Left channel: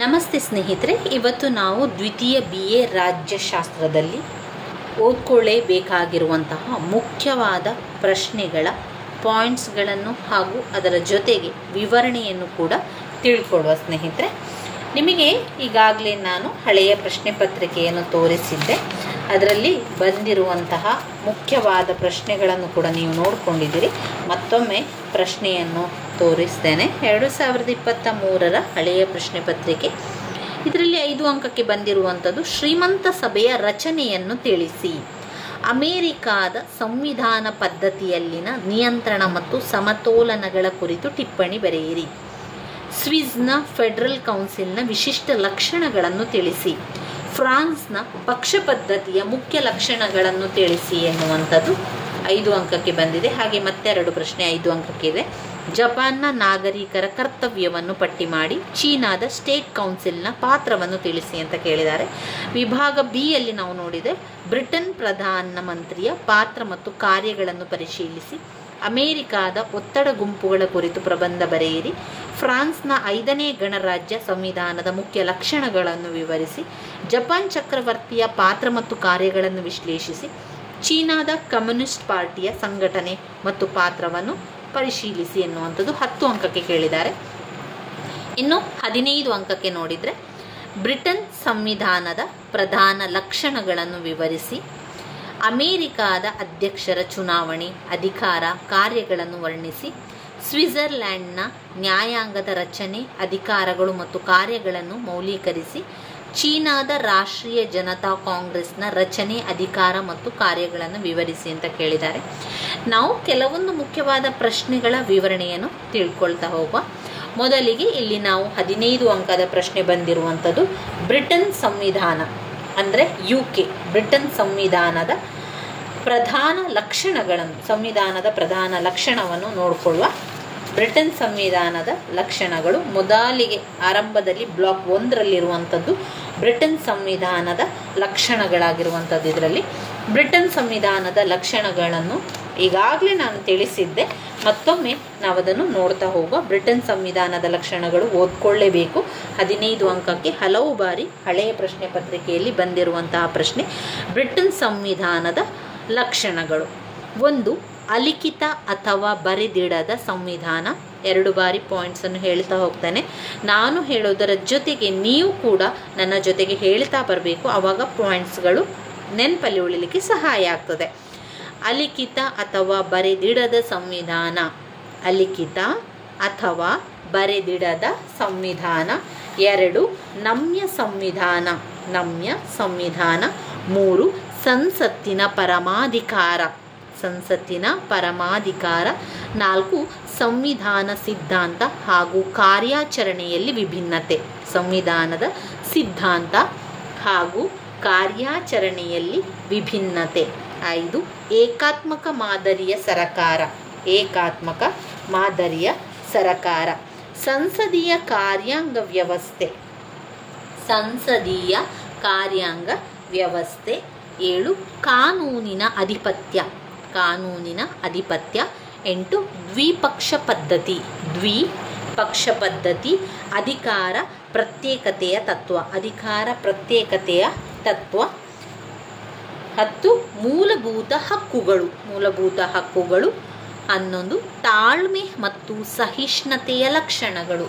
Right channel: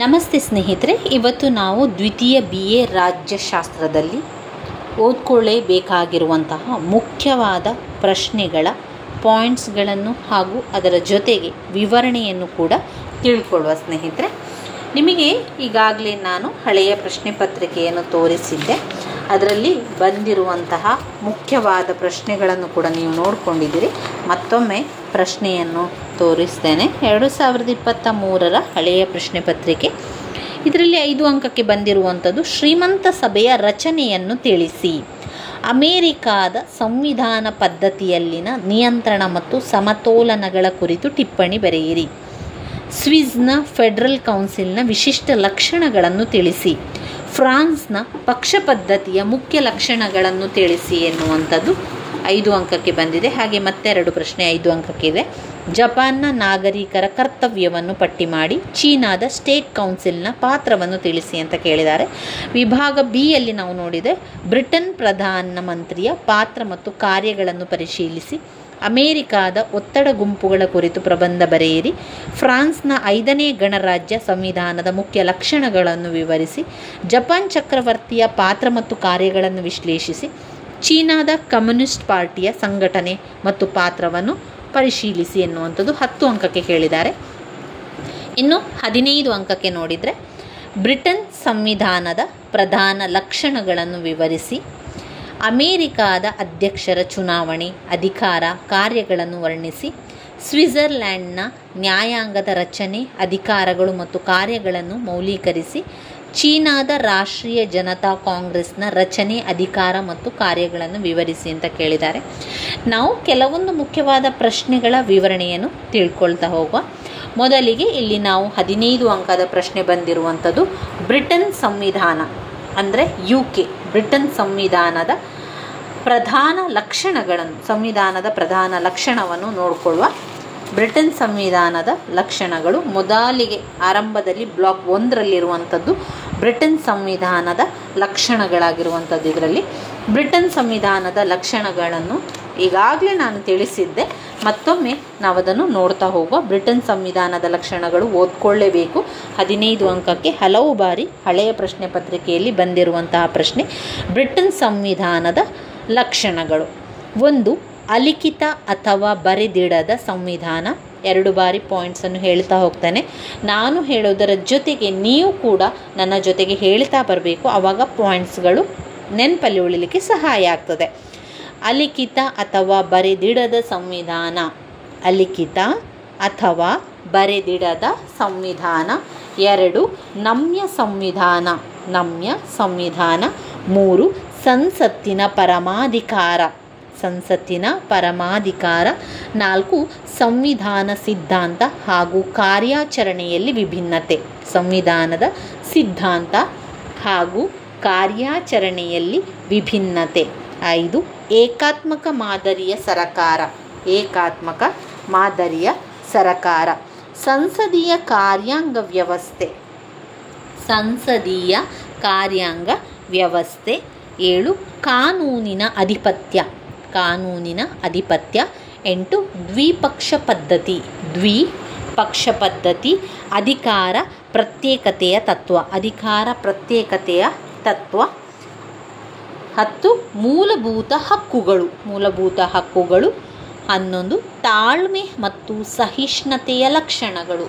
ನಮಸ್ತೆ ಸ್ನೇಹಿತರೆ, ಇವತ್ತು ನಾವು ದ್ವಿತೀಯ BA ರಾಜ್ಯಶಾಸ್ತ್ರದಲ್ಲಿ ಓದ್ಕೊಳ್ಳೇಬೇಕಾಗಿರುವಂತಹ ಮುಖ್ಯವಾದ ಪ್ರಶ್ನೆಗಳ ಪಾಯಿಂಟ್ಸ್ಗಳನ್ನು ಹಾಗೂ ಅದರ ಜೊತೆಗೆ ವಿವರಣೆಯನ್ನು ಕೂಡ ತಿಳ್ಕೊಳ್ಳುವ. ಸ್ನೇಹಿತರೆ, ನಿಮಗೆ ಈಗಾಗಲೇ ನಾನು ಹಳೆಯ ಪ್ರಶ್ನೆ ಪತ್ರಿಕೆಯನ್ನು ತೋರಿಸಿದ್ದೆ. ಅದರಲ್ಲಿ ಬಂದಿರುವಂತಹ ಮುಖ್ಯವಾದ ಪ್ರಶ್ನೆಗಳನ್ನು ಕೂಡ ನೀವು ನೋಡಿಕೊಂಡಿದ್ದೀರಿ. ಮತ್ತೊಮ್ಮೆ ಪ್ರಶ್ನೆಯನ್ನು ತೋರಿಸ್ತೇನೆ. 2023 ಹಳೆಯ ಪ್ರಶ್ನೆ ಪತ್ರಿಕೆ. ಇದರಲ್ಲಿ 5 ಅಂಕಕ್ಕೆ ಬಂದಿರುವಂಥದ್ದು ಶ್ರೀಮಂತ ಸಭೆಯ ರಚನೆಯನ್ನು ತಿಳಿಸಿ. ಅಮೇರಿಕಾದ ಸಂವಿಧಾನ ಪದ್ಧತಿಯಲ್ಲಿನ ನಿಯಂತ್ರಣ ಮತ್ತು ಸಮತೋಲನಗಳ ಕುರಿತು ಟಿಪ್ಪಣಿ ಬರೆಯಿರಿ. ಸ್ವಿಸ್ನ ಫೆಡರಲ್ ಕೌನ್ಸಿಲ್ನ ವಿಶಿಷ್ಟ ಲಕ್ಷಣಗಳನ್ನು ತಿಳಿಸಿ. ಫ್ರಾನ್ಸ್ನ ಪಕ್ಷ ಪದ್ಧತಿಯ ಮುಖ್ಯ ಲಕ್ಷಣಗಳನ್ನು ತಿಳಿಸಿ ಎನ್ನುವಂಥದ್ದು 5 ಅಂಕಕ್ಕೆ ಬಂದಿದೆ. ಹಾಗೆ ಮತ್ತೆ 2 ಪ್ರಶ್ನೆ 5 ಅಂಕಕ್ಕಿದೆ. ಜಪಾನ್ನ ನಾಗರಿಕರ ಕರ್ತವ್ಯವನ್ನು ಪಟ್ಟಿ ಮಾಡಿ. ಚೀನಾದ ಸ್ಟೇಟ್ ಕೌನ್ಸಿಲ್ನ ಪಾತ್ರವನ್ನು ತಿಳಿಸಿ ಅಂತ ಕೇಳಿದ್ದಾರೆ. ವಿಭಾಗ B ಯಲ್ಲಿ ನಾವು ನೋಡಿದರೆ ಬ್ರಿಟನ್ ಪ್ರಧಾನಮಂತ್ರಿಯ ಪಾತ್ರ ಮತ್ತು ಕಾರ್ಯಗಳನ್ನು ಪರಿಶೀಲಿಸಿ. ಅಮೇರಿಕಾದ ಒತ್ತಡ ಗುಂಪುಗಳ ಕುರಿತು ಪ್ರಬಂಧ ಬರೆಯಿರಿ. ಫ್ರಾನ್ಸ್ನ 5ನೇ ಗಣರಾಜ್ಯ ಸಂವಿಧಾನದ ಮುಖ್ಯ ಲಕ್ಷಣಗಳನ್ನು ವಿವರಿಸಿ. ಜಪಾನ್ ಚಕ್ರವರ್ತಿಯ ಪಾತ್ರ ಮತ್ತು ಕಾರ್ಯಗಳನ್ನು ವಿಶ್ಲೇಷಿಸಿ. ಚೀನಾದ ಕಮ್ಯುನಿಸ್ಟ್ ಪಾರ್ಟಿಯ ಸಂಘಟನೆ ಮತ್ತು ಪಾತ್ರವನ್ನು ಪರಿಶೀಲಿಸಿ ಎನ್ನುವಂಥದ್ದು 10 ಅಂಕಕ್ಕೆ ಕೇಳಿದ್ದಾರೆ. ಇನ್ನು 15 ಅಂಕಕ್ಕೆ ನೋಡಿದರೆ ಬ್ರಿಟನ್ ಸಂವಿಧಾನದ ಪ್ರಧಾನ ಲಕ್ಷಣಗಳನ್ನು ವಿವರಿಸಿ. ಅಮೇರಿಕಾದ ಅಧ್ಯಕ್ಷರ ಚುನಾವಣೆ, ಅಧಿಕಾರ, ಕಾರ್ಯಗಳನ್ನು ವರ್ಣಿಸಿ. ಸ್ವಿಟ್ಜರ್ಲ್ಯಾಂಡ್ನ ನ್ಯಾಯಾಂಗದ ರಚನೆ, ಅಧಿಕಾರಗಳು ಮತ್ತು ಕಾರ್ಯಗಳನ್ನು ಮೌಲ್ಯೀಕರಿಸಿ. ಚೀನಾದ ರಾಷ್ಟ್ರೀಯ ಜನತಾ ಕಾಂಗ್ರೆಸ್ನ ರಚನೆ, ಅಧಿಕಾರ ಮತ್ತು ಕಾರ್ಯಗಳನ್ನು ವಿವರಿಸಿ ಅಂತ ಕೇಳಿದ್ದಾರೆ. ನಾವು ಕೆಲವೊಂದು ಮುಖ್ಯವಾದ ಪ್ರಶ್ನೆಗಳ ವಿವರಣೆಯನ್ನು ತಿಳ್ಕೊಳ್ತಾ ಹೋಗುವ. ಮೊದಲಿಗೆ ಇಲ್ಲಿ ನಾವು 15 ಅಂಕದ ಪ್ರಶ್ನೆ ಬಂದಿರುವಂಥದ್ದು ಬ್ರಿಟನ್ ಸಂವಿಧಾನ ಅಂದರೆ UK ಬ್ರಿಟನ್ ಸಂವಿಧಾನದ ಪ್ರಧಾನ ಲಕ್ಷಣವನ್ನು ನೋಡಿಕೊಳ್ಳುವ. ಬ್ರಿಟನ್ ಸಂವಿಧಾನದ ಲಕ್ಷಣಗಳು ಮೊದಲಿಗೆ ಆರಂಭದಲ್ಲಿ ಬ್ಲಾಕ್ 1ರಲ್ಲಿರುವಂಥದ್ದು ಬ್ರಿಟನ್ ಸಂವಿಧಾನದ ಲಕ್ಷಣಗಳಾಗಿರುವಂಥದ್ದು. ಇದರಲ್ಲಿ ಬ್ರಿಟನ್ ಸಂವಿಧಾನದ ಲಕ್ಷಣಗಳನ್ನು ಈಗಾಗಲೇ ನಾನು ತಿಳಿಸಿದ್ದೆ. ಮತ್ತೊಮ್ಮೆ ನಾವು ಅದನ್ನು ನೋಡ್ತಾ ಹೋಗುವ. ಬ್ರಿಟನ್ ಸಂವಿಧಾನದ ಲಕ್ಷಣಗಳು ಓದ್ಕೊಳ್ಳೇಬೇಕು. 15 ಅಂಕಕ್ಕೆ ಹಲವು ಬಾರಿ ಹಳೆಯ ಪ್ರಶ್ನೆ ಪತ್ರಿಕೆಯಲ್ಲಿ ಬಂದಿರುವಂತಹ ಪ್ರಶ್ನೆ. ಬ್ರಿಟನ್ ಸಂವಿಧಾನದ ಲಕ್ಷಣಗಳು: 1. ಅಲಿಖಿತ ಅಥವಾ ಬರೆದಿಡದ ಸಂವಿಧಾನ. 2 ಬಾರಿ ಪಾಯಿಂಟ್ಸನ್ನು ಹೇಳ್ತಾ ಹೋಗ್ತಾನೆ. ನಾನು ಹೇಳೋದರ ಜೊತೆಗೆ ನೀವು ಕೂಡ ನನ್ನ ಜೊತೆಗೆ ಹೇಳ್ತಾ ಬರಬೇಕು. ಆವಾಗ ಪಾಯಿಂಟ್ಸ್ಗಳು ನೆನಪಲ್ಲಿ ಉಳಿಲಿಕ್ಕೆ ಸಹಾಯ ಆಗ್ತದೆ. ಅಲಿಖಿತ ಅಥವಾ ಬರೆದಿಡದ ಸಂವಿಧಾನ. ಅಲಿಖಿತ ಅಥವಾ ಬರೆದಿಡದ ಸಂವಿಧಾನ. 2. ನಮ್ಯ ಸಂವಿಧಾನ. 3. ಸಂಸತ್ತಿನ ಪರಮಾಧಿಕಾರ. 4. ಸಂವಿಧಾನ ಸಿದ್ಧಾಂತ ಹಾಗೂ ಕಾರ್ಯಾಚರಣೆಯಲ್ಲಿ ವಿಭಿನ್ನತೆ. ಸಂವಿಧಾನದ ಸಿದ್ಧಾಂತ ಹಾಗೂ ಕಾರ್ಯಾಚರಣೆಯಲ್ಲಿ ವಿಭಿನ್ನತೆ. 5. ಏಕಾತ್ಮಕ ಮಾದರಿಯ ಸರಕಾರ. ಸಂಸದೀಯ ಕಾರ್ಯಾಂಗ ವ್ಯವಸ್ಥೆ. 7. ಕಾನೂನಿನ ಅಧಿಪತ್ಯ. 8. ದ್ವಿಪಕ್ಷ ಪದ್ಧತಿ. ಅಧಿಕಾರ ಪ್ರತ್ಯೇಕತೆಯ ತತ್ವ. 10. ಮೂಲಭೂತ ಹಕ್ಕುಗಳು. 11. ತಾಳ್ಮೆ ಮತ್ತು ಸಹಿಷ್ಣುತೆಯ ಲಕ್ಷಣಗಳು.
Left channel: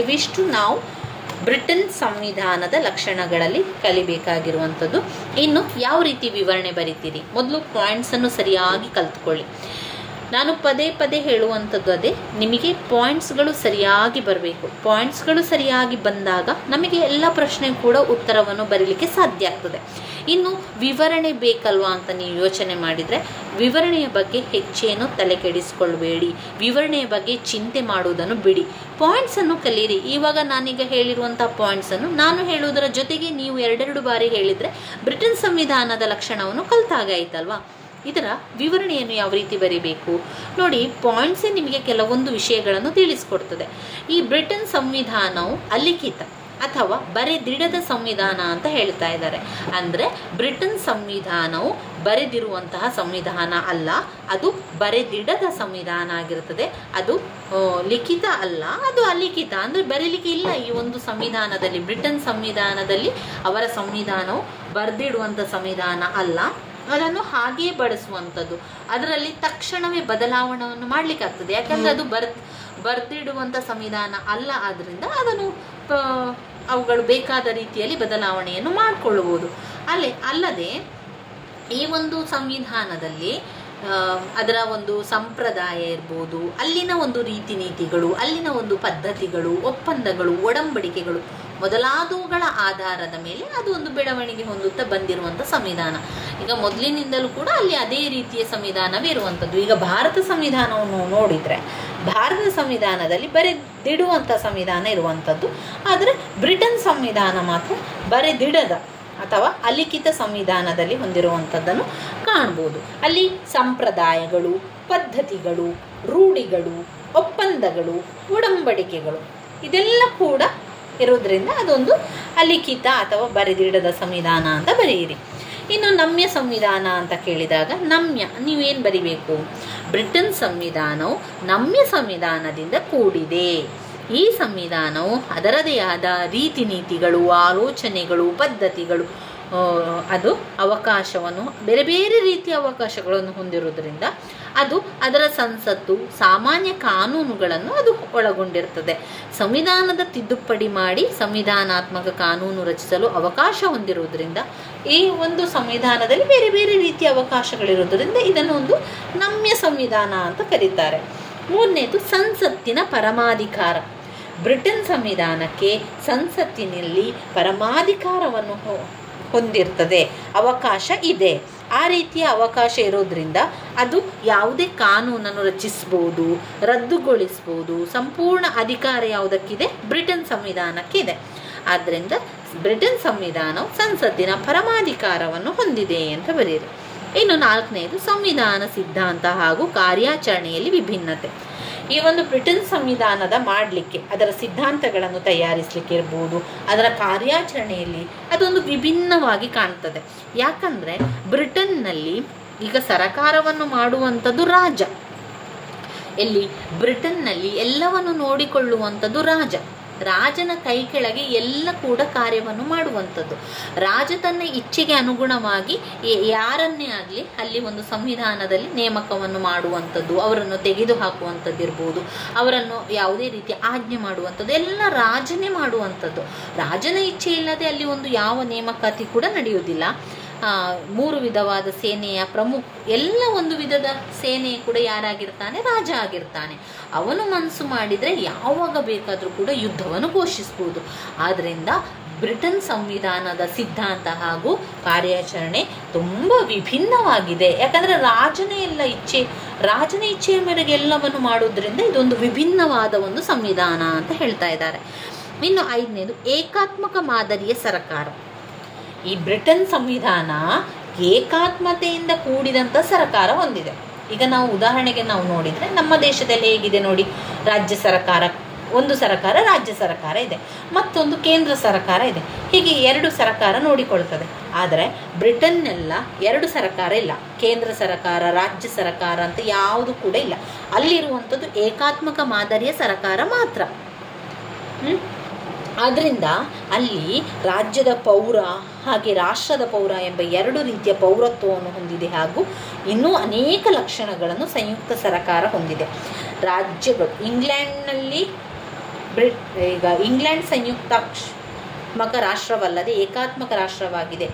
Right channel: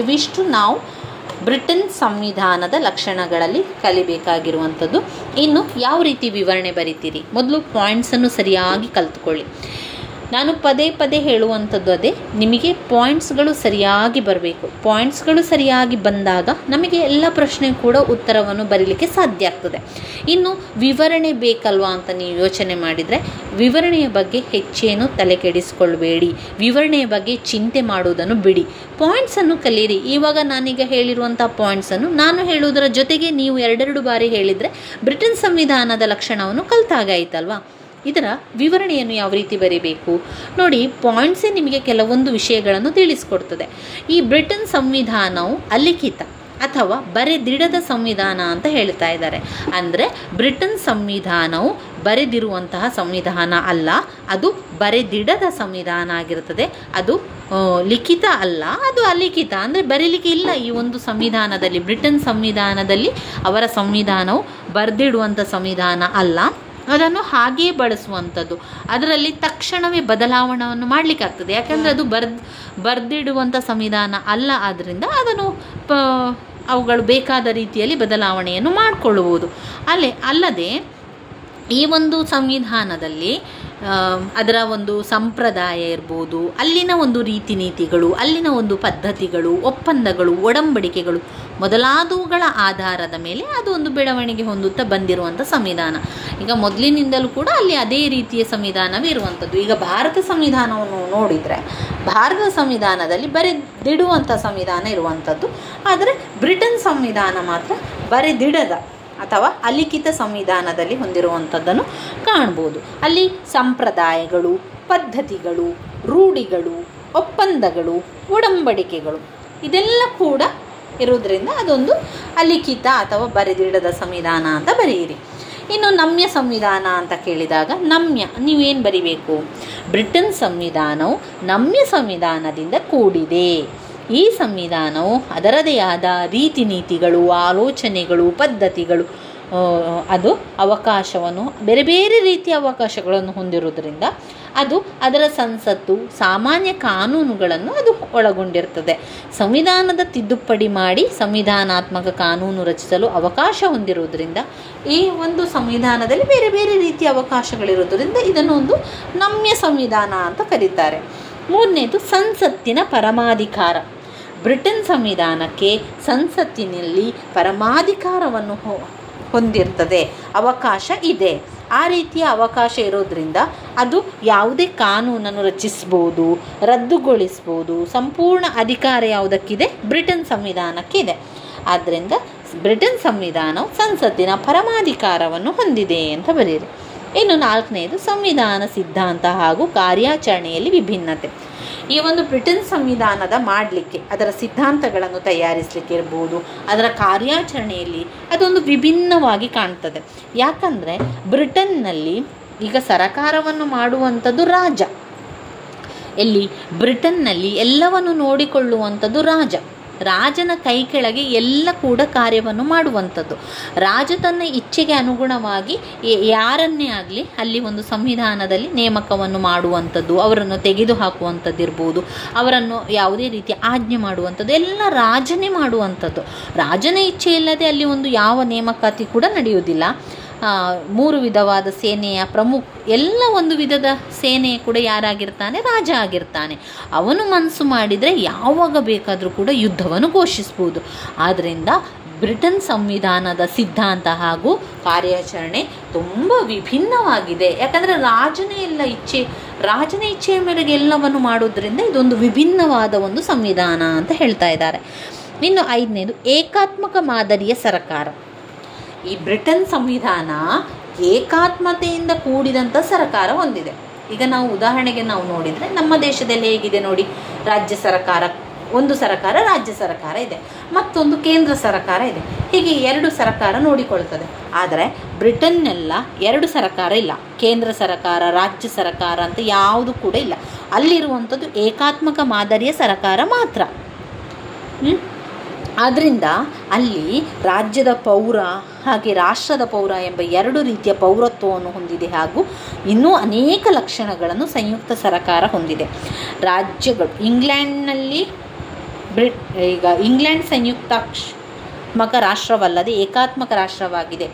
ಇವಿಷ್ಟು ನಾವು ಬ್ರಿಟನ್ ಸಂವಿಧಾನದ ಲಕ್ಷಣಗಳಲ್ಲಿ ಕಲಿಬೇಕಾಗಿರುವಂಥದ್ದು. ಇನ್ನು ಯಾವ ರೀತಿ ವಿವರಣೆ ಬರೀತೀರಿ? ಮೊದಲು ಪಾಯಿಂಟ್ಸನ್ನು ಸರಿಯಾಗಿ ಕಲ್ತ್ಕೊಳ್ಳಿ. ನಾನು ಪದೇ ಹೇಳುವಂಥದ್ದು ಅದೇ, ನಿಮಗೆ ಪಾಯಿಂಟ್ಸ್ಗಳು ಸರಿಯಾಗಿ ಬರಬೇಕು. ಪಾಯಿಂಟ್ಸ್ಗಳು ಸರಿಯಾಗಿ ಬಂದಾಗ ನಮಗೆ ಎಲ್ಲ ಪ್ರಶ್ನೆ ಕೂಡ ಉತ್ತರವನ್ನು ಬರೀಲಿಕ್ಕೆ ಸಾಧ್ಯ ಆಗ್ತದೆ. ಇನ್ನು ವಿವರಣೆ ಬೇಕಲ್ವಾ ಅಂತ ನೀವು ಯೋಚನೆ ಮಾಡಿದರೆ ವಿವರಣೆಯ ಬಗ್ಗೆ ಹೆಚ್ಚೇನು ತಲೆ ಕೆಡಿಸ್ಕೊಳ್ಬೇಡಿ. ವಿವರಣೆಯ ಬಗ್ಗೆ ಚಿಂತೆ ಮಾಡುವುದನ್ನು ಬಿಡಿ. ಪಾಯಿಂಟ್ಸನ್ನು ಕಲೀರಿ. ಇವಾಗ ನಾನೀಗ ಹೇಳಿರುವಂಥ ಪಾಯಿಂಟ್ಸನ್ನು ನಾನು ಹೇಳುವುದರ ಜೊತೆಗೆ ನೀವು 2 ಬಾರಿ ಹೇಳಿದರೆ ಬ್ರಿಟನ್ ಸಂವಿಧಾನದ ಲಕ್ಷಣವನ್ನು ಕಲ್ತಾಗಾಯ್ತಲ್ವಾ? ಇದರ ವಿವರಣೆಯನ್ನು ಯಾವ ರೀತಿ ಬರೀಬೇಕು ನೋಡಿ. ಪಾಯಿಂಟ್ಸೇ ನಿಮಗೆ ಕೆಲವೊಂದು ವಿಷಯಗಳನ್ನು ತಿಳಿಸ್ಕೊಡ್ತದೆ. ಈ ಬ್ರಿಟನ್ ಸಂವಿಧಾನವು ಅಲಿಖಿತ ಅಥವಾ ಬರೆದಿಡದ ಸಂವಿಧಾನ ಅಂತ ಹೇಳ್ತಾ ಇದ್ದಾರೆ. ಅಂದರೆ ಬ್ರಿಟನ್ ಸಂವಿಧಾನವು ಬರೆದಿರುವಂತಹ ಸಂವಿಧಾನ ಅಲ್ಲ, ಅದು ಬರೆದಿಡದ ಸಂವಿಧಾನ ಆಗಿರುತ್ತದೆ. ಅದು ಲಿಖಿತ ಅಲ್ಲ, ಅದು ಅಲಿಖಿತ. ಅಂದರೆ ಬರೀಲಿಕ್ಕೆ ಇಲ್ಲ ಈ ಒಂದು ಸಂವಿಧಾನದಲ್ಲಿ. ಬ್ರಿಟನ್ ಸಂವಿಧಾನದಲ್ಲಿ ಅವರ ಸಂವಿಧಾನವು ಬರೆದಿಡುವಂಥ ಸಂವಿಧಾನ ಅಲ್ಲ, ಅದನ್ನು ಹಾಗೆಯೇ ಬಳಸುವಂಥದ್ದು. ಅದರಲ್ಲಿ ತಕ್ಷಣವೇ ಬದಲಾವಣೆಯನ್ನು ಮಾಡಲಿಕ್ಕಾಗ್ತದೆ, ಯಾಕಂದರೆ ಅದು ಬರೆದಿಡುವಂಥ ಸಂವಿಧಾನ ಅಲ್ಲ. ಆದ್ದರಿಂದ ಅದನ್ನು ಅವುಗಳು ಬೇಕಾದ ರೀತಿಯಲ್ಲಿ ಬದಲಾವಣೆಯನ್ನು ಮಾಡಿಕೊಳ್ಳುವುದು. ಅಲ್ಲದೆ ಈ ಒಂದು ಸಂವಿಧಾನದಲ್ಲಿ ಅದರ ಒಂದು ಸಂಪ್ರದಾಯ ಇರ್ಬೋದು, ಅಲ್ಲಿನ ಒಂದು ರೀತಿ ನೀತಿಗಳು, ಅಲ್ಲಿನ ಒಂದು ಪದ್ಧತಿಗಳು, ಒಪ್ಪಂದಗಳು, ಒಡಂಬಡಿಕೆಗಳು ಮೊದಲಾದವುಗಳ ಆಧಾರದ ಮೇಲೆ ಅದು ಒಂದು ಬೆಳವಣಿಗೆ ಹೊಂದುತ್ತಾ ಬಂದಿರುವಂಥ ಸಂವಿಧಾನ. ಈಗ ಮೊದಲಿನಿಂದಲೂ ಕೂಡ ಅಲ್ಲಿ ಅದೇ ರೀತಿಯ ಸಂವಿಧಾನವೇ ಇರುವಂಥದ್ದು. ಈಗ ಭಾರತ ಸಂವಿಧಾನವನ್ನು ನೋಡಿದರೆ ಭಾರತ ಸಂವಿಧಾನದಲ್ಲಿ ಬರೆದಿಡುವಂಥ ಸಂವಿಧಾನ ಇರುವಂಥದ್ದು. ಆದರೆ ಬ್ರಿಟನ್ ಸಂವಿಧಾನ ಮಾತ್ರ ಬರೆದಿಡದ ಅಥವಾ ಅಲಿಖಿತ ಸಂವಿಧಾನದಲ್ಲಿ ಹೊಂದಿರುವಂಥದ್ದನ್ನು ಕಾಣ್ಬೋದು. ಅಲ್ಲಿ ಸಂಪ್ರದಾಯಗಳು, ಪದ್ಧತಿಗಳು, ರೂಢಿಗಳು, ಒಪ್ಪಂದಗಳು, ಒಡಂಬಡಿಕೆಗಳು ಇದೆಲ್ಲ ಕೂಡ ಇರೋದ್ರಿಂದ ಅದೊಂದು ಅಲಿಖಿತ ಅಥವಾ ಬರೆದಿಡದ ಸಂವಿಧಾನ ಅಂತ ಬರೆಯಿರಿ. ಇನ್ನು ನಮ್ಯ ಸಂವಿಧಾನ ಅಂತ ಕೇಳಿದಾಗ ನಮ್ಯ ನೀವೇನು ಬರಿಬೇಕು? ಬ್ರಿಟನ್ ಸಂವಿಧಾನವು ನಮ್ಯ ಸಂವಿಧಾನದಿಂದ ಕೂಡಿದೆ. ಈ ಸಂವಿಧಾನವು ಅದರದೇ ಆದ ರೀತಿ ನೀತಿಗಳು, ಆಲೋಚನೆಗಳು, ಪದ್ಧತಿಗಳು, ಅದು ಅವಕಾಶವನ್ನು ಬೇರೆ ಬೇರೆ ರೀತಿಯ ಅವಕಾಶಗಳನ್ನು ಹೊಂದಿರುವುದರಿಂದ ಅದು ಅದರ ಸಂಸತ್ತು, ಸಾಮಾನ್ಯ ಕಾನೂನುಗಳನ್ನು ಅದು ಒಳಗೊಂಡಿರ್ತದೆ. ಸಂವಿಧಾನದ ತಿದ್ದುಪಡಿ ಮಾಡಿ ಸಂವಿಧಾನಾತ್ಮಕ ಕಾನೂನು ರಚಿಸಲು ಅವಕಾಶ ಹೊಂದಿರುವುದರಿಂದ ಈ ಒಂದು ಸಂವಿಧಾನದಲ್ಲಿ ಬೇರೆ ಬೇರೆ ರೀತಿಯ ಅವಕಾಶಗಳಿರೋದ್ರಿಂದ ಇದನ್ನು ಒಂದು ನಮ್ಯ ಸಂವಿಧಾನ ಅಂತ ಕರೀತಾರೆ. ಮೂರನೇದು ಸಂಸತ್ತಿನ ಪರಮಾಧಿಕಾರ. ಬ್ರಿಟನ್ ಸಂವಿಧಾನಕ್ಕೆ ಸಂಸತ್ತಿನಲ್ಲಿ ಪರಮಾಧಿಕಾರವನ್ನು ಹೊಂದಿರ್ತದೆ, ಅವಕಾಶ ಇದೆ. ಆ ರೀತಿಯ ಅವಕಾಶ ಇರೋದ್ರಿಂದ ಅದು ಯಾವುದೇ ಕಾನೂನನ್ನು ರಚಿಸ್ಬೋದು, ರದ್ದುಗೊಳಿಸ್ಬೋದು. ಸಂಪೂರ್ಣ ಅಧಿಕಾರ ಯಾವುದಕ್ಕಿದೆ? ಬ್ರಿಟನ್ ಸಂವಿಧಾನಕ್ಕಿದೆ. ಆದ್ದರಿಂದ ಬ್ರಿಟನ್ ಸಂವಿಧಾನವು ಸಂಸತ್ತಿನ ಪರಮಾಧಿಕಾರವನ್ನು ಹೊಂದಿದೆ ಅಂತ ಬರೆಯಿರಿ. ಇನ್ನು ನಾಲ್ಕನೆಯದು ಸಂವಿಧಾನ ಸಿದ್ಧಾಂತ ಹಾಗೂ ಕಾರ್ಯಾಚರಣೆಯಲ್ಲಿ ವಿಭಿನ್ನತೆ. ಈ ಒಂದು ಬ್ರಿಟನ್ ಸಂವಿಧಾನದ ಮಾಡಲಿಕ್ಕೆ ಅದರ ಸಿದ್ಧಾಂತಗಳನ್ನು ತಯಾರಿಸಲಿಕ್ಕೆ ಇರ್ಬೋದು, ಅದರ ಕಾರ್ಯಾಚರಣೆಯಲ್ಲಿ ಅದೊಂದು ವಿಭಿನ್ನವಾಗಿ ಕಾಣ್ತದೆ. ಯಾಕಂದರೆ ಬ್ರಿಟನ್ನಲ್ಲಿ ಈಗ ಸರಕಾರವನ್ನು ಮಾಡುವಂಥದ್ದು ರಾಜ. ಎಲ್ಲಿ? ಬ್ರಿಟನ್ನಲ್ಲಿ ಎಲ್ಲವನ್ನು ನೋಡಿಕೊಳ್ಳುವಂಥದ್ದು ರಾಜ. ರಾಜನ ಕೈ ಕೆಳಗೆ ಎಲ್ಲ ಕೂಡ ಕಾರ್ಯವನ್ನು ಮಾಡುವಂಥದ್ದು. ರಾಜ ತನ್ನ ಇಚ್ಛೆಗೆ ಅನುಗುಣವಾಗಿ ಯಾರನ್ನೇ ಆಗಲಿ ಅಲ್ಲಿ ಒಂದು ಸಂವಿಧಾನದಲ್ಲಿ ನೇಮಕವನ್ನು ಮಾಡುವಂಥದ್ದು, ಅವರನ್ನು ತೆಗೆದು ಹಾಕುವಂಥದ್ದು ಇರ್ಬೋದು, ಅವರನ್ನು ಯಾವುದೇ ರೀತಿಯ ಆಜ್ಞೆ ಮಾಡುವಂಥದ್ದು ಎಲ್ಲ ರಾಜನೇ ಮಾಡುವಂಥದ್ದು. ರಾಜನ ಇಚ್ಛೆ ಇಲ್ಲದೆ ಅಲ್ಲಿ ಒಂದು ಯಾವ ನೇಮಕಾತಿ ಕೂಡ ನಡೆಯುವುದಿಲ್ಲ. 3 ವಿಧವಾದ ಸೇನೆಯ ಪ್ರಮುಖ ಎಲ್ಲ ಒಂದು ವಿಧದ ಸೇನೆ ಕೂಡ ಯಾರಾಗಿರ್ತಾನೆ? ರಾಜ ಆಗಿರ್ತಾನೆ. ಅವನು ಮನಸ್ಸು ಮಾಡಿದರೆ ಯಾವಾಗ ಬೇಕಾದರೂ ಕೂಡ ಯುದ್ಧವನ್ನು ಘೋಷಿಸ್ಬೋದು. ಆದ್ದರಿಂದ ಬ್ರಿಟನ್ ಸಂವಿಧಾನದ ಸಿದ್ಧಾಂತ ಹಾಗೂ ಕಾರ್ಯಾಚರಣೆ ತುಂಬ ವಿಭಿನ್ನವಾಗಿದೆ. ಯಾಕಂದರೆ ರಾಜನ ಇಚ್ಛೆಯ ಮೇರೆಗೆ ಎಲ್ಲವನ್ನು ಮಾಡೋದ್ರಿಂದ ಇದೊಂದು ವಿಭಿನ್ನವಾದ ಒಂದು ಸಂವಿಧಾನ ಅಂತ ಹೇಳ್ತಾ ಇದ್ದಾರೆ. ಇನ್ನು 5ನೇದು ಏಕಾತ್ಮಕ ಮಾದರಿಯ ಸರಕಾರ. ಈ ಬ್ರಿಟನ್ ಸಂವಿಧಾನ ಏಕಾತ್ಮತೆಯಿಂದ ಕೂಡಿದಂಥ ಸರ್ಕಾರ ಹೊಂದಿದೆ. ಈಗ ನಾವು ಉದಾಹರಣೆಗೆ ನಾವು ನೋಡಿದರೆ ನಮ್ಮ ದೇಶದಲ್ಲಿ ಹೇಗಿದೆ ನೋಡಿ, ರಾಜ್ಯ ಸರ್ಕಾರ, ಒಂದು ಸರ್ಕಾರ ರಾಜ್ಯ ಸರ್ಕಾರ ಇದೆ, ಮತ್ತೊಂದು ಕೇಂದ್ರ ಸರ್ಕಾರ ಇದೆ. ಹೀಗೆ 2 ಸರ್ಕಾರ ನೋಡಿಕೊಳ್ತದೆ. ಆದರೆ ಬ್ರಿಟನ್ನೆಲ್ಲ 2 ಸರ್ಕಾರ ಇಲ್ಲ, ಕೇಂದ್ರ ಸರ್ಕಾರ, ರಾಜ್ಯ ಸರ್ಕಾರ ಅಂತ ಯಾವುದು ಕೂಡ ಇಲ್ಲ. ಅಲ್ಲಿರುವಂಥದ್ದು ಏಕಾತ್ಮಕ ಮಾದರಿಯ ಸರ್ಕಾರ ಮಾತ್ರ. ಆದ್ದರಿಂದ ಅಲ್ಲಿ ರಾಜ್ಯದ ಪೌರ ಹಾಗೆ ರಾಷ್ಟ್ರದ ಪೌರ ಎಂಬ 2 ರೀತಿಯ ಪೌರತ್ವವನ್ನು ಹೊಂದಿದೆ. ಹಾಗೂ ಇನ್ನೂ ಅನೇಕ ಲಕ್ಷಣಗಳನ್ನು ಸಂಯುಕ್ತ ಸರ್ಕಾರ ಹೊಂದಿದೆ. ರಾಜ್ಯಗಳು ಇಂಗ್ಲೆಂಡ್ನಲ್ಲಿ ಈಗ ಇಂಗ್ಲೆಂಡ್ ಸಂಯುಕ್ತಾತ್ಮಕ ರಾಷ್ಟ್ರವಲ್ಲದೆ ಏಕಾತ್ಮಕ ರಾಷ್ಟ್ರವಾಗಿದೆ.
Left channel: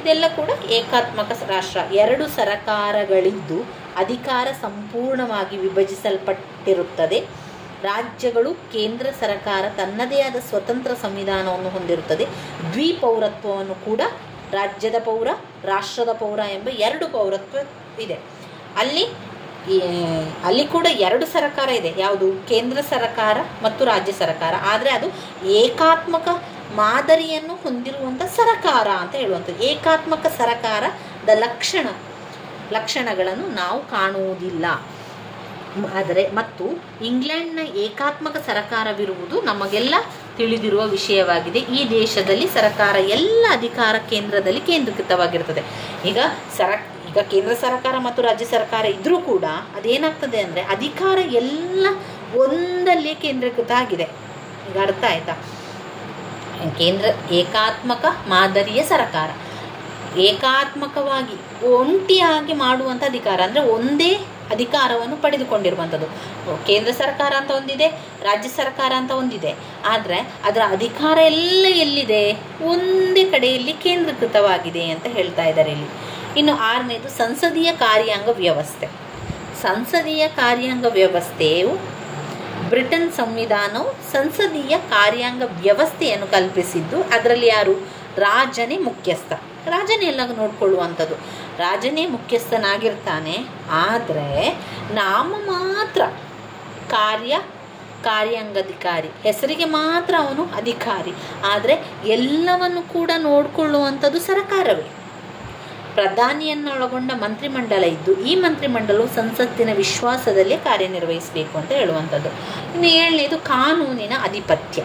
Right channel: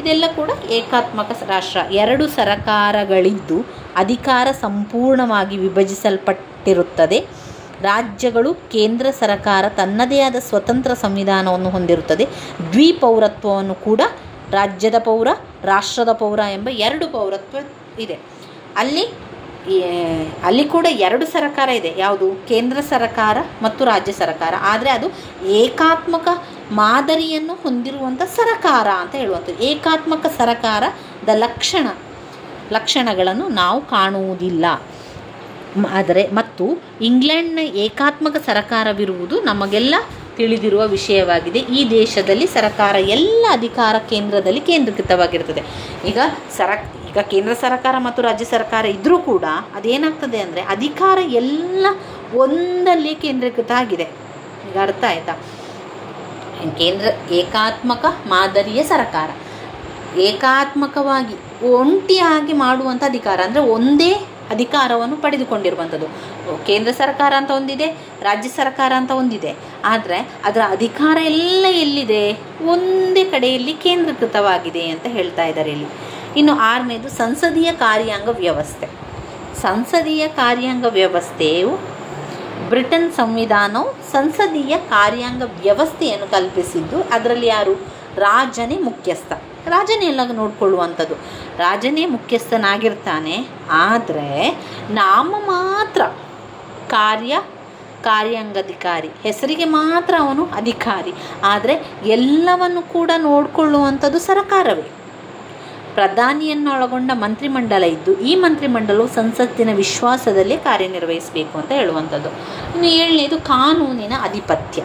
ಇದೆಲ್ಲ ಕೂಡ ಏಕಾತ್ಮಕ ರಾಷ್ಟ್ರ. 2 ಸರ್ಕಾರಗಳಿದ್ದು ಅಧಿಕಾರ ಸಂಪೂರ್ಣವಾಗಿ ವಿಭಜಿಸಲ್ಪಟ್ಟಿರುತ್ತದೆ. ರಾಜ್ಯಗಳು, ಕೇಂದ್ರ ಸರ್ಕಾರ ತನ್ನದೇ ಆದ ಸ್ವತಂತ್ರ ಸಂವಿಧಾನವನ್ನು ಹೊಂದಿರುತ್ತದೆ. ದ್ವಿಪೌರತ್ವವನ್ನು ಕೂಡ ರಾಜ್ಯದ ಪೌರ, ರಾಷ್ಟ್ರದ ಪೌರ ಎಂಬ 2 ಪೌರತ್ವ ಇದೆ. ಅಲ್ಲಿ ಕೂಡ 2 ಸರ್ಕಾರ ಇದೆ. ಯಾವುದು? ಕೇಂದ್ರ ಸರ್ಕಾರ ಮತ್ತು ರಾಜ್ಯ ಸರ್ಕಾರ. ಆದರೆ ಅದು ಏಕಾತ್ಮಕ ಮಾದರಿಯನ್ನು ಹೊಂದಿರುವಂಥ ಸರ್ಕಾರ ಅಂತ ಹೇಳುವಂಥದ್ದು. ಏಕಾತ್ಮಕ ಸರ್ಕಾರದ ಲಕ್ಷಣಗಳನ್ನು ನಾವು ಕಾಣುವುದಿಲ್ಲ. ಆದರೆ ಮತ್ತು ಇಂಗ್ಲೆಂಡ್ನ ಏಕಾತ್ಮಕ ಸರ್ಕಾರವಿರುವುದು ನಮಗೆಲ್ಲ ತಿಳಿದಿರುವ ವಿಷಯವಾಗಿದೆ. ಈ ದೇಶದಲ್ಲಿ ಸರ್ಕಾರ ಎಲ್ಲ ಅಧಿಕಾರ ಕೇಂದ್ರದಲ್ಲಿ ಕೇಂದ್ರೀಕೃತವಾಗಿರ್ತದೆ. ಈಗ ಕೇಂದ್ರ ಸರ್ಕಾರ ಮತ್ತು ರಾಜ್ಯ ಸರ್ಕಾರ ಇದ್ದರೂ ಕೂಡ ಅದೇನಾಗ್ತದೆ ಅಂದರೆ ಅಧಿಕಾರ ಎಲ್ಲ ಒಂದಲ್ಲೇ ಕೇಂದ್ರೀಕೃತ ಆಗಿದೆ. ಈಗ ಅರ್ಥ ಆಯ್ತಾ? ಏಕಾತ್ಮಕ ಮಾದರಿಯ ಸರ್ಕಾರ, ಏಕಾತ್ಮಕವಾಗಿ ಒಂಟಿಯಾಗಿ ಮಾಡುವಂಥ ಅಧಿಕಾರ ಅಂದರೆ ಒಂದೇ ಅಧಿಕಾರವನ್ನು ಪಡೆದುಕೊಂಡಿರುವಂಥದ್ದು. ಕೇಂದ್ರ ಸರ್ಕಾರ ಅಂತ ಒಂದಿದೆ, ರಾಜ್ಯ ಸರ್ಕಾರ ಅಂತ ಒಂದಿದೆ. ಆದರೆ ಅದರ ಅಧಿಕಾರ ಎಲ್ಲ ಎಲ್ಲಿದೆ? ಒಂದೇ ಕಡೆಯಲ್ಲಿ ಕೇಂದ್ರೀಕೃತವಾಗಿದೆ ಅಂತ ಹೇಳ್ತಾ ಇದ್ದಾರೆ ಇಲ್ಲಿ. ಇನ್ನು 6ನೇದು ಸಂಸದೀಯ ಕಾರ್ಯಾಂಗ ವ್ಯವಸ್ಥೆ. ಸಂಸದೀಯ ಕಾರ್ಯಾಂಗ ವ್ಯವಸ್ಥೆಯು ಬ್ರಿಟನ್ ಸಂವಿಧಾನವು ಸಂಸದೀಯ ಕಾರ್ಯಾಂಗ ವ್ಯವಸ್ಥೆಯನ್ನು ಕಲ್ಪಿಸಿದ್ದು. ಅದರಲ್ಲಿ ಯಾರು? ರಾಜನೇ ಮುಖ್ಯಸ್ಥ. ರಾಜನೇ ಎಲ್ಲ ನೋಡ್ಕೊಳ್ಳುವಂಥದ್ದು. ರಾಜನೇ ಮುಖ್ಯಸ್ಥನಾಗಿರ್ತಾನೆ. ಆದರೆ ನಾಮ ಮಾತ್ರ ಕಾರ್ಯಾಂಗಾಧಿಕಾರಿ, ಹೆಸರಿಗೆ ಮಾತ್ರ ಅವನು ಅಧಿಕಾರಿ. ಆದರೆ ಎಲ್ಲವನ್ನು ಕೂಡ ನೋಡಿಕೊಳ್ಳುವಂಥದ್ದು ಸರ್ಕಾರವೇ. ಪ್ರಧಾನಿಯನ್ನೊಳಗೊಂಡ ಮಂತ್ರಿಮಂಡಲ ಇದ್ದು ಈ ಮಂತ್ರಿಮಂಡಲವು ಸಂಸತ್ತಿನ ವಿಶ್ವಾಸದಲ್ಲೇ ಕಾರ್ಯನಿರ್ವಹಿಸಬೇಕು ಅಂತ ಹೇಳುವಂಥದ್ದು. ಇನ್ನು 7ನೇದು ಕಾನೂನಿನ ಅಧಿಪತ್ಯ.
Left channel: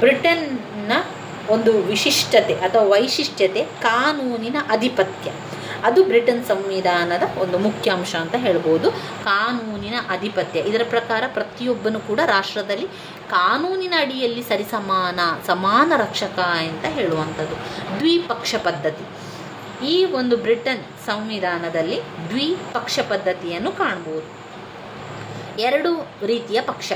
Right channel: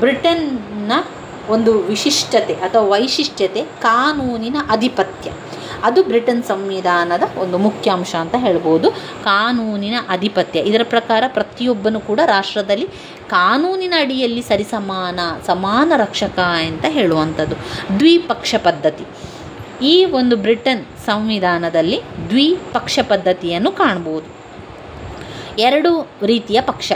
ಬ್ರಿಟನ್ನ ಒಂದು ವಿಶಿಷ್ಟತೆ ಅಥವಾ ವೈಶಿಷ್ಟ್ಯತೆ ಕಾನೂನಿನ ಅಧಿಪತ್ಯ. ಅದು ಬ್ರಿಟನ್ ಸಂವಿಧಾನದ ಒಂದು ಮುಖ್ಯಾಂಶ ಅಂತ ಹೇಳ್ಬೋದು. ಕಾನೂನಿನ ಅಧಿಪತ್ಯ. ಇದರ ಪ್ರಕಾರ ಪ್ರತಿಯೊಬ್ಬನು ಕೂಡ ರಾಷ್ಟ್ರದಲ್ಲಿ ಕಾನೂನಿನ ಅಡಿಯಲ್ಲಿ ಸಮಾನ ರಕ್ಷಕ ಅಂತ ಹೇಳುವಂಥದ್ದು. ದ್ವಿಪಕ್ಷ ಪದ್ಧತಿ. ಈ ಒಂದು ಬ್ರಿಟನ್ ಸಂವಿಧಾನದಲ್ಲಿ ದ್ವಿಪಕ್ಷ ಪದ್ಧತಿಯನ್ನು ಕಾಣಬಹುದು. 2 ರೀತಿಯ ಪಕ್ಷ.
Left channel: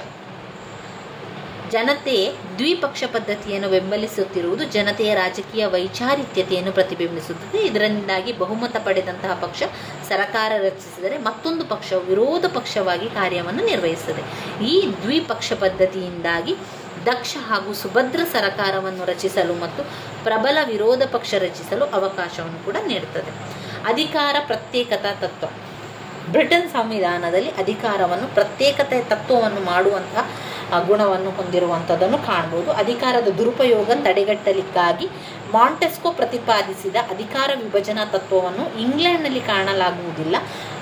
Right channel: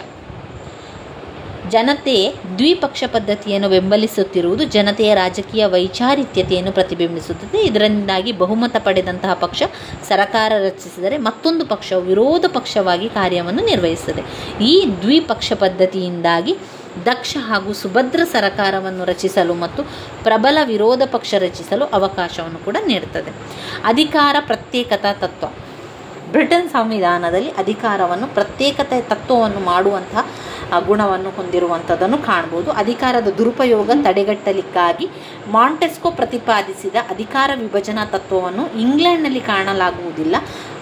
ಜನತೆ ದ್ವಿಪಕ್ಷ ಪದ್ಧತಿಯನ್ನು ಬೆಂಬಲಿಸುತ್ತಿರುವುದು ಜನತೆಯ ರಾಜಕೀಯ ವೈಚಾರಿತ್ಯತೆಯನ್ನು ಪ್ರತಿಬಿಂಬಿಸುತ್ತದೆ. ಇದರಿಂದಾಗಿ ಬಹುಮತ ಪಡೆದಂತಹ ಪಕ್ಷ ಸರ್ಕಾರ ರಚಿಸಿದರೆ ಮತ್ತೊಂದು ಪಕ್ಷವು ವಿರೋಧ ಪಕ್ಷವಾಗಿ ಕಾರ್ಯವನ್ನು ನಿರ್ವಹಿಸುತ್ತದೆ. ಈ ದ್ವಿಪಕ್ಷ ಪದ್ಧತಿಯಿಂದಾಗಿ ದಕ್ಷ ಹಾಗೂ ಸುಭದ್ರ ಸರ್ಕಾರವನ್ನು ರಚಿಸಲು ಮತ್ತು ಪ್ರಬಲ ವಿರೋಧ ಪಕ್ಷ ರಚಿಸಲು ಅವಕಾಶವನ್ನು ಕೂಡ ನೀಡುತ್ತದೆ. ಅಧಿಕಾರ ಪ್ರತ್ಯೇಕತಾ ತತ್ವ. ಬ್ರಿಟನ್ ಸಂವಿಧಾನದಲ್ಲಿ ಅಧಿಕಾರವನ್ನು ಪ್ರತ್ಯೇಕತೆ ತತ್ವವನ್ನು ಮಾಡುವಂತಹ ಗುಣವನ್ನು ಹೊಂದಿರುವಂಥದ್ದನ್ನು ಕಾಣ್ಬೋದು. ಅಧಿಕಾರದ ದುರುಪಯೋಗ ತಡೆಗಟ್ಟಲಿಕ್ಕಾಗಿ ಮಾಂಟೆಸ್ಕೊ ಪ್ರತಿಪಾದಿಸಿದ ಅಧಿಕಾರ ವಿಭಜನಾ ತತ್ವವನ್ನು ಇಂಗ್ಲೆಂಡ್ನಲ್ಲಿ ಕಾಣಲಾಗುವುದಿಲ್ಲ.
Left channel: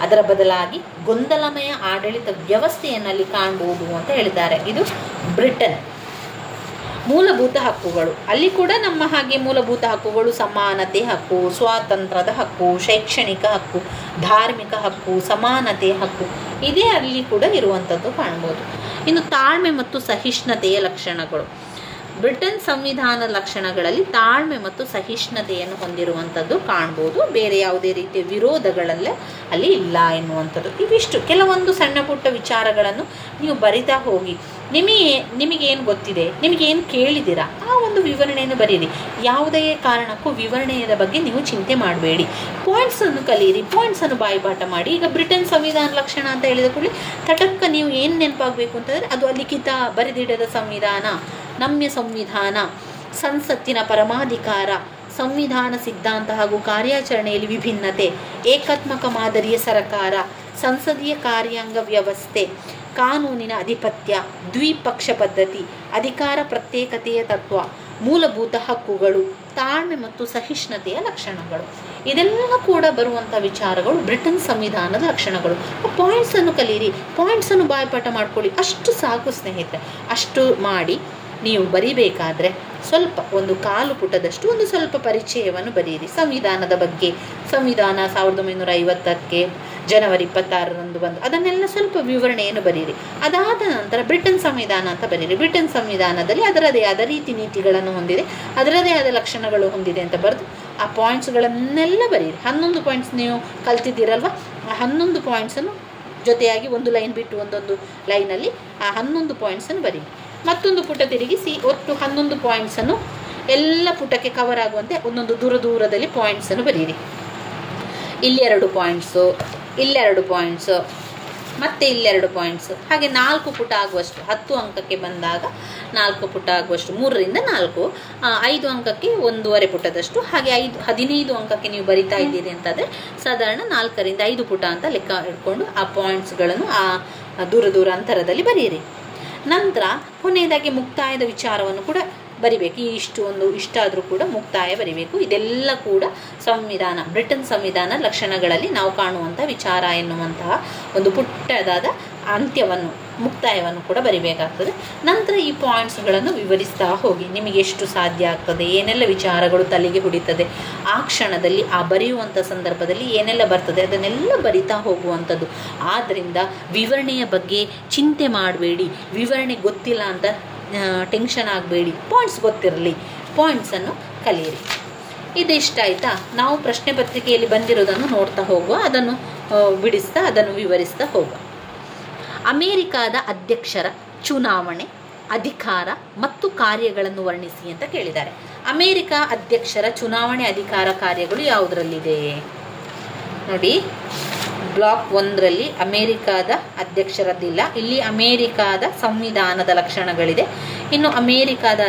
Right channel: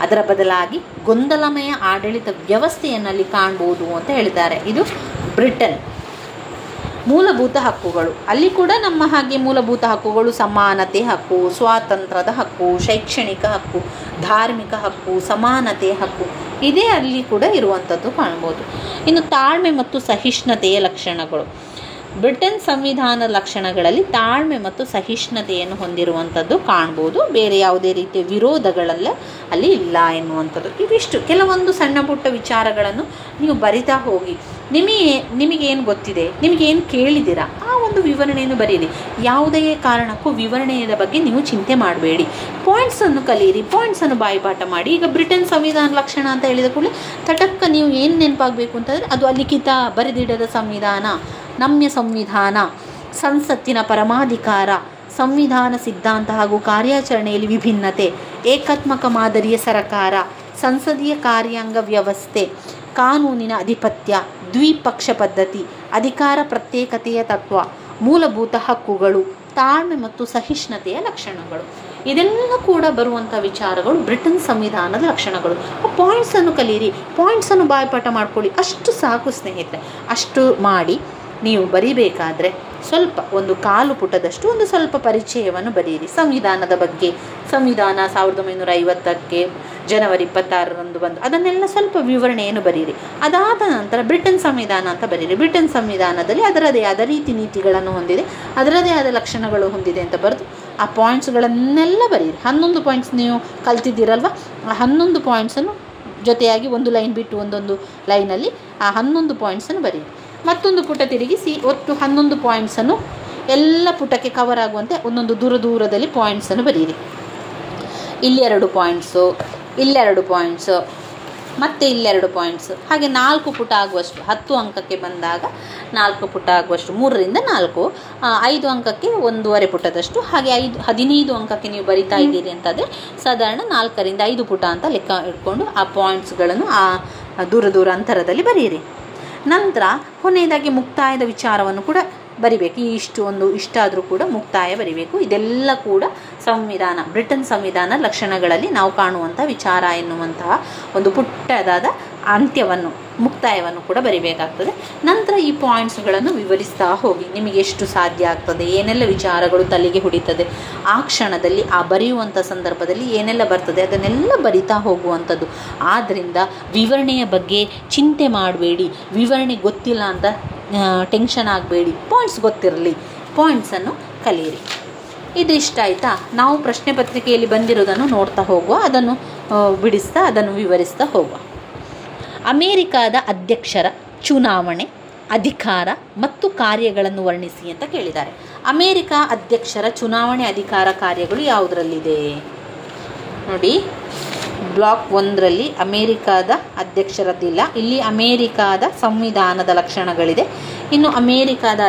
ಅದರ ಬದಲಾಗಿ ಗೊಂದಲಮಯ ಆಡಳಿತ ವ್ಯವಸ್ಥೆಯನ್ನಲ್ಲಿ ಕಾಣಬಹುದು ಅಂತ ಹೇಳಿದ್ದಾರೆ. ಇದು ಬ್ರಿಟನ್. ಮೂಲಭೂತ ಹಕ್ಕುಗಳು. ಅಲ್ಲಿ ಕೂಡ ನಮ್ಮ ಹಾಗೆ ಮೂಲಭೂತ ಹಕ್ಕುಗಳು ಸಮಾನತೆ ಹಕ್ಕು, ಸ್ವಾತಂತ್ರ್ಯದ ಹಕ್ಕು, ಶೈಕ್ಷಣಿಕ ಹಕ್ಕು, ಧಾರ್ಮಿಕ ಹಕ್ಕು, ಸಮಾನತೆ ಹಕ್ಕು ಇದೇ ಅಲ್ಲಿ ಕೂಡ ಇರುವಂಥದ್ದು ಕಾಣ್ಬೋದು. ಇನ್ನು ತಾಳ್ಮೆ ಮತ್ತು ಸಹಿಷ್ಣುತೆಯ ಲಕ್ಷಣಗಳು. ಬ್ರಿಟನ್ ಸಂವಿಧಾನದ ಲಕ್ಷಣಗಳಲ್ಲಿ ತಾಳ್ಮೆ ಮತ್ತು ಸಹಿಷ್ಣುತೆಯನ್ನು ಹೊಂದಿರುವಂಥದ್ದು ಕಾಣ್ಬೋದು. ಬೇರೆ ಯಾವುದೇ ರೀತಿಯ ವಿರೋಧಗಳೆಲ್ಲ ಅಲ್ಲಿ ಇಲ್ಲ ಎನ್ನುವಂಥದ್ದು. ಇವಿಷ್ಟು ಕೆಲವೊಂದು ಸಣ್ಣ ಪುಟ್ಟ ವಿಚಾರಗಳನ್ನು ನೀವು ಬರಿತಾ ಹೋಗಿ. ನಿಮಗೇನು ಗೊತ್ತಿದೆ, ನಿಮಗೇನು ಕೇಳಿದ್ದೀರಾ ಆ ಒಂದು ವಿವರಣೆಯನ್ನು ಬರೀರಿ. ಯಾವುದೇ ಕಾರಣಕ್ಕೂ ವಿವರಣೆಯ ಬಗ್ಗೆ ನೀವು ಚಿಂತೆ ಮಾಡಬೇಡಿ. ಪಾಯಿಂಟ್ಸನ್ನು ಕಲಿಯಿರಿ, ಪಾಯಿಂಟ್ಸನ್ನು ಬಾಯಿಪಾಠ ಮಾಡಿ. ಈಗ ಬ್ರಿಟನ್ ಸಂವಿಧಾನ ಲಕ್ಷಣ ಅಂತ ಹೇಳಿದ ಕೂಡಲೇ ತಟಕ್ಕ ನೀವು ಏನು ನೆನಪಾಗಬೇಕು ಅಂತಂದರೆ ಅದು ಅಲಿಖಿತ ಬರೆದಿಡದ ಸಂವಿಧಾನ, ನಮ್ಯ ಸಂವಿಧಾನ, ಸಂಸತ್ತಿನ ಪರಮಾಧಿಕಾರ, ಸಂವಿಧಾನ ಸಿದ್ಧಾಂತ ಹಾಗೂ ಕಾರ್ಯಾಚರಣೆಯಲ್ಲಿ ವಿಭಿನ್ನತೆ, ಏಕಾತ್ಮಕ ಮಾದರಿಯ ಸರ್ಕಾರ, ಸಂಸದೀಯ ಕಾರ್ಯಾಂಗ ವ್ಯವಸ್ಥೆ, ಕಾನೂನಿನ ಅಧಿಪತ್ಯ, ದ್ವಿಪಕ್ಷ ಪದ್ಧತಿ, ಅಧಿಕಾರ ಪ್ರತ್ಯೇಕತೆಯ ತತ್ವ, ಮೂಲಭೂತ ಹಕ್ಕುಗಳು, ತಾಳ್ಮೆ ಮತ್ತು ಸಹಿಷ್ಣುತೆಯ ಲಕ್ಷಣಗಳು. ಇದೆಲ್ಲ ಕೂಡ ಬರುವಂಥ ವಿಚಾರಗಳು ಬ್ರಿಟನ್ ಸಂವಿಧಾನದ ಲಕ್ಷಣಗಳು. ಪಾಯಿಂಟ್ಸನ್ನು ಕಲೀರಿ, ಪಾಯಿಂಟ್ಸನ್ನು ಬಾಯ್ಪಾಠ ಮಾಡ್ಕೊಳ್ಳಿ. ಅಷ್ಟು ಸಾಕು ಸ್ನೇಹಿತರೆ. ಅಷ್ಟು ಮಾಡಿ ನೀವು ಬರಿಬೇಕಾದ್ರೆ ಸ್ವಲ್ಪ ಒಂದು 1/4 ಪುಟದಷ್ಟು ಒಂದು ಸ್ವಲ್ಪ ಪರಿಚಯವನ್ನು ಬರೆಯಿರಿ ಸಂವಿಧಾನದ ಬಗ್ಗೆ. ಸಂವಿಧಾನ 1950ಕ್ಕೆ ಜನವರಿ 26ರಂದು ಬಂದು ಅದನ್ನೆಲ್ಲ ಸ್ವಲ್ಪ ವಿವರಣೆಯನ್ನು ಬರೀರಿ. ಅದಾದ ನಂತರ ಬ್ರಿಟನ್ ಸಂವಿಧಾನ ಅಂತ ಬರೀರಿ. ಬ್ರಿಟನ್ ಸಂವಿಧಾನದಲ್ಲಿ ಅದರದೇ ಆದ ರೀತಿ ನೀತಿಗಳನ್ನು ಹೊಂದಿದೆ, ಅದರದೇ ಆದ ಲಕ್ಷಣಗಳು ಹೊಂದಿದೆ ಅಂತ ಬರೆದು ಆ ಪಾಯಿಂಟ್ಸ್ಗಳನ್ನೆಲ್ಲ ಬರೀರಿ. 11 ಪಾಯಿಂಟ್ಸ್ ನೀವು ಕಲ್ತಿದ್ದೀರಲ್ವ, ಆ 11 ಪಾಯಿಂಟ್ಸನ್ನು ಜೊತೆಯಾಗಿ ಒಂದು ಲೈನ್ ಬಿಟ್ಟು ಒಂದೊಂದು ಲೈನಲ್ಲಿ ಆ 11 ಪಾಯಿಂಟ್ಸನ್ನು ಬರೀರಿ. ಮತ್ತೊಂದು ಪುಟ ತಿರುಗಿಸಿ ಒಟ್ಟು 11 ಪಾಯಿಂಟ್ಸನ್ನು ಎಲ್ಲ ಪುಟಕ್ಕೆ ಕವರ್ ಆಗುವಂತೆ ಒಂದೊಂದು ದೂರದಲ್ಲಿ ಪಾಯಿಂಟ್ಸನ್ನು ಬರೀರಿ. ಇಲ್ಲಿ 2 ಪಾಯಿಂಟ್ಸು, ಇಲ್ಲೆರಡು ಪಾಯಿಂಟ್ಸು, ಮತ್ತು ಇಲ್ಲೆರಡು ಪಾಯಿಂಟ್ಸು, ಹಾಗೆ 4 ಪುಟ ಆಗುವಷ್ಟು. 10 ಅಂಕಕ್ಕೆ ಬಂದಾಗ 4 ಪುಟ ಆಗುವಷ್ಟು, 3ರಿಂದ 4, 5 ಅಂಕಕ್ಕೆ 1.5 ಪುಟದಷ್ಟು, ಹಾಗೆ 15 ಅಂಕಕ್ಕೆ ನೀವು ಬರಿತಾ ಇದ್ದೀರಿ ಅಂತಂದರೆ ಸಾಧಾರಣ 4ರಿಂದ 5 ಪುಟ ಅಂತ ಲೆಕ್ಕ ಇಟ್ಕೊಂಡು ಆ ಪಾಯಿಂಟ್ಸ್ಗಳನ್ನು ಆ ದೂರ ಅಂತರದಲ್ಲಿ ಬರೀರಿ. ನಂತರ ಕೊನೆಯದಾಗಿ ಮುಕ್ತಾಯದ ವಿಚಾರವನ್ನು ಕೂಡ ಬರಿಬೇಕು. ಇಷ್ಟಾದರೂ ಕೂಡ ಮುಕ್ತಾಯ ಬರಿಬೇಕು. ಇದೆಲ್ಲ ಕೂಡ ಬ್ರಿಟನ್ ಸಂವಿಧಾನ ಲಕ್ಷಣಗಳಲ್ಲಿ ನಾವು ಕಾಣುವಂಥ ವಿಚಾರ ಎನ್ನುವಂತಹ ಒಂದು ಪುಟ್ಟದಾದ ಮುಕ್ತಾಯವನ್ನು ಕೂಡ ಬರಿಬೇಕಾಗ್ತದೆ. ನಂತರ ಈ ಪಾಯಿಂಟ್ಸ್ಗಳನ್ನು ವಿವರಿಸ್ತಾ ಹೋಗಿ. ನಿಮಗೆ ಎಷ್ಟು ಸಾಧ್ಯ ಆಗ್ತದೆ, ಏನೆಲ್ಲ ವಿಚಾರಗಳು ತಲೆಗೆ ಹೊಡಿತದೆ, ಆ ಕ್ಷಣದಲ್ಲಿ ಆ ಬರೆಯುವಂಥ ಸಂದರ್ಭದಲ್ಲಿ ಏನೆಲ್ಲ ಬರ್ತದೆ ಅದನ್ನೆಲ್ಲ ಬರಿತಾ ಹೋಗುವಂಥದ್ದು. ಆದ್ದರಿಂದ ವಿವರಣೆಯ ಬಗ್ಗೆ ಚಿಂತೆ ಮಾಡಬೇಡಿ, ವಿವರಣೆ ಗೊತ್ತಿಲ್ಲ ಅಂತ ಟೆನ್ಷನ್ ಆಗಬೇಡಿ, ಪಾಯಿಂಟ್ಸ್ ಗೊತ್ತಿರಲಿ, ಪಾಯಿಂಟ್ಸನ್ನು ಕಲಿಯಿರಿ. ಇದಿಷ್ಟ ಆಯಿತಾ? ನಾವು ಪ್ರಶ್ನೆ ಪತ್ರಿಕೆಯಲ್ಲಿ ಬಂದಿರೋದನ್ನು ನೋಡ್ತಾ ಹೋಗುವ, ಅದನ್ನು ಬಿಡಿಸ್ತಾ ಅದನ್ನು ವಿವರಿಸ್ತಾ ಹೋಗುವ. ಅಮೇರಿಕಾದ ಅಧ್ಯಕ್ಷರ ಚುನಾವಣೆ, ಅಧಿಕಾರ ಮತ್ತು ಕಾರ್ಯಗಳನ್ನು ವರ್ಣಿಸಿ ಅಂತ ಕೇಳಿದ್ದಾರೆ. ಅಮೇರಿಕಾ ಅಧ್ಯಕ್ಷರ ಚುನಾವಣೆ, ಅಧಿಕಾರ, ಕಾರ್ಯಗಳು ಯಾವುದರಲ್ಲಿದೆ ನೋಡಿ. ಬ್ಲಾಕ್ 1ರಲ್ಲಿ ಅಮೇರಿಕಾದ ಅಧ್ಯಕ್ಷರದ್ದಿಲ್ಲ, ಇಲ್ಲಿ ಅಮೇರಿಕಾದ ಸಂವಿಧಾನದ ಲಕ್ಷಣಗಳಿದೆ. ಇನ್ನು ಅಮೇರಿಕಾದ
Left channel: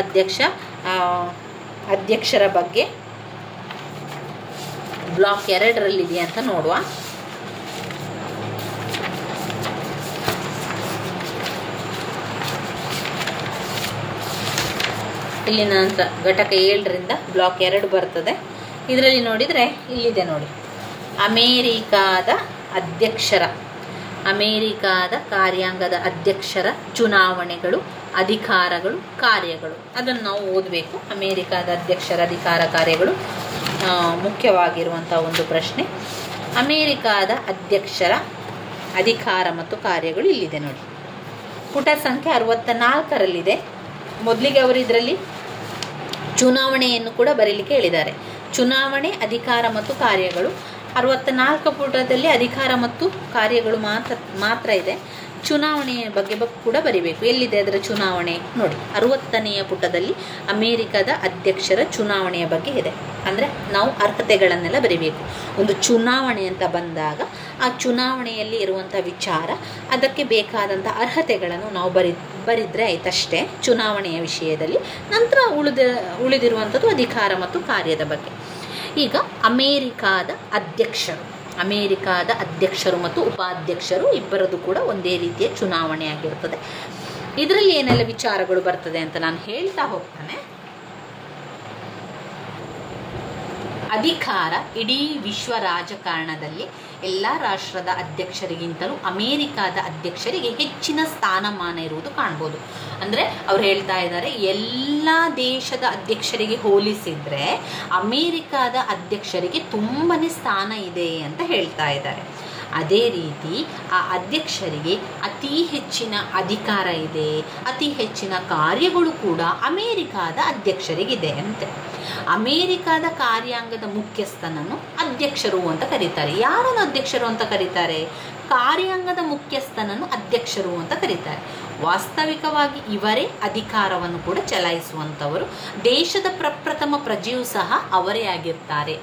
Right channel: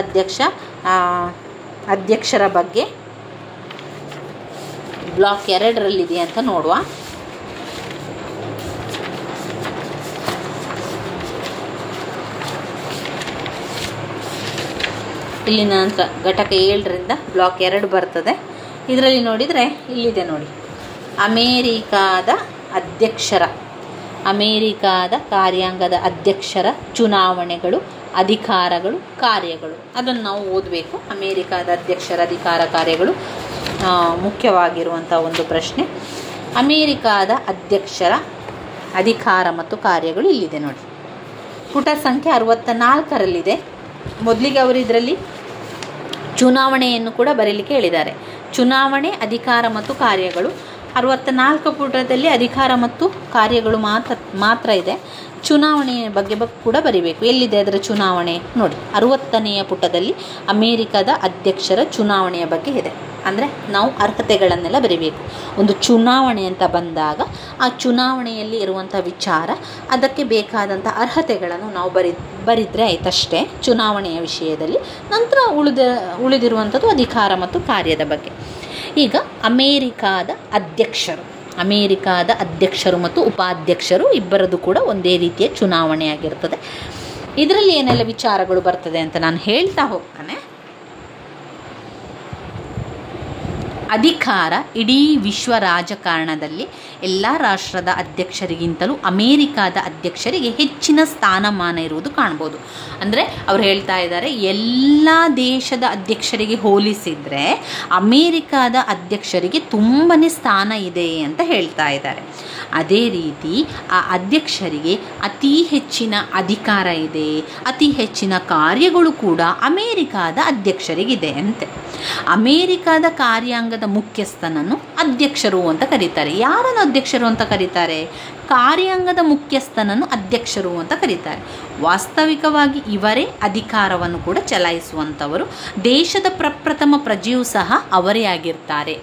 ಅಧ್ಯಕ್ಷರ ಬಗ್ಗೆ ಬ್ಲಾಕ್ 2ರಲ್ಲಿದೆ ಅಂತ ನೋಡುವ. ಇಲ್ಲಿ ನಂತರ ಘಟಕ 7ರಿಂದ ಬ್ಲಾಕ್ 2 ಬರ್ತದೆ. ಇದರಲ್ಲಿ ನೋಡಿದರೆ ಇಲ್ಲಿದೆ ನೋಡಿ, ಅಮೇರಿಕಾದ ಕಾರ್ಯಾಂಗದ ಅಧ್ಯಕ್ಷರ ಚುನಾವಣೆಗಳು, ಅಧಿಕಾರಗಳು, ಕಾರ್ಯಗಳು. ಅದನ್ನು ನಾವು ಓದಬೇಕು. ಅಮೇರಿಕಾದ ಅಧ್ಯಕ್ಷರ ಅಧಿಕಾರ, ಕಾರ್ಯಗಳು ಮುಖ್ಯವಾಗಿರುವಂಥ ಒಂದು ಪ್ರಶ್ನೆ. ಅಮೇರಿಕಾದ ಅಧ್ಯಕ್ಷರ ಅಧಿಕಾರ ಮತ್ತು ಕಾರ್ಯಗಳು ಇಲ್ಲಿದೆ ನೋಡಿ, ಪುಟ ಸಂಖ್ಯೆ 64ರಲ್ಲಿದೆ. ಮೊದಲಿಗೆ ಅವರು ಇದರಲ್ಲಿ ಚುನಾವಣೆಯನ್ನು ಕೂಡ ಬರೀಲಿಕ್ಕೆ ಹೇಳಿದ್ದಾರೆ. ಚುನಾವಣೆ, ಅಧಿಕಾರ ಮತ್ತು ಕಾರ್ಯಗಳು. 64 ಪುಟದಲ್ಲಿ ಅಧಿಕಾರ ಮತ್ತು ಕಾರ್ಯಗಳು ಮಾತ್ರ ಇದೆ. ಚುನಾವಣೆಯ ಬಗ್ಗೆ ಕೂಡ ಬರಿಬೇಕು. ಎಲ್ಲಿದೆ ಅದರ ಚುನಾವಣೆ ನೋಡಿ, 60ನೇ ಪುಟದಲ್ಲಿ ಅಮೇರಿಕಾದ ಅಧ್ಯಕ್ಷರ ಚುನಾವಣೆಯ ಬಗ್ಗೆ ಇದೆ. ಅಂದರೆ ನಾವು ಅರ್ಹತೆಗಳನ್ನೆಲ್ಲ ಬರಿಬೇಕು. ಒಂದು ಚುನಾವಣೆ ಅಂತ ಬಂದಾಗ ಆ ಚುನಾವಣೆಯಲ್ಲಿ ಇರುವಂಥ ವಿಚಾರ, ಅದಕ್ಕೆ ಬೇಕಾದಂಥ ಅರ್ಹತೆಗಳನ್ನು ನಾವು ಬರಿದರೆ ಆಯ್ತಷ್ಟೇ ಚುನಾವಣೆಯ ವಿಷಯದಲ್ಲಿ. ನಂತರ ಉಳಿದಿರುವಂಥದ್ದು ಅಧಿಕಾರ ಮತ್ತು ಕಾರ್ಯದ ಬಗ್ಗೆ. ಈಗ ಅಮೇರಿಕಾದ ಅಧ್ಯಕ್ಷರು ಮತ್ತು ಉಪಾಧ್ಯಕ್ಷರು ಇಬ್ಬರದು ಕೂಡ ಒಂದೇ ರೀತಿಯ ಚುನಾವಣೆ ಆಗಿರ್ತದೆ. ಇದರಲ್ಲಿ ಏನೆಲ್ಲ ವಿಚಾರಗಳು ಬರ್ತದೆ ಅಂತ ನಾನು ಹೇಳ್ತಾ ಹೋಗ್ತಾನೆ. ಅಧಿಕಾರ ಇಡೀ ವಿಶ್ವ ರಾಜಕಾರಣದಲ್ಲಿ ಎಲ್ಲ ರಾಷ್ಟ್ರದ ಅಧ್ಯಕ್ಷರಿಗಿಂತಲೂ ಅಮೇರಿಕಾದ ಅಧ್ಯಕ್ಷರಿಗೆ ಹೆಚ್ಚಿನ ಸ್ಥಾನಮಾನ ಇರುವುದು ಕಾಣ್ಬೋದು. ಅಂದರೆ ಅವ್ರು ಹೇಳ್ತಾ ಇದ್ದಾರೆ, ಎಲ್ಲ ದೇಶದ ಅಧ್ಯಕ್ಷರಿಗೆ ಹೋಲಿಸಿದರೆ ಅಮೇರಿಕಾದ ಅಧ್ಯಕ್ಷರಿಗೆ ತುಂಬನೇ ಸ್ಥಾನ ಇದೆ ಅಂತ ಹೇಳ್ತಾ ಇದ್ದಾರೆ. ಅದೇ ರೀತಿ ಆ ಅಧ್ಯಕ್ಷರಿಗೆ ಅತಿ ಹೆಚ್ಚಿನ ಅಧಿಕಾರ ಇದೆ, ಅತಿ ಹೆಚ್ಚಿನ ಕಾರ್ಯಗಳು ಕೂಡ ಅಮೇರಿಕಾದ ಅಧ್ಯಕ್ಷರಿಗಿದೆ ಅಂತೆ. ಅಮೇರಿಕಾದ ಕಾರ್ಯಾಂಗದ ಮುಖ್ಯಸ್ಥನನ್ನು ಅಧ್ಯಕ್ಷರು ಅಂತ ಕರೀತಾರೆ. ಯಾರನ್ನು ಅಧ್ಯಕ್ಷರು ಅಂತ ಕರೀತಾರೆ? ಕಾರ್ಯಾಂಗದ ಮುಖ್ಯಸ್ಥನನ್ನು ಅಧ್ಯಕ್ಷರು ಅಂತ ಕರೀತಾರೆ. ವಾಸ್ತವಿಕವಾಗಿ ಇವರೇ ಅಧಿಕಾರವನ್ನು ಕೂಡ ಚಲಾಯಿಸುವಂಥವರು. ದೇಶದ ಪ್ರಪ್ರಥಮ ಪ್ರಜೆಯೂ ಸಹ ಅವರೇ ಆಗಿರ್ತಾರೆ.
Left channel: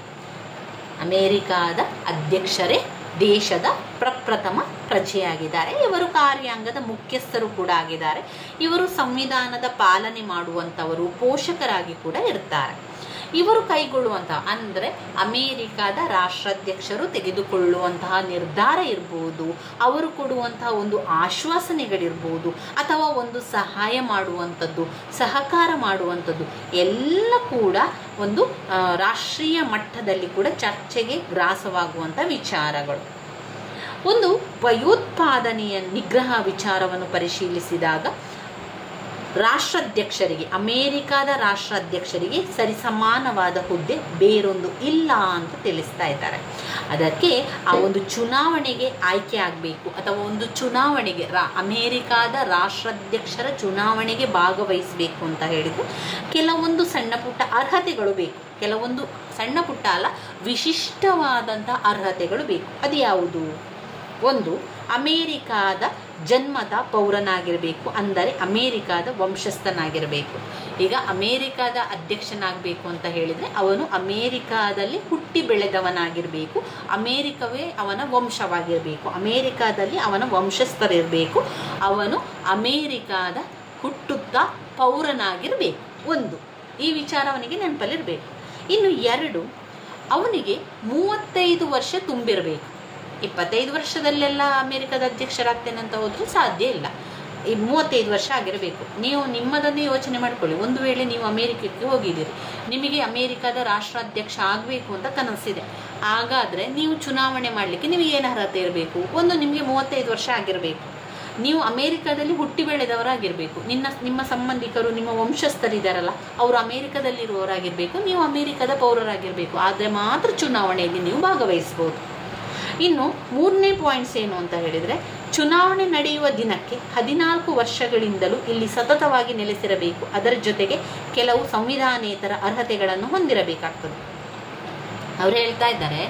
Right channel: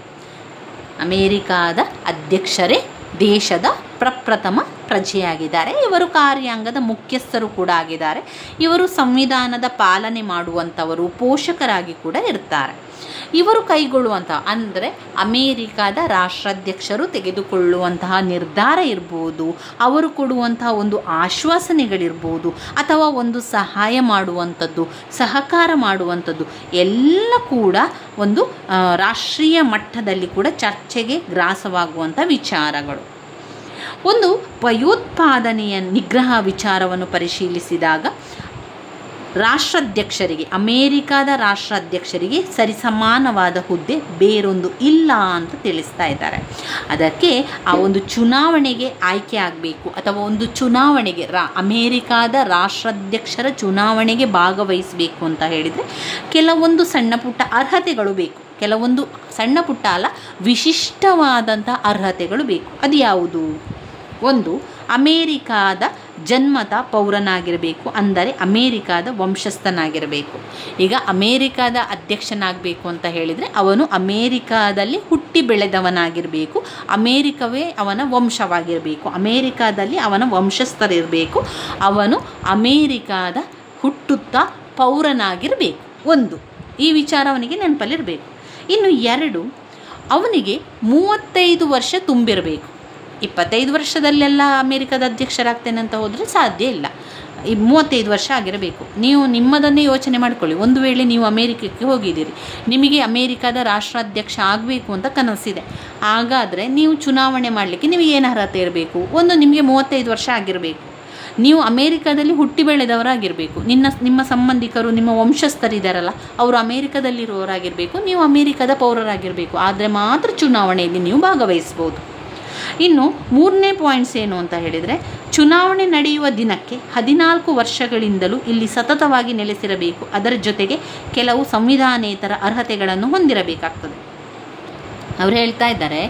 ಅಮೇರಿಕಾದ ಅಧ್ಯಕ್ಷರೇ ದೇಶದ ಪ್ರಪ್ರಥಮ ಪ್ರಜೆಯಾಗಿದ್ದಾರೆ. ಇವರು ಕಾರ್ಯಾಂಗದ ಮುಖ್ಯಸ್ಥರು ಕೂಡ ಆಗಿದ್ದಾರೆ. ಇವರು ಸಂವಿಧಾನದ ಪಾಲನೆ ಮಾಡುವಂಥವರು, ಪೋಷಕರಾಗಿ ಕೂಡ ಇರ್ತಾರೆ. ಇವರು ಕೈಗೊಳ್ಳುವಂತಹ, ಅಂದರೆ ಅಮೇರಿಕಾದ ರಾಷ್ಟ್ರಾಧ್ಯಕ್ಷರು ತೆಗೆದುಕೊಳ್ಳುವಂತಹ ನಿರ್ಧಾರ ಇರ್ಬೋದು, ಅವರು ಕೊಡುವಂತಹ ಒಂದು ಆಶ್ವಾಸನೆಗಳಿರ್ಬೋದು, ಅಥವಾ ಒಂದು ಸಹಾಯ ಮಾಡುವಂಥದ್ದು, ಸಹಕಾರ ಮಾಡುವಂಥದ್ದು ಎಲ್ಲ ಕೂಡ ಒಂದು ರಾಷ್ಟ್ರೀಯ ಮಟ್ಟದಲ್ಲಿ ಕೂಡ ಚರ್ಚೆಗೆ ಗ್ರಾಸವಾಗುವಂಥ ವಿಚಾರಗಳು. ಒಂದು ಭಯೋತ್ಪಾದನೆಯ ನಿಗ್ರಹ ವಿಚಾರವನ್ನು ಪರಿಶೀಲಿಸಿದಾಗ ರಾಷ್ಟ್ರಾಧ್ಯಕ್ಷರಿಗೆ, ಅಮೇರಿಕಾದ ರಾಷ್ಟ್ರಾಧ್ಯಕ್ಷರಿಗೆ ಸರಿಸಮಾನವಾದ ಹುದ್ದೆ ಬೇರೊಂದು ಇಲ್ಲ ಅಂತ ತಿಳಿಸ್ತಾ ಇದ್ದಾರೆ. ಅದಕ್ಕೆ ಆ ಒಂದು ಚುನಾವಣೆಗೆ ಆಯ್ಕೆ ಆಗಬೇಕು, ಅಥವಾ ಒಂದು ಚುನಾವಣೆಗೆ ಅಮೇರಿಕಾದ ರಾಷ್ಟ್ರಾಧ್ಯಕ್ಷರ ಚುನಾವಣೆಗೆ ಭಾಗವಹಿಸಬೇಕು ಅಂತ ಹೇಳಿದರೆ ಕೆಲವೊಂದು ಸಣ್ಣ ಪುಟ್ಟ ಅರ್ಹತೆಗಳು ಬೇಕು. ಕೆಲವೊಂದು ಸಣ್ಣ ಪುಟ್ಟ ಅಲ್ಲ, ವಿಶಿಷ್ಟವಾದಂಥ ಅರ್ಹತೆಗಳು ಬೇಕು. ಅದು ಯಾವುದು? ಒಂದು, ಅಮೇರಿಕಾದ ಜನ್ಮದ ಪೌರನಾಗಿರಬೇಕು, ಅಂದರೆ ಅಮೇರಿಕಾದ ವಂಶಸ್ಥನಾಗಿರಬೇಕು. ಈಗ ಅಮೇರಿಕಾದ ಅಧ್ಯಕ್ಷನಾಗಬೇಕು ಅಂತ ಹೇಳಿದರೆ ಅವನು ಅಮೇರಿಕಾದಲ್ಲಿ ಹುಟ್ಟಿ ಬೆಳೆದವನಾಗಿರಬೇಕು, ಅಮೇರಿಕವೇ ಅವನ ವಂಶವಾಗಿರಬೇಕು, ಅಮೇರಿಕಾದಲ್ಲಿ ಅವನ ವಂಶಸ್ಥರಿರಬೇಕು, ಅವನು ಅಮೇರಿಕಾದ ಹುಟ್ಟುತ್ತಾ ಪೌರನಾಗಿರಬೇಕು. ಒಂದು, ಈ ವಿಚಾರ ಅವನಿಗೆ ನೆನಪಲ್ಲಿರಬೇಕು. ಇನ್ನು ಎರಡು, ಅವನಿಗೆ 35 ವರ್ಷ ತುಂಬಿರಬೇಕು. 25 ವರ್ಷದಲ್ಲೆಲ್ಲ ಅಮೇರಿಕಾದ ಅಧ್ಯಕ್ಷರಾಗ್ತೇನೆ ಅಂತ ಹೋದರೆ ಸಾಧ್ಯ ಇಲ್ಲ. ಈ 35 ವರ್ಷ ಆಗಿರಬೇಕು. ನೀವು ನಿಮ್ಮದನ್ನೇ ಯೋಚನೆ ಮಾಡ್ಕೊಳ್ಳಿ. ಒಂದು ವೇಳೆ ನೀವು ಅಮೇರಿಕಕ್ಕೆ ಹೋಗಿದ್ದೀರಿ, ನಿಮಗೆ ಅಮೇರಿಕಾದ ರಾಷ್ಟ್ರಾಧ್ಯಕ್ಷ ಆಗಬೇಕು ಅಂತ ಕನಸಿದೆ. ಹಾಗಾದರೆ ನೀವು ಚುನಾವಣೆ ಮಾಡಲಿಕ್ಕೆ ನಿಮಗೆ ಏನು ಅರ್ಹತೆ ಇರಬೇಕು? ಒಂದು, ನಿಮಗೆ 35 ವರ್ಷ ಆಗಿರಬೇಕು. ನೀವು ಅಮೇರಿಕಾದಲ್ಲಿ ಹುಟ್ಟಿ ಬೆಳೆದವರಾಗಿರಬೇಕು. ನಿಮ್ಮ ಸಂಬಂಧಿಕರು, ನಿಮ್ಮ ವಂಶಸ್ಥರಿದ್ದಾರಲ್ಲ, ಅವರು ಅಮೇರಿಕಾದಲ್ಲಿರುವವರಾಗಿರಬೇಕು, ನೀವು ಅಮೇರಿಕಾದ ಪೌರರಾಗಿರಬೇಕು. ಆದರೆ ಮಾತ್ರ ಚುನಾವಣೆಯಲ್ಲಿ ನೀವು ಭಾಗವಹಿಸ್ಬೋದು. ಇನ್ನು 3ನೇ ಪಾಯಿಂಟ್ಸ್ ಏನು ಅಂತ ಹೇಳಿದರೆ, ಚುನಾವಣೆ ನಡೆಯುವ ದಿನಕ್ಕೆ 14 ವರ್ಷಗಳಿಂದಲೂ ಇಲ್ಲಿ ಸತತವಾಗಿ ನೆಲೆಸಿರಬೇಕು. ಅದರ ಜೊತೆಗೆ ಕೆಲವು ಸಂವಿಧಾನೇತರ ಅರ್ಹತೆಗಳನ್ನು ಹೊಂದಿರಬೇಕಾಗ್ತದೆ. ಅವ್ರು ಹೇಳ್ತಾ ಇದ್ದಾರೆ,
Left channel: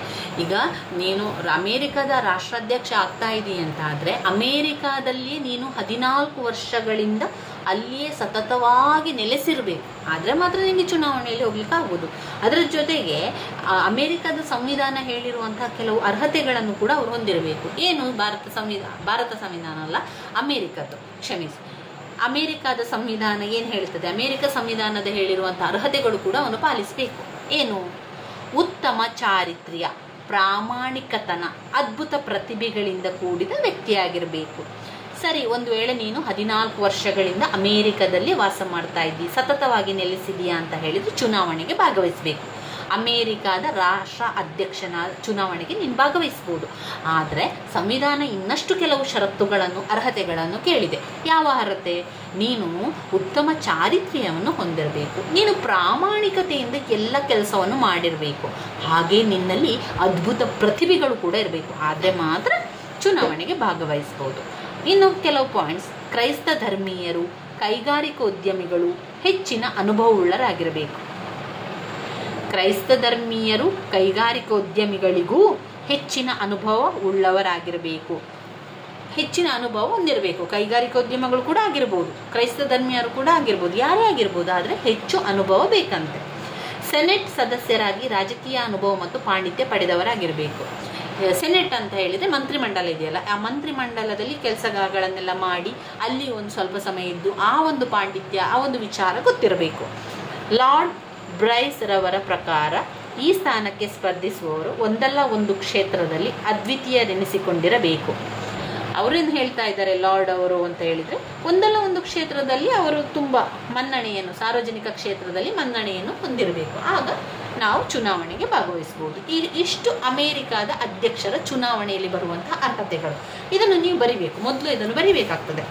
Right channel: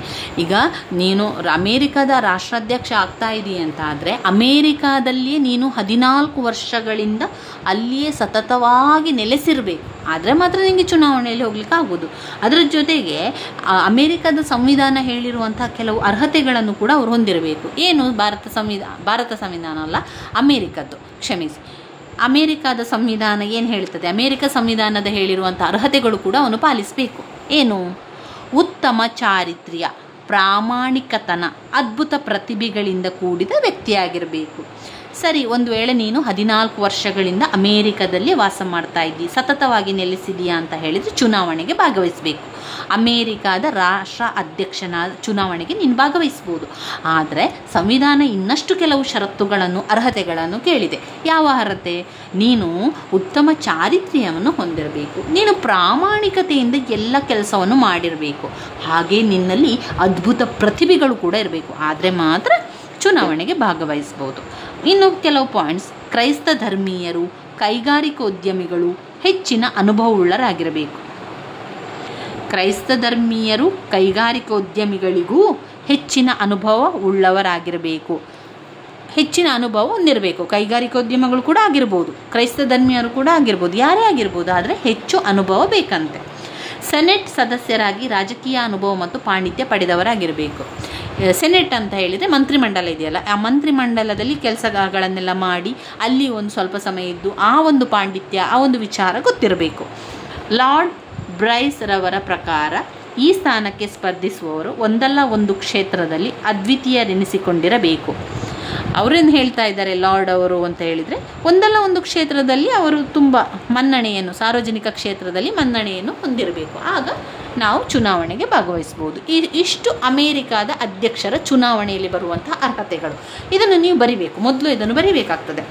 ಈಗ ನೀನು ಅಮೇರಿಕಾದ ರಾಷ್ಟ್ರಾಧ್ಯಕ್ಷ ಆಗ್ತಾ ಇದೀಯ ಅಂತ ಆದರೆ ಅಮೇರಿಕಾದಲ್ಲಿಯೇ ನೀನು 14 ವರ್ಷಗಳಿಂದ ಅಲ್ಲಿಯೇ ಸತತವಾಗಿ ನೆಲೆಸಿರಬೇಕು. ಆದರೆ ಮಾತ್ರ ನಿಮಗೆ ಚುನಾವಣೆಯಲ್ಲಿ ಹೋಗ್ಲಿಕ್ಕೆ ಆಗ್ಬೋದು. ಅದರ ಜೊತೆಗೆ ಅಮೇರಿಕಾದ ಸಂವಿಧಾನ ಹೇಳಿರುವಂತಹ ಕೆಲವು ಅರ್ಹತೆಗಳನ್ನು ಕೂಡ ಅವರು ಹೊಂದಿರಬೇಕು. ಏನು? ಭಾರತ ಸಂವಿಧಾನ ಅಲ್ಲ, ಅಮೇರಿಕದ್ದು, ಕ್ಷಮಿಸಿ, ಅಮೇರಿಕಾದ ಸಂವಿಧಾನ ಏನು ಹೇಳ್ತದೆ, ಅಮೇರಿಕ ಸಂವಿಧಾನದ ಹೇಳಿರುವಂಥ ಅರ್ಹತೆಗಳು ಕೂಡ ಅವನು ಪಾಲಿಸಬೇಕು. ಏನು? ಉತ್ತಮ ಚಾರಿತ್ರ್ಯ, ಪ್ರಾಮಾಣಿಕತನ, ಅದ್ಭುತ ಪ್ರತಿಭೆಗಳಿಂದ ಕೂಡಿದ ವ್ಯಕ್ತಿಯಾಗಿರಬೇಕು. ಸರಿ, ಒಂದು ವೇಳೆ ನೀನು 14 ವರ್ಷಗಳಿಂದ ಅಮೇರಿಕಾದಲ್ಲಿ ವಾಸ ಮಾಡ್ತಾ ಇದ್ದೀ, ಸತತವಾಗಿ ನೆಲೆಸಿದೀಯಾ ಅಂತ ಹೇಳಿದರೆ ಚುನಾವಣೆಗೆ ಭಾಗವಹಿಸಬೇಕು. ಅಮೇರಿಕಾದ ರಾಷ್ಟ್ರ ಅಧ್ಯಕ್ಷನ ಚುನಾವಣೆಗೆ ನೀನು ಭಾಗವಹಿಸ್ಬೋದು. ಆದರೆ ಸಂವಿಧಾನ ಇನ್ನಷ್ಟು ಕೆಲವು ಷರತ್ತುಗಳನ್ನು, ಅರ್ಹತೆಗಳನ್ನು ಕೇಳಿದೆ. ಯಾವ ಅರ್ಹತೆ? ನೀನು ಉತ್ತಮ ಚಾರಿತ್ರ್ಯವನ್ನು ಹೊಂದಿರಬೇಕು, ನೀನು ಪ್ರಾಮಾಣಿಕತೆಯಿಂದ ಎಲ್ಲ ಕೆಲಸವನ್ನು ಮಾಡಿರಬೇಕು, ಹಾಗೆ ನಿನ್ನಲ್ಲಿ ಅದ್ಭುತ ಪ್ರತಿಭೆಗಳು ಕೂಡ ಇರಬೇಕು. ಆದರೆ ಮಾತ್ರ ಚುನಾವಣೆಗೆ ಭಾಗವಹಿಸ್ಬೋದು. ಇನ್ನು ಕೆಲವು ಪಾಯಿಂಟ್ಸ್: ಕ್ರೈಸ್ತ ಧರ್ಮೀಯರು, ಕೈಗಾರಿಕೋದ್ಯಮಿಗಳು ಹೆಚ್ಚಿನ ಅನುಭವವುಳ್ಳರಾಗಿರಬೇಕು. ಕ್ರೈಸ್ತ ಧರ್ಮೀಯರು, ಕೈಗಾರಿಕೋದ್ಯಮಿಗಳಿಗೂ ಹೆಚ್ಚಿನ ಅನುಭವ ಉಳ್ಳವರಾಗಿರಬೇಕು. ಹೆಚ್ಚಿನ ಅನುಭವ ಹೊಂದಿರಬೇಕು. ಕೈಗಾರಿಕೋದ್ಯಮಿಗಳು ಕೂಡ ಆಗಿರ್ಬೋದು, ಕ್ರೈಸ್ತ ಧರ್ಮೀಯರು ಕೂಡ ಆಗಿರ್ಬೋದು, ಯಾರೇ ಆಗಿರ್ಬೋದು, ಆದರೆ ಹೆಚ್ಚು ಅನುಭವ ಬೇಕಂತೆ. ಸೆನೆಟ್ ಸದಸ್ಯರಾಗಿ ರಾಜಕೀಯ ಅನುಭವ ಮತ್ತು ಪಾಂಡಿತ್ಯ ಪಡೆದವರಾಗಿರಬೇಕು. ಸೆನೆಟ್ ಅಂತ ಹೇಳಿದರೆ ಮಂತ್ರಿಮಂಡಲ ಇದೆಯಲ್ಲ, ಆ ಮಂತ್ರಿಮಂಡಲದಲ್ಲಿ ಕೆಲಸಗಳನ್ನೆಲ್ಲ ಮಾಡಿ ಅಲ್ಲಿ ಒಂದು ಸ್ವಲ್ಪ ಸಮಯ ಇದ್ದು ಆ ಒಂದು ಪಾಂಡಿತ್ಯ, ಆ ಒಂದು ವಿಚಾರ ಗೊತ್ತಿರಬೇಕು. ಲಾರ್ಡ್ ಬ್ರೈಸ್ ರವರ ಪ್ರಕಾರ ಈ ಸ್ಥಾನಕ್ಕೆ ಸ್ಪರ್ಧಿಸುವವರು ಒಂದಲ್ಲ ಒಂದು ಕ್ಷೇತ್ರದಲ್ಲಿ ಅದ್ವಿತೀಯರೆನಿಸಿಕೊಂಡಿರಬೇಕು. ಅವರೇನು ಹೇಳ್ತಾ ಇದ್ದಾರೆ ಲಾರ್ಡ್ ಅವರು ಅಂತ ಹೇಳಿದರೆ, ಒಂದಲ್ಲ ಒಂದು ಕ್ಷೇತ್ರದಲ್ಲಿ ಅವರು ತುಂಬ ಮನ್ನಣೆಯನ್ನು, ಸಾರ್ವಜನಿಕ ಕ್ಷೇತ್ರದಲ್ಲಿ ಮನ್ನಣೆಯನ್ನು ಹೊಂದಿರಬೇಕು. ಆಗ ನಾವು ಚುನಾವಣೆಗೆ ಭಾಗವಹಿಸ್ಬೋದು. ಇಷ್ಟು ಅಮೇರಿಕಾದ ಅಧ್ಯಕ್ಷರ ಚುನಾವಣೆಯಲ್ಲಿ ಬರುವಂತಹ ಅರ್ಹತೆಗಳು. ಇದನ್ನು ನೀವು ಬರಿಬೇಕು, ಮೊದಲು ಇದನ್ನು ಬರಿಬೇಕಾಗ್ತದೆ.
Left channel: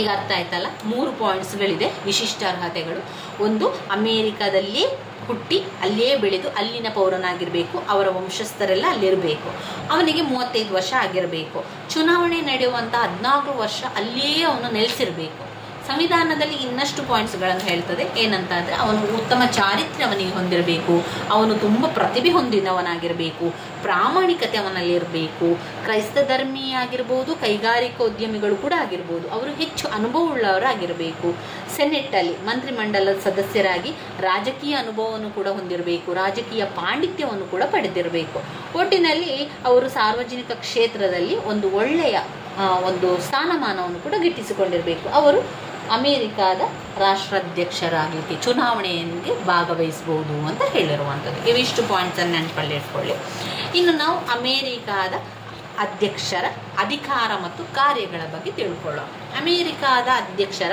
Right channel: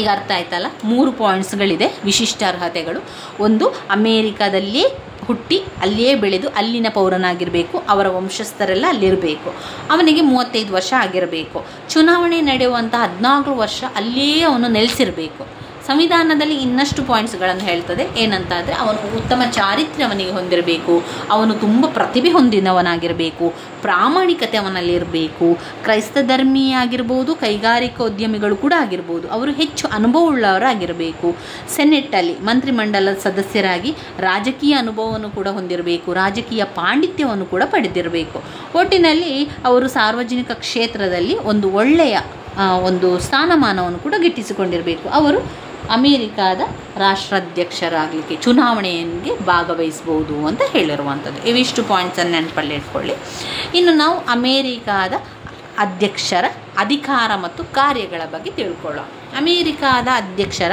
ಈಗ ಅರ್ಥ ಆಯ್ತಲ್ಲ? 3 ಪಾಯಿಂಟ್ಸ್ಗಳಿದೆ, ವಿಶಿಷ್ಟ ಅರ್ಹತೆಗಳು. ಒಂದು, ಅಮೇರಿಕಾದಲ್ಲಿಯೇ ಹುಟ್ಟಿ ಅಲ್ಲಿಯೇ ಬೆಳೆದು ಅಲ್ಲಿನ ಪೌರನಾಗಿರಬೇಕು, ಅವರ ವಂಶಸ್ಥರೆಲ್ಲ ಅಲ್ಲಿರಬೇಕು, ಅವನಿಗೆ 35 ವರ್ಷ ಆಗಿರಬೇಕು, ಚುನಾವಣೆ ನಡೆಯುವಂಥ 14 ವರ್ಷ ಅಲ್ಲಿಯೇ ಅವನು ನೆಲೆಸಿರಬೇಕು. ಸಂವಿಧಾನದಲ್ಲಿ ಇನ್ನಷ್ಟು ಪಾಯಿಂಟ್ಸ್ಗಳನ್ನು ಹೇಳ್ತದೆ. ಏನಂತ ಅಂದರೆ, ಅವನು ಉತ್ತಮ ಚಾರಿತ್ರ್ಯ ಅವನಿಗೆ ಹೊಂದಿರಬೇಕು, ಅವನು ತುಂಬ ಪ್ರತಿಭೆ ಹೊಂದಿದವನಾಗಿರಬೇಕು, ಪ್ರಾಮಾಣಿಕತೆ ಅವನಲ್ಲಿರಬೇಕು, ಕ್ರೈಸ್ತ ಧರ್ಮೀಯ ಆಗಿರ್ಬೋದು, ಕೈಗಾರಿಕೋದ್ಯಮಿಗಳು ಕೂಡ ಆಗಿರ್ಬೋದು, ಅವರು ಹೆಚ್ಚು ಅನುಭವವುಳ್ಳವರಾಗಿರಬೇಕು. ಸೆನೆಟ್ಟಲ್ಲಿ ಮಂತ್ರಿಮಂಡಲದ ಸದಸ್ಯರಾಗಿ ರಾಜಕೀಯ ಅನುಭವವನ್ನು ಕೂಡ ಹೊಂದಿರಬೇಕು, ರಾಜಕೀಯ ಪಾಂಡಿತ್ಯವನ್ನು ಕೂಡ ಪಡೆದಿರಬೇಕು. ಒಟ್ಟಿನಲ್ಲಿ ಅವರು ಸಾರ್ವಜನಿಕ ಕ್ಷೇತ್ರದಲ್ಲಿ ಒಂದು ಒಳ್ಳೆಯ ಒಂದು ಸ್ಥಾನಮಾನವನ್ನು ಕೂಡ ಗಿಟ್ಟಿಸಿಕೊಂಡಿರಬೇಕು. ಅವರು ಅಮೇರಿಕಾದ ರಾಷ್ಟ್ರಾಧ್ಯಕ್ಷರಾಗಲಿಕ್ಕೆ ಚುನಾವಣೆಗೆ ಭಾಗವಹಿಸಬಹುದು ಅಂತ ಹೇಳಿರುವಂಥದ್ದು. ಇವಿಷ್ಟು ಪಾಯಿಂಟ್ಸನ್ನು ನೆನಪಲ್ಲಿ ಇಟ್ಕೊಳ್ಳಿ. ಇನ್ನು ನಾವು ಅಮೇರಿಕಾದ ಅಧ್ಯಕ್ಷರ ಅಧಿಕಾರ ಮತ್ತು ಕಾರ್ಯಗಳ ಬಗ್ಗೆ ತಿಳ್ಕೊಳ್ಳೋಣ. ಅಮೇರಿಕಾದ ಅಧ್ಯಕ್ಷರ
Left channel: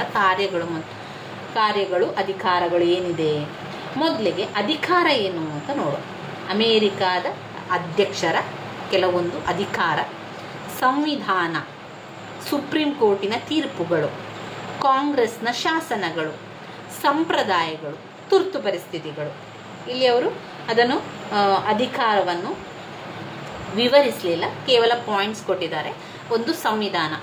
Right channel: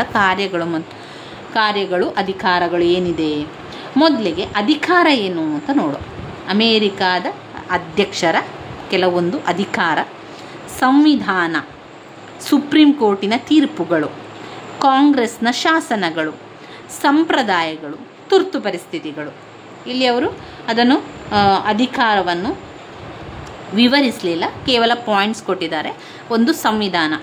ಕಾರ್ಯಗಳು ಅಧಿಕಾರಗಳು ಏನಿದೆ? ಮೊದಲಿಗೆ ಅಧಿಕಾರ ಏನು ಅಂತ ನೋಡೋಣ. ಅಮೇರಿಕಾದ ಅಧ್ಯಕ್ಷರ ಕೆಲವೊಂದು ಅಧಿಕಾರ: ಸಂವಿಧಾನ, ಸುಪ್ರೀಂ ಕೋರ್ಟಿನ ತೀರ್ಪುಗಳು, ಕಾಂಗ್ರೆಸ್ನ ಶಾಸನಗಳು, ಸಂಪ್ರದಾಯಗಳು, ತುರ್ತು ಪರಿಸ್ಥಿತಿಗಳು. ಇಲ್ಲಿ ಅವರು ಅದನ್ನು ಅಧಿಕಾರವನ್ನು ವಿವರಿಸಲಿಲ್ಲ, ಕೇವಲ ಪಾಯಿಂಟ್ಸ್ ಕೊಟ್ಟಿದ್ದಾರೆ. ಒಂದು, ಸಂವಿಧಾನ,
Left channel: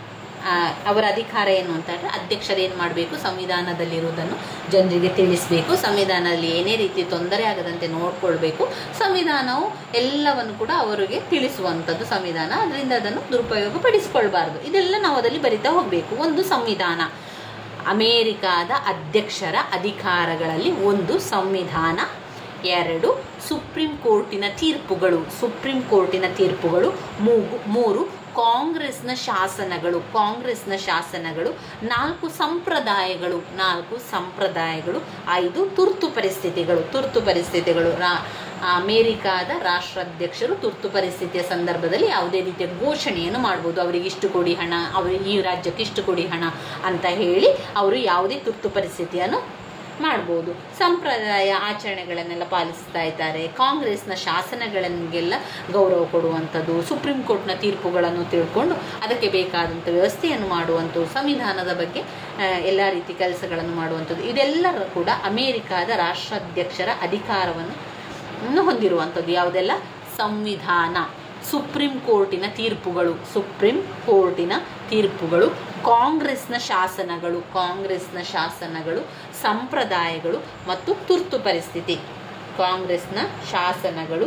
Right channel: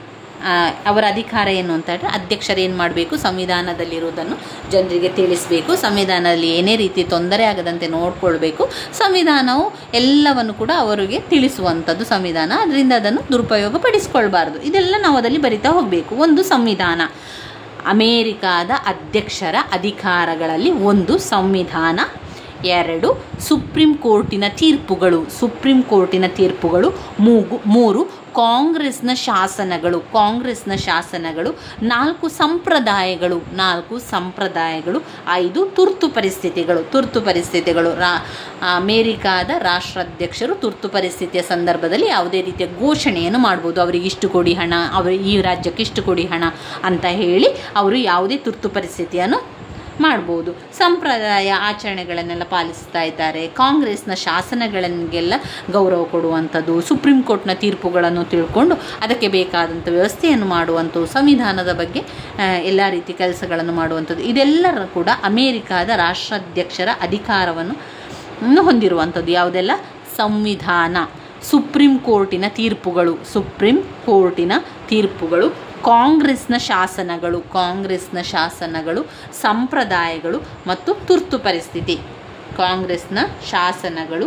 ಅವರ ಅಧಿಕಾರ ಏನು ಅಂತ ಹೇಳಿದ್ರೆ, ಅಧ್ಯಕ್ಷರು ಏನು ಮಾಡಬೇಕು, ಸಂವಿಧಾನದಲ್ಲಿರುವುದನ್ನು ಜನರಿಗೆ ತಿಳಿಸಬೇಕು, ಸಂವಿಧಾನದಲ್ಲಿ ಏನೇ ರೀತಿ ತೊಂದರೆ ಆಗದಂತೆ ನೋಡ್ಕೊಳ್ಬೇಕು, ಸಂವಿಧಾನವು ಎಲ್ಲವನ್ನು ಕೂಡ ಅವರಿಗೆ ತಿಳಿಸುವಂಥದ್ದು ಸಂವಿಧಾನ, ಅದರಿಂದ ಅದನ್ನು ದುರುಪಯೋಗ ಪಡಿಸ್ಕೊಳ್ಬಾರ್ದು. ಇದೆಲ್ಲ ನಾವು ಅದರಲ್ಲಿ ಬರಿತಾ ಹೋಗಬೇಕು. ಒಂದು, ಸಂವಿಧಾನ. ಅಮೇರಿಕಾದ ಅಧ್ಯಕ್ಷರ ಅಧಿಕಾರಗಳಲ್ಲಿ ಒಂದು, ಸಂವಿಧಾನ. 2, ಸುಪ್ರೀಂ ಕೋರ್ಟಿನ ತೀರ್ಪುಗಳು. 3, ಕಾಂಗ್ರೆಸ್ನ ಶಾಸನಗಳು. 4, ಸಂಪ್ರದಾಯಗಳು. 5, ತುರ್ತು ಪರಿಸ್ಥಿತಿಗಳು. ಅಮೇರಿಕಾದ ರಾಷ್ಟ್ರಾಧ್ಯಕ್ಷರು ತುರ್ತು ಪರಿಸ್ಥಿತಿಯ ಸಂದರ್ಭದಲ್ಲಿ ಯಾವುದೇ ರೀತಿಯ ಘೋಷಣೆಯನ್ನು ಮಾಡ್ಬೋದು. ಅವರಿಗೆ ಇಷ್ಟು ಕೊಡಿ ಹಣ, ಈ ರಾಜ್ಯಕ್ಕೆ ಇಷ್ಟು ಕೊಡಿ ಹಣ ಅಂತ ಹೇಳಿ ಅವರು ಯಾವುದೇ ತುರ್ತು ಪರಿಸ್ಥಿತಿಯನ್ನು ಮಾಡ್ಬೋದು. ಸಂಪ್ರದಾಯ ಆಚರಣೆಗಳನ್ನೆಲ್ಲ ಪಾಲಿಸ್ತಾ ಇದ್ದಾರೆ. ಕಾಂಗ್ರೆಸ್ನ ಶಾಸನಗಳಿಗೆಲ್ಲ ಗೌರವ ಕೊಡುವಂಥದ್ದು, ಸುಪ್ರೀಂ ಕೋರ್ಟ್ನ ತೀರ್ಪುಗಳನ್ನು ತಿಳ್ಕೊಂಡು ಅದಕ್ಕೆ ಬೇಕಾದಂಥ ವ್ಯವಸ್ಥೆಯನ್ನು ಮಾಡುವಂಥದ್ದು, ಸಂವಿಧಾನದ ಬಗ್ಗೆ ಎಲ್ಲ ರೀತಿ ಕೆಲಸಗಳನ್ನು ಮಾಡುವಂಥದ್ದು, ಇದೆಲ್ಲರೂ ಕೂಡ ಅಮೇರಿಕಾದ ರಾಷ್ಟ್ರಾಧ್ಯಕ್ಷರ ಅಧಿಕಾರವನ್ನು ಹೊಂದಿರುವಂಥದ್ದು. ಯಾವುದೆಲ್ಲ? ಸಂವಿಧಾನ, ಸುಪ್ರೀಂ ಕೋರ್ಟಿನ ತೀರ್ಪುಗಳು, ಕಾಂಗ್ರೆಸ್ನ ಶಾಸನಗಳು, ಸಂಪ್ರದಾಯಗಳು ಮತ್ತು ತುರ್ತು ಪರಿಸ್ಥಿತಿ. ಕಾಂಗ್ರೆಸ್ನ ಶಾಸನಗಳು,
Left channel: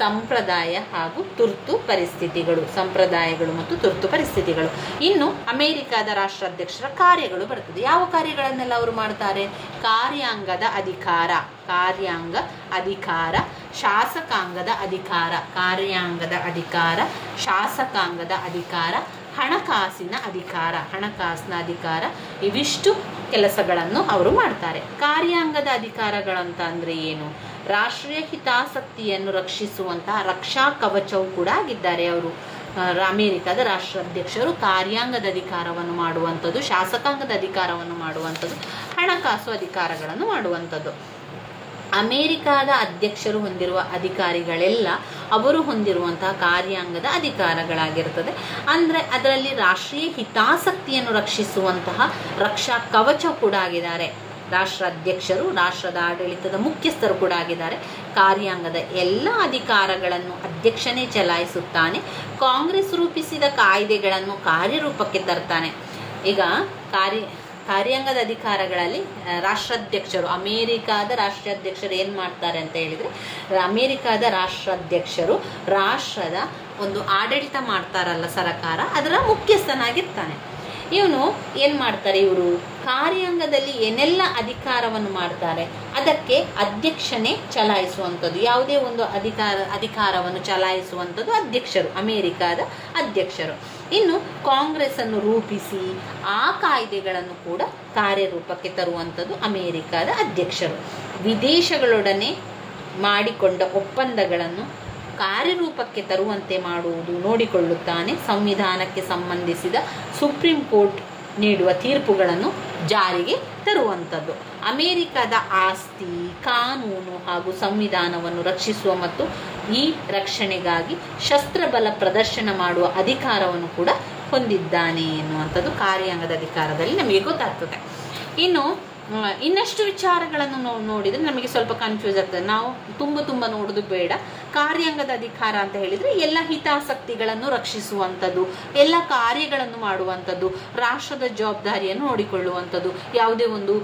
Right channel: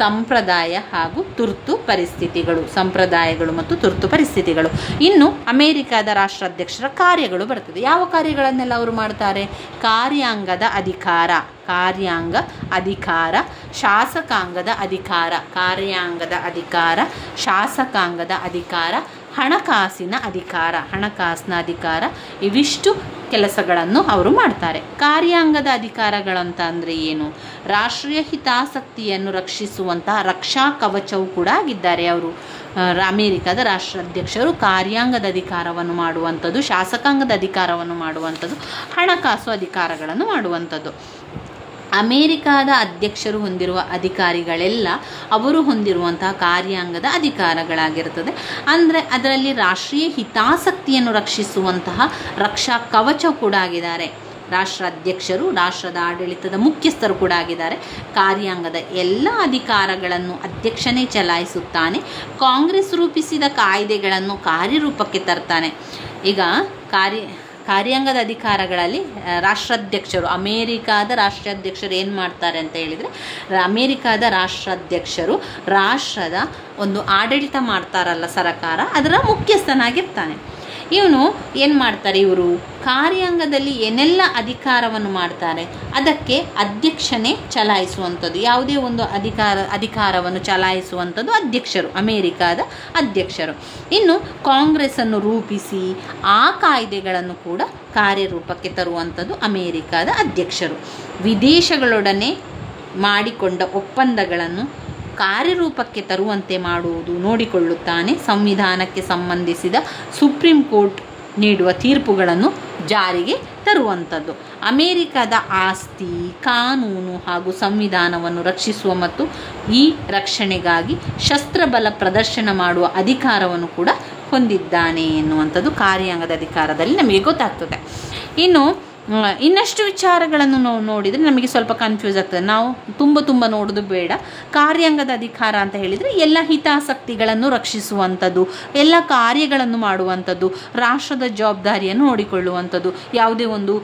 ಸಂಪ್ರದಾಯ ಹಾಗೂ ಸಂಪ್ರದಾಯಗಳು ಮತ್ತು ತುರ್ತು ಪರಿಸ್ಥಿತಿಗಳು. ಇನ್ನು ಅಮೆರಿಕದ ರಾಷ್ಟ್ರಾಧ್ಯಕ್ಷರ ಕಾರ್ಯಗಳು ಬರ್ತದೆ. ಯಾವ ಕಾರ್ಯಗಳನ್ನೆಲ್ಲ ಅವರು ಮಾಡ್ತಾರೆ? ಕಾರ್ಯಾಂಗದ ಅಧಿಕಾರ, ಶಾಸಕಾಂಗದ ಅಧಿಕಾರ, ಹಣಕಾಸಿನ ಅಧಿಕಾರ, ಇವಿಷ್ಟು ಕೆಲಸಗಳನ್ನು ಅವರು ಮಾಡ್ತಾರೆ. ಕಾರ್ಯಾಂಗದ ಅಧಿಕಾರಗಳಂತ ಅಂದರೆ ಏನು? ರಾಷ್ಟ್ರೀಯ ಹಿತಾಸಕ್ತಿಯನ್ನು ರಕ್ಷಿಸುವಂತಹ ರಕ್ಷಾ ಕವಚವೂ ಕೂಡ ಆಗಿದ್ದಾರೆ ಅವರು. ಅಮೆರಿಕದ ರಾಷ್ಟ್ರಾಧ್ಯಕ್ಷರು ಕಾರ್ಯಾಂಗದ ಅಧಿಕಾರವನ್ನು ಮಾಡುವಂಥದ್ದು, ಶಾಸಕಾಂಗದ ಅಧಿಕಾರವನ್ನು ಮಾಡುವಂಥದ್ದು, ಹಣಕಾಸು ಅಧಿಕಾರಗಳನ್ನು ಮಾಡುವಂಥದ್ದು. ಅಮೇರಿಕಾದ ಅಧ್ಯಕ್ಷರು ಹೊಂದಿರುವ ಅಧಿಕಾರಿಗಳೆಲ್ಲ ಅವರು ಹೊಂದಿರುವಂತಹ ಕಾರ್ಯಾಂಗದ ಅಧಿಕಾರಗಳಾಗಿರ್ತದೆ. ಅಂದರೆ ಅದರಲ್ಲಿ ರಾಷ್ಟ್ರೀಯ ಹಿತಾಸಕ್ತಿಯನ್ನು ರಕ್ಷಿಸುವಂತಹ ರಕ್ಷಾ ಕವಚ ಕೂಡ ಆಗಿದ್ದಾರೆ. ರಾಷ್ಟ್ರಾಧ್ಯಕ್ಷರು ರಾಷ್ಟ್ರದ ಆಡಳಿತದ ಮುಖ್ಯಸ್ಥರು ಕೂಡ ಆಗಿದ್ದಾರೆ. ಕಾರ್ಯಾಂಗದ ಎಲ್ಲ ಅಧಿಕಾರಗಳನ್ನು ಅಧ್ಯಕ್ಷನೇ ಚಲಾಯಿಸುತ್ತಾನೆ. ಕಾಂಗ್ರೆಸ್ ರೂಪಿಸಿದ ಕಾಯ್ದೆಗಳನ್ನು ಕಾರ್ಯರೂಪಕ್ಕೆ ತರ್ತಾನೆ. ಈಗ ಕಾರ್ಯಾಂಗದ ಅಧಿಕಾರಗಳಲ್ಲಿ ಅಮೇರಿಕಾದ ರಾಷ್ಟ್ರಾಧ್ಯಕ್ಷರು ಏನು ಮಾಡ್ತಾರೆ ಅಂತ ಹೇಳಿದರೆ, ಅಮೇರಿಕಾದ ರಾಷ್ಟ್ರಾಧ್ಯಕ್ಷರು ರಾಷ್ಟ್ರದ ಒಂದು ಆಡಳಿತ ಮಾಡ್ತಾರಲ್ಲ ಸರಕಾರ, ಅದರ ಮುಖ್ಯಸ್ಥನಾಗಿರ್ತಾನೆ. ಇವನು ಏನು ಮಾಡ್ತಾರೆ? ಇವರು ಕಾರ್ಯಾಂಗದಲ್ಲಿ ಏನೆಲ್ಲ ಅಧಿಕಾರವನ್ನು ಮಾಡ್ತಾರೆ ಅದಕ್ಕೆ ಅಧ್ಯಕ್ಷನೇ ಚಲಾಯಿಸುವಂಥದ್ದು. ಯಾವುದೇ ಒಂದು ಅಧಿಕಾರವನ್ನು ಚಲಾಯಿಸುವಂಥದ್ದು ಅಧ್ಯಕ್ಷರು, ಅಮೇರಿಕಾದ ಅಧ್ಯಕ್ಷರು. ಇನ್ನು ಕಾಂಗ್ರೆಸ್ಸನ್ನು ರೂಪಿಸಿ ಆ ಕಾಯ್ದೆಗಳನ್ನು ಕೂಡ ಕಾರ್ಯರೂಪಕ್ಕೆ ತರುವಂಥದ್ದು ಅಮೇರಿಕಾದ ಅಧ್ಯಕ್ಷರು. ವಿದೇಶಗಳೊಡನೆ ಮಾಡಿಕೊಂಡ ಒಪ್ಪಂದಗಳನ್ನು ಕಾರ್ಯರೂಪಕ್ಕೆ ತರುವಂತೆ ಮಾಡುವುದು ನೋಡಿಕೊಳ್ಳುತ್ತಾನೆ. ಸಂವಿಧಾನಕ್ಕೆ ಸಂಬಂಧಿಸಿದ ಸುಪ್ರೀಂ ಕೋರ್ಟ್ ನೀಡುವ ತೀರ್ಪುಗಳನ್ನು ಜಾರಿಗೆ ತರುವಂಥದ್ದು. ಅಮೇರಿಕಾದ ಆಸ್ತಿ, ಕಾನೂನು ಹಾಗೂ ಸಂವಿಧಾನವನ್ನು ರಕ್ಷಿಸುವ ಮತ್ತು ಈ ರಕ್ಷಣೆಗಾಗಿ ಶಸ್ತ್ರಬಲ ಪ್ರದರ್ಶನ ಮಾಡುವ ಅಧಿಕಾರವನ್ನು ಕೂಡ ಹೊಂದಿದ್ದಾನೆ ಎನ್ನುವಂಥದ್ದು ಕಾರ್ಯಾಂಗದ ಅಧಿಕಾರದಲ್ಲಿ ನಮಗೆ ಗೊತ್ತಾಗ್ತದೆ. ಇನ್ನಷ್ಟು ವಿಚಾರಗಳನ್ನು ನಾವು ನೋಡಿದರೆ ನಮಗೆ ಸ್ವಲ್ಪ ಕನ್ಫ್ಯೂಸ್ ಆಗ್ತದೆ. ನಾವು ತುಂಬ ನೋಡೋದು ಬೇಡ. ಕಾರ್ಯಾಂಗದ ಅಧಿಕಾರ ಅಂತ ಹೇಳಿದರೆ ಎಲ್ಲ ಹಿತಾಸಕ್ತಿಗಳನ್ನು ರಕ್ಷಿಸುವಂಥದ್ದು, ಎಲ್ಲ ಕಾರ್ಯಗಳನ್ನು ಮಾಡುವಂಥದ್ದು, ರಾಷ್ಟ್ರದ ಜವಾಬ್ದಾರಿಯನ್ನು ನೋಡಿಕೊಳ್ಳುವಂಥದ್ದು, ಯಾವುದೇ ಒಂದು